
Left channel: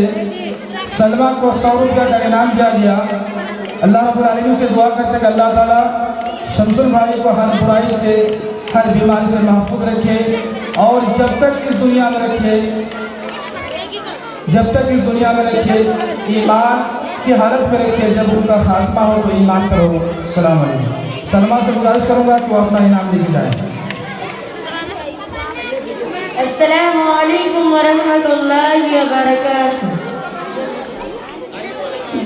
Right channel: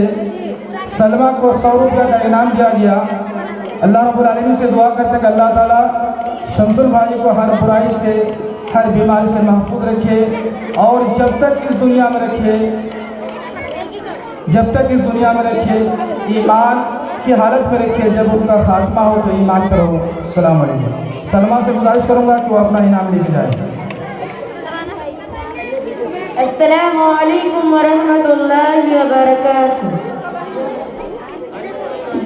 सलमा को 100 रुपया का इनाम दिया गया। अल्लाह रब्बुल आलमीन से दुआ करते हैं कि अल्लाह ताला शमसुल भाई को हर बुराई से, हर बीमारी से महफूज रखे और जब तक इस दुनिया में रखे, जब तक इस दुनिया में रखे, ईमान की हालत में रखे, जब उनका खात्मा हो तो ईमान करो। सलाम अलैकुम। सलमा से गुजारिश करूंगा कि वो अपना इनाम लेके जाए। अस्सलामु अलैकुम वरहमतुल्लाहि वबरकातुहू।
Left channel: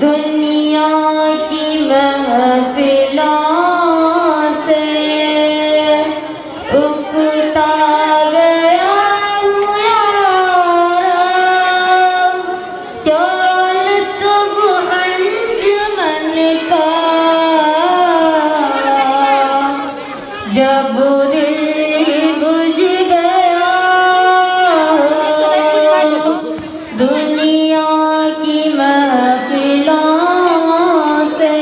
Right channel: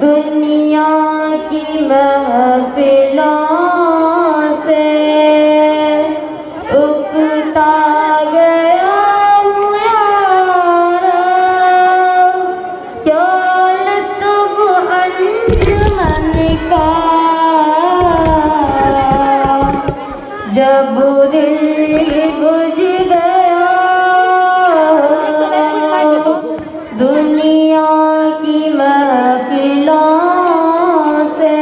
दुनिया की महफिलों से उकता गया हूँ यारा, दौलत वो अंजुमन का, जब दिल बुझ गया दुनिया की महफिलों से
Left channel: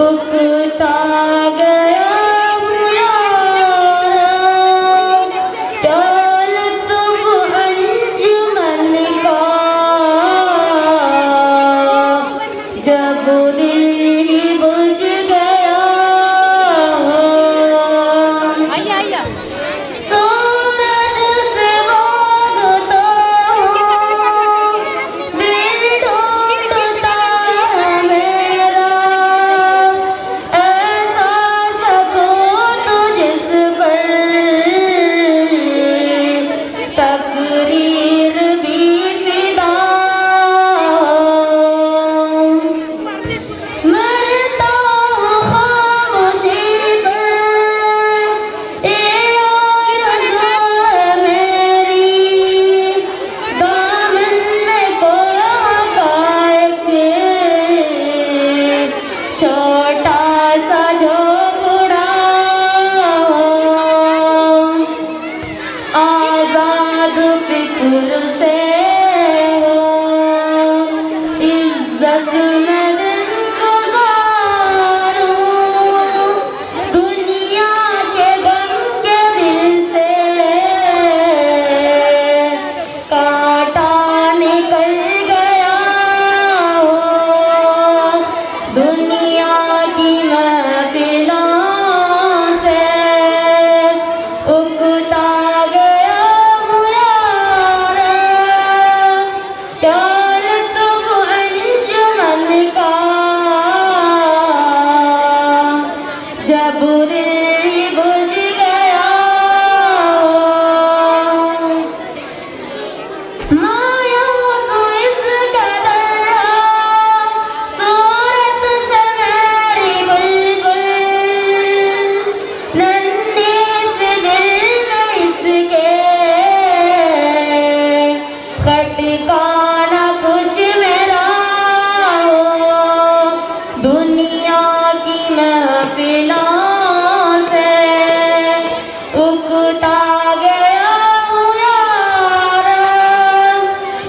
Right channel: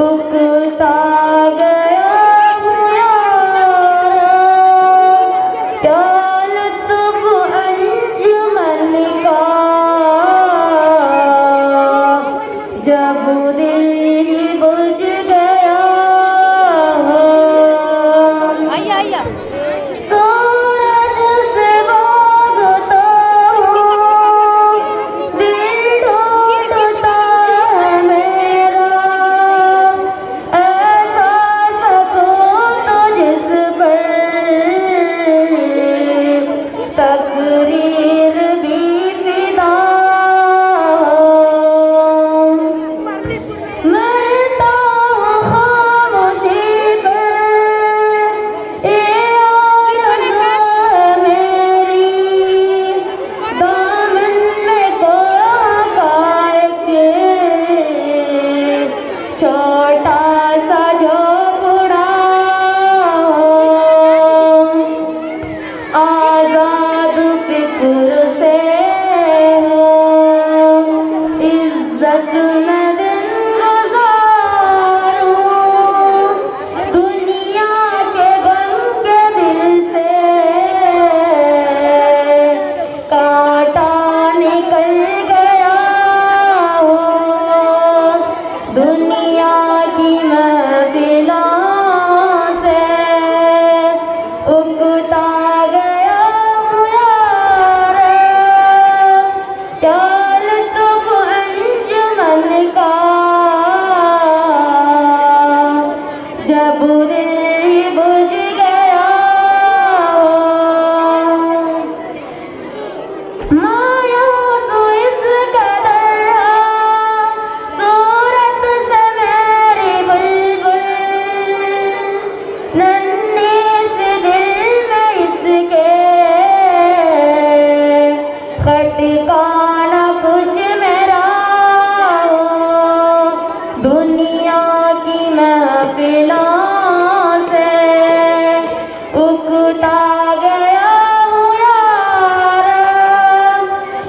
उकता गया हूँ यारा, दौलत वो अंजुमन का, जब दिल बुझ गया सूरज से बोझता हूँ, दिल टूटता है मेरा, ऐसा सकूत जिस पर तकदीर भी फिदा हो। मरता हूँ खामोशी पर, ये आरज़ू है मेरी, दामन में कोई एक छोटा सा झोंपड़ा हो। आज़ाद फिक्र से हो, इज्जत में दिन गुज़ारूं, दुनिया के गम के दिल से कांटा निकल गया हो। दुनिया की महफिलों से उकता गया हूँ यारा, दौलत वो अंजुमन का, जब दिल बुझ गया हो। मायूस इस कदर सूरत से मेरी बुलबुल, नन्हे से दिल में इसके खटकाना कुछ मेरा हो। दुनिया की महफिलों से उकता गया हूँ यारा,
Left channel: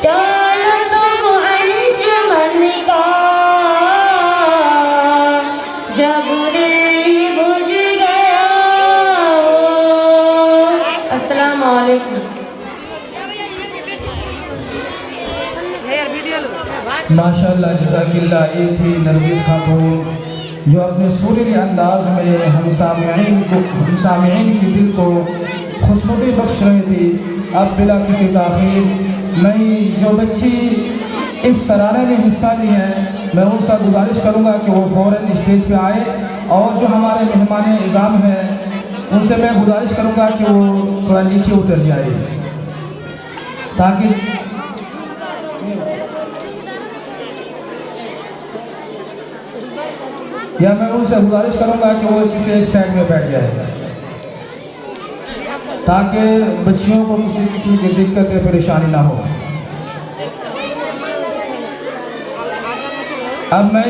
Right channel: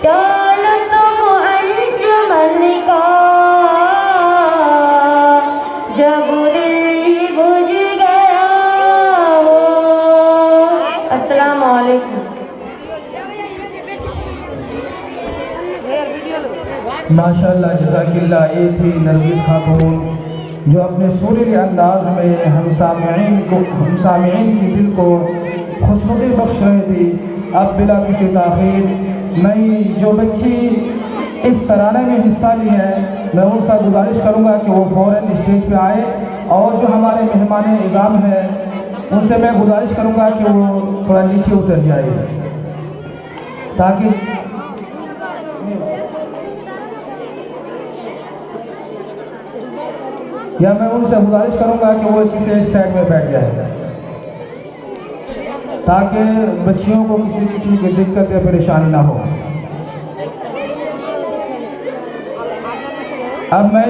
दौलत वो अंजुमन का, जब दिल बुझ गया हो। अस्सलामु अलैकुम। माशाअल्लाह, जज़ाकिल्लाह। एक थी नरगिस खातून जो अपने सुरीली अंदाज में हम सामईन की दिल को खुशबू बख्श रही थी। अब बिला किसी ताख़ीर नई जो बच्ची इस तराने में हिस्सा ली है, मैं उनसे गुजारिश करूँगा कि वो फ़ौरन स्टेज पे आए और जो हमारे मेहमान इज़ाम हैं उनसे मैं गुजारिश करूँगा कि वो थोड़ा नीचे उतर जाए ताकि मैं उनसे गुजारिश करूँगा कि वो किसी एक साइड में बैठ जाए। ताकि बच्चियों को किसी किस्म की दिक्कत या परेशानी ना हो। अब मैं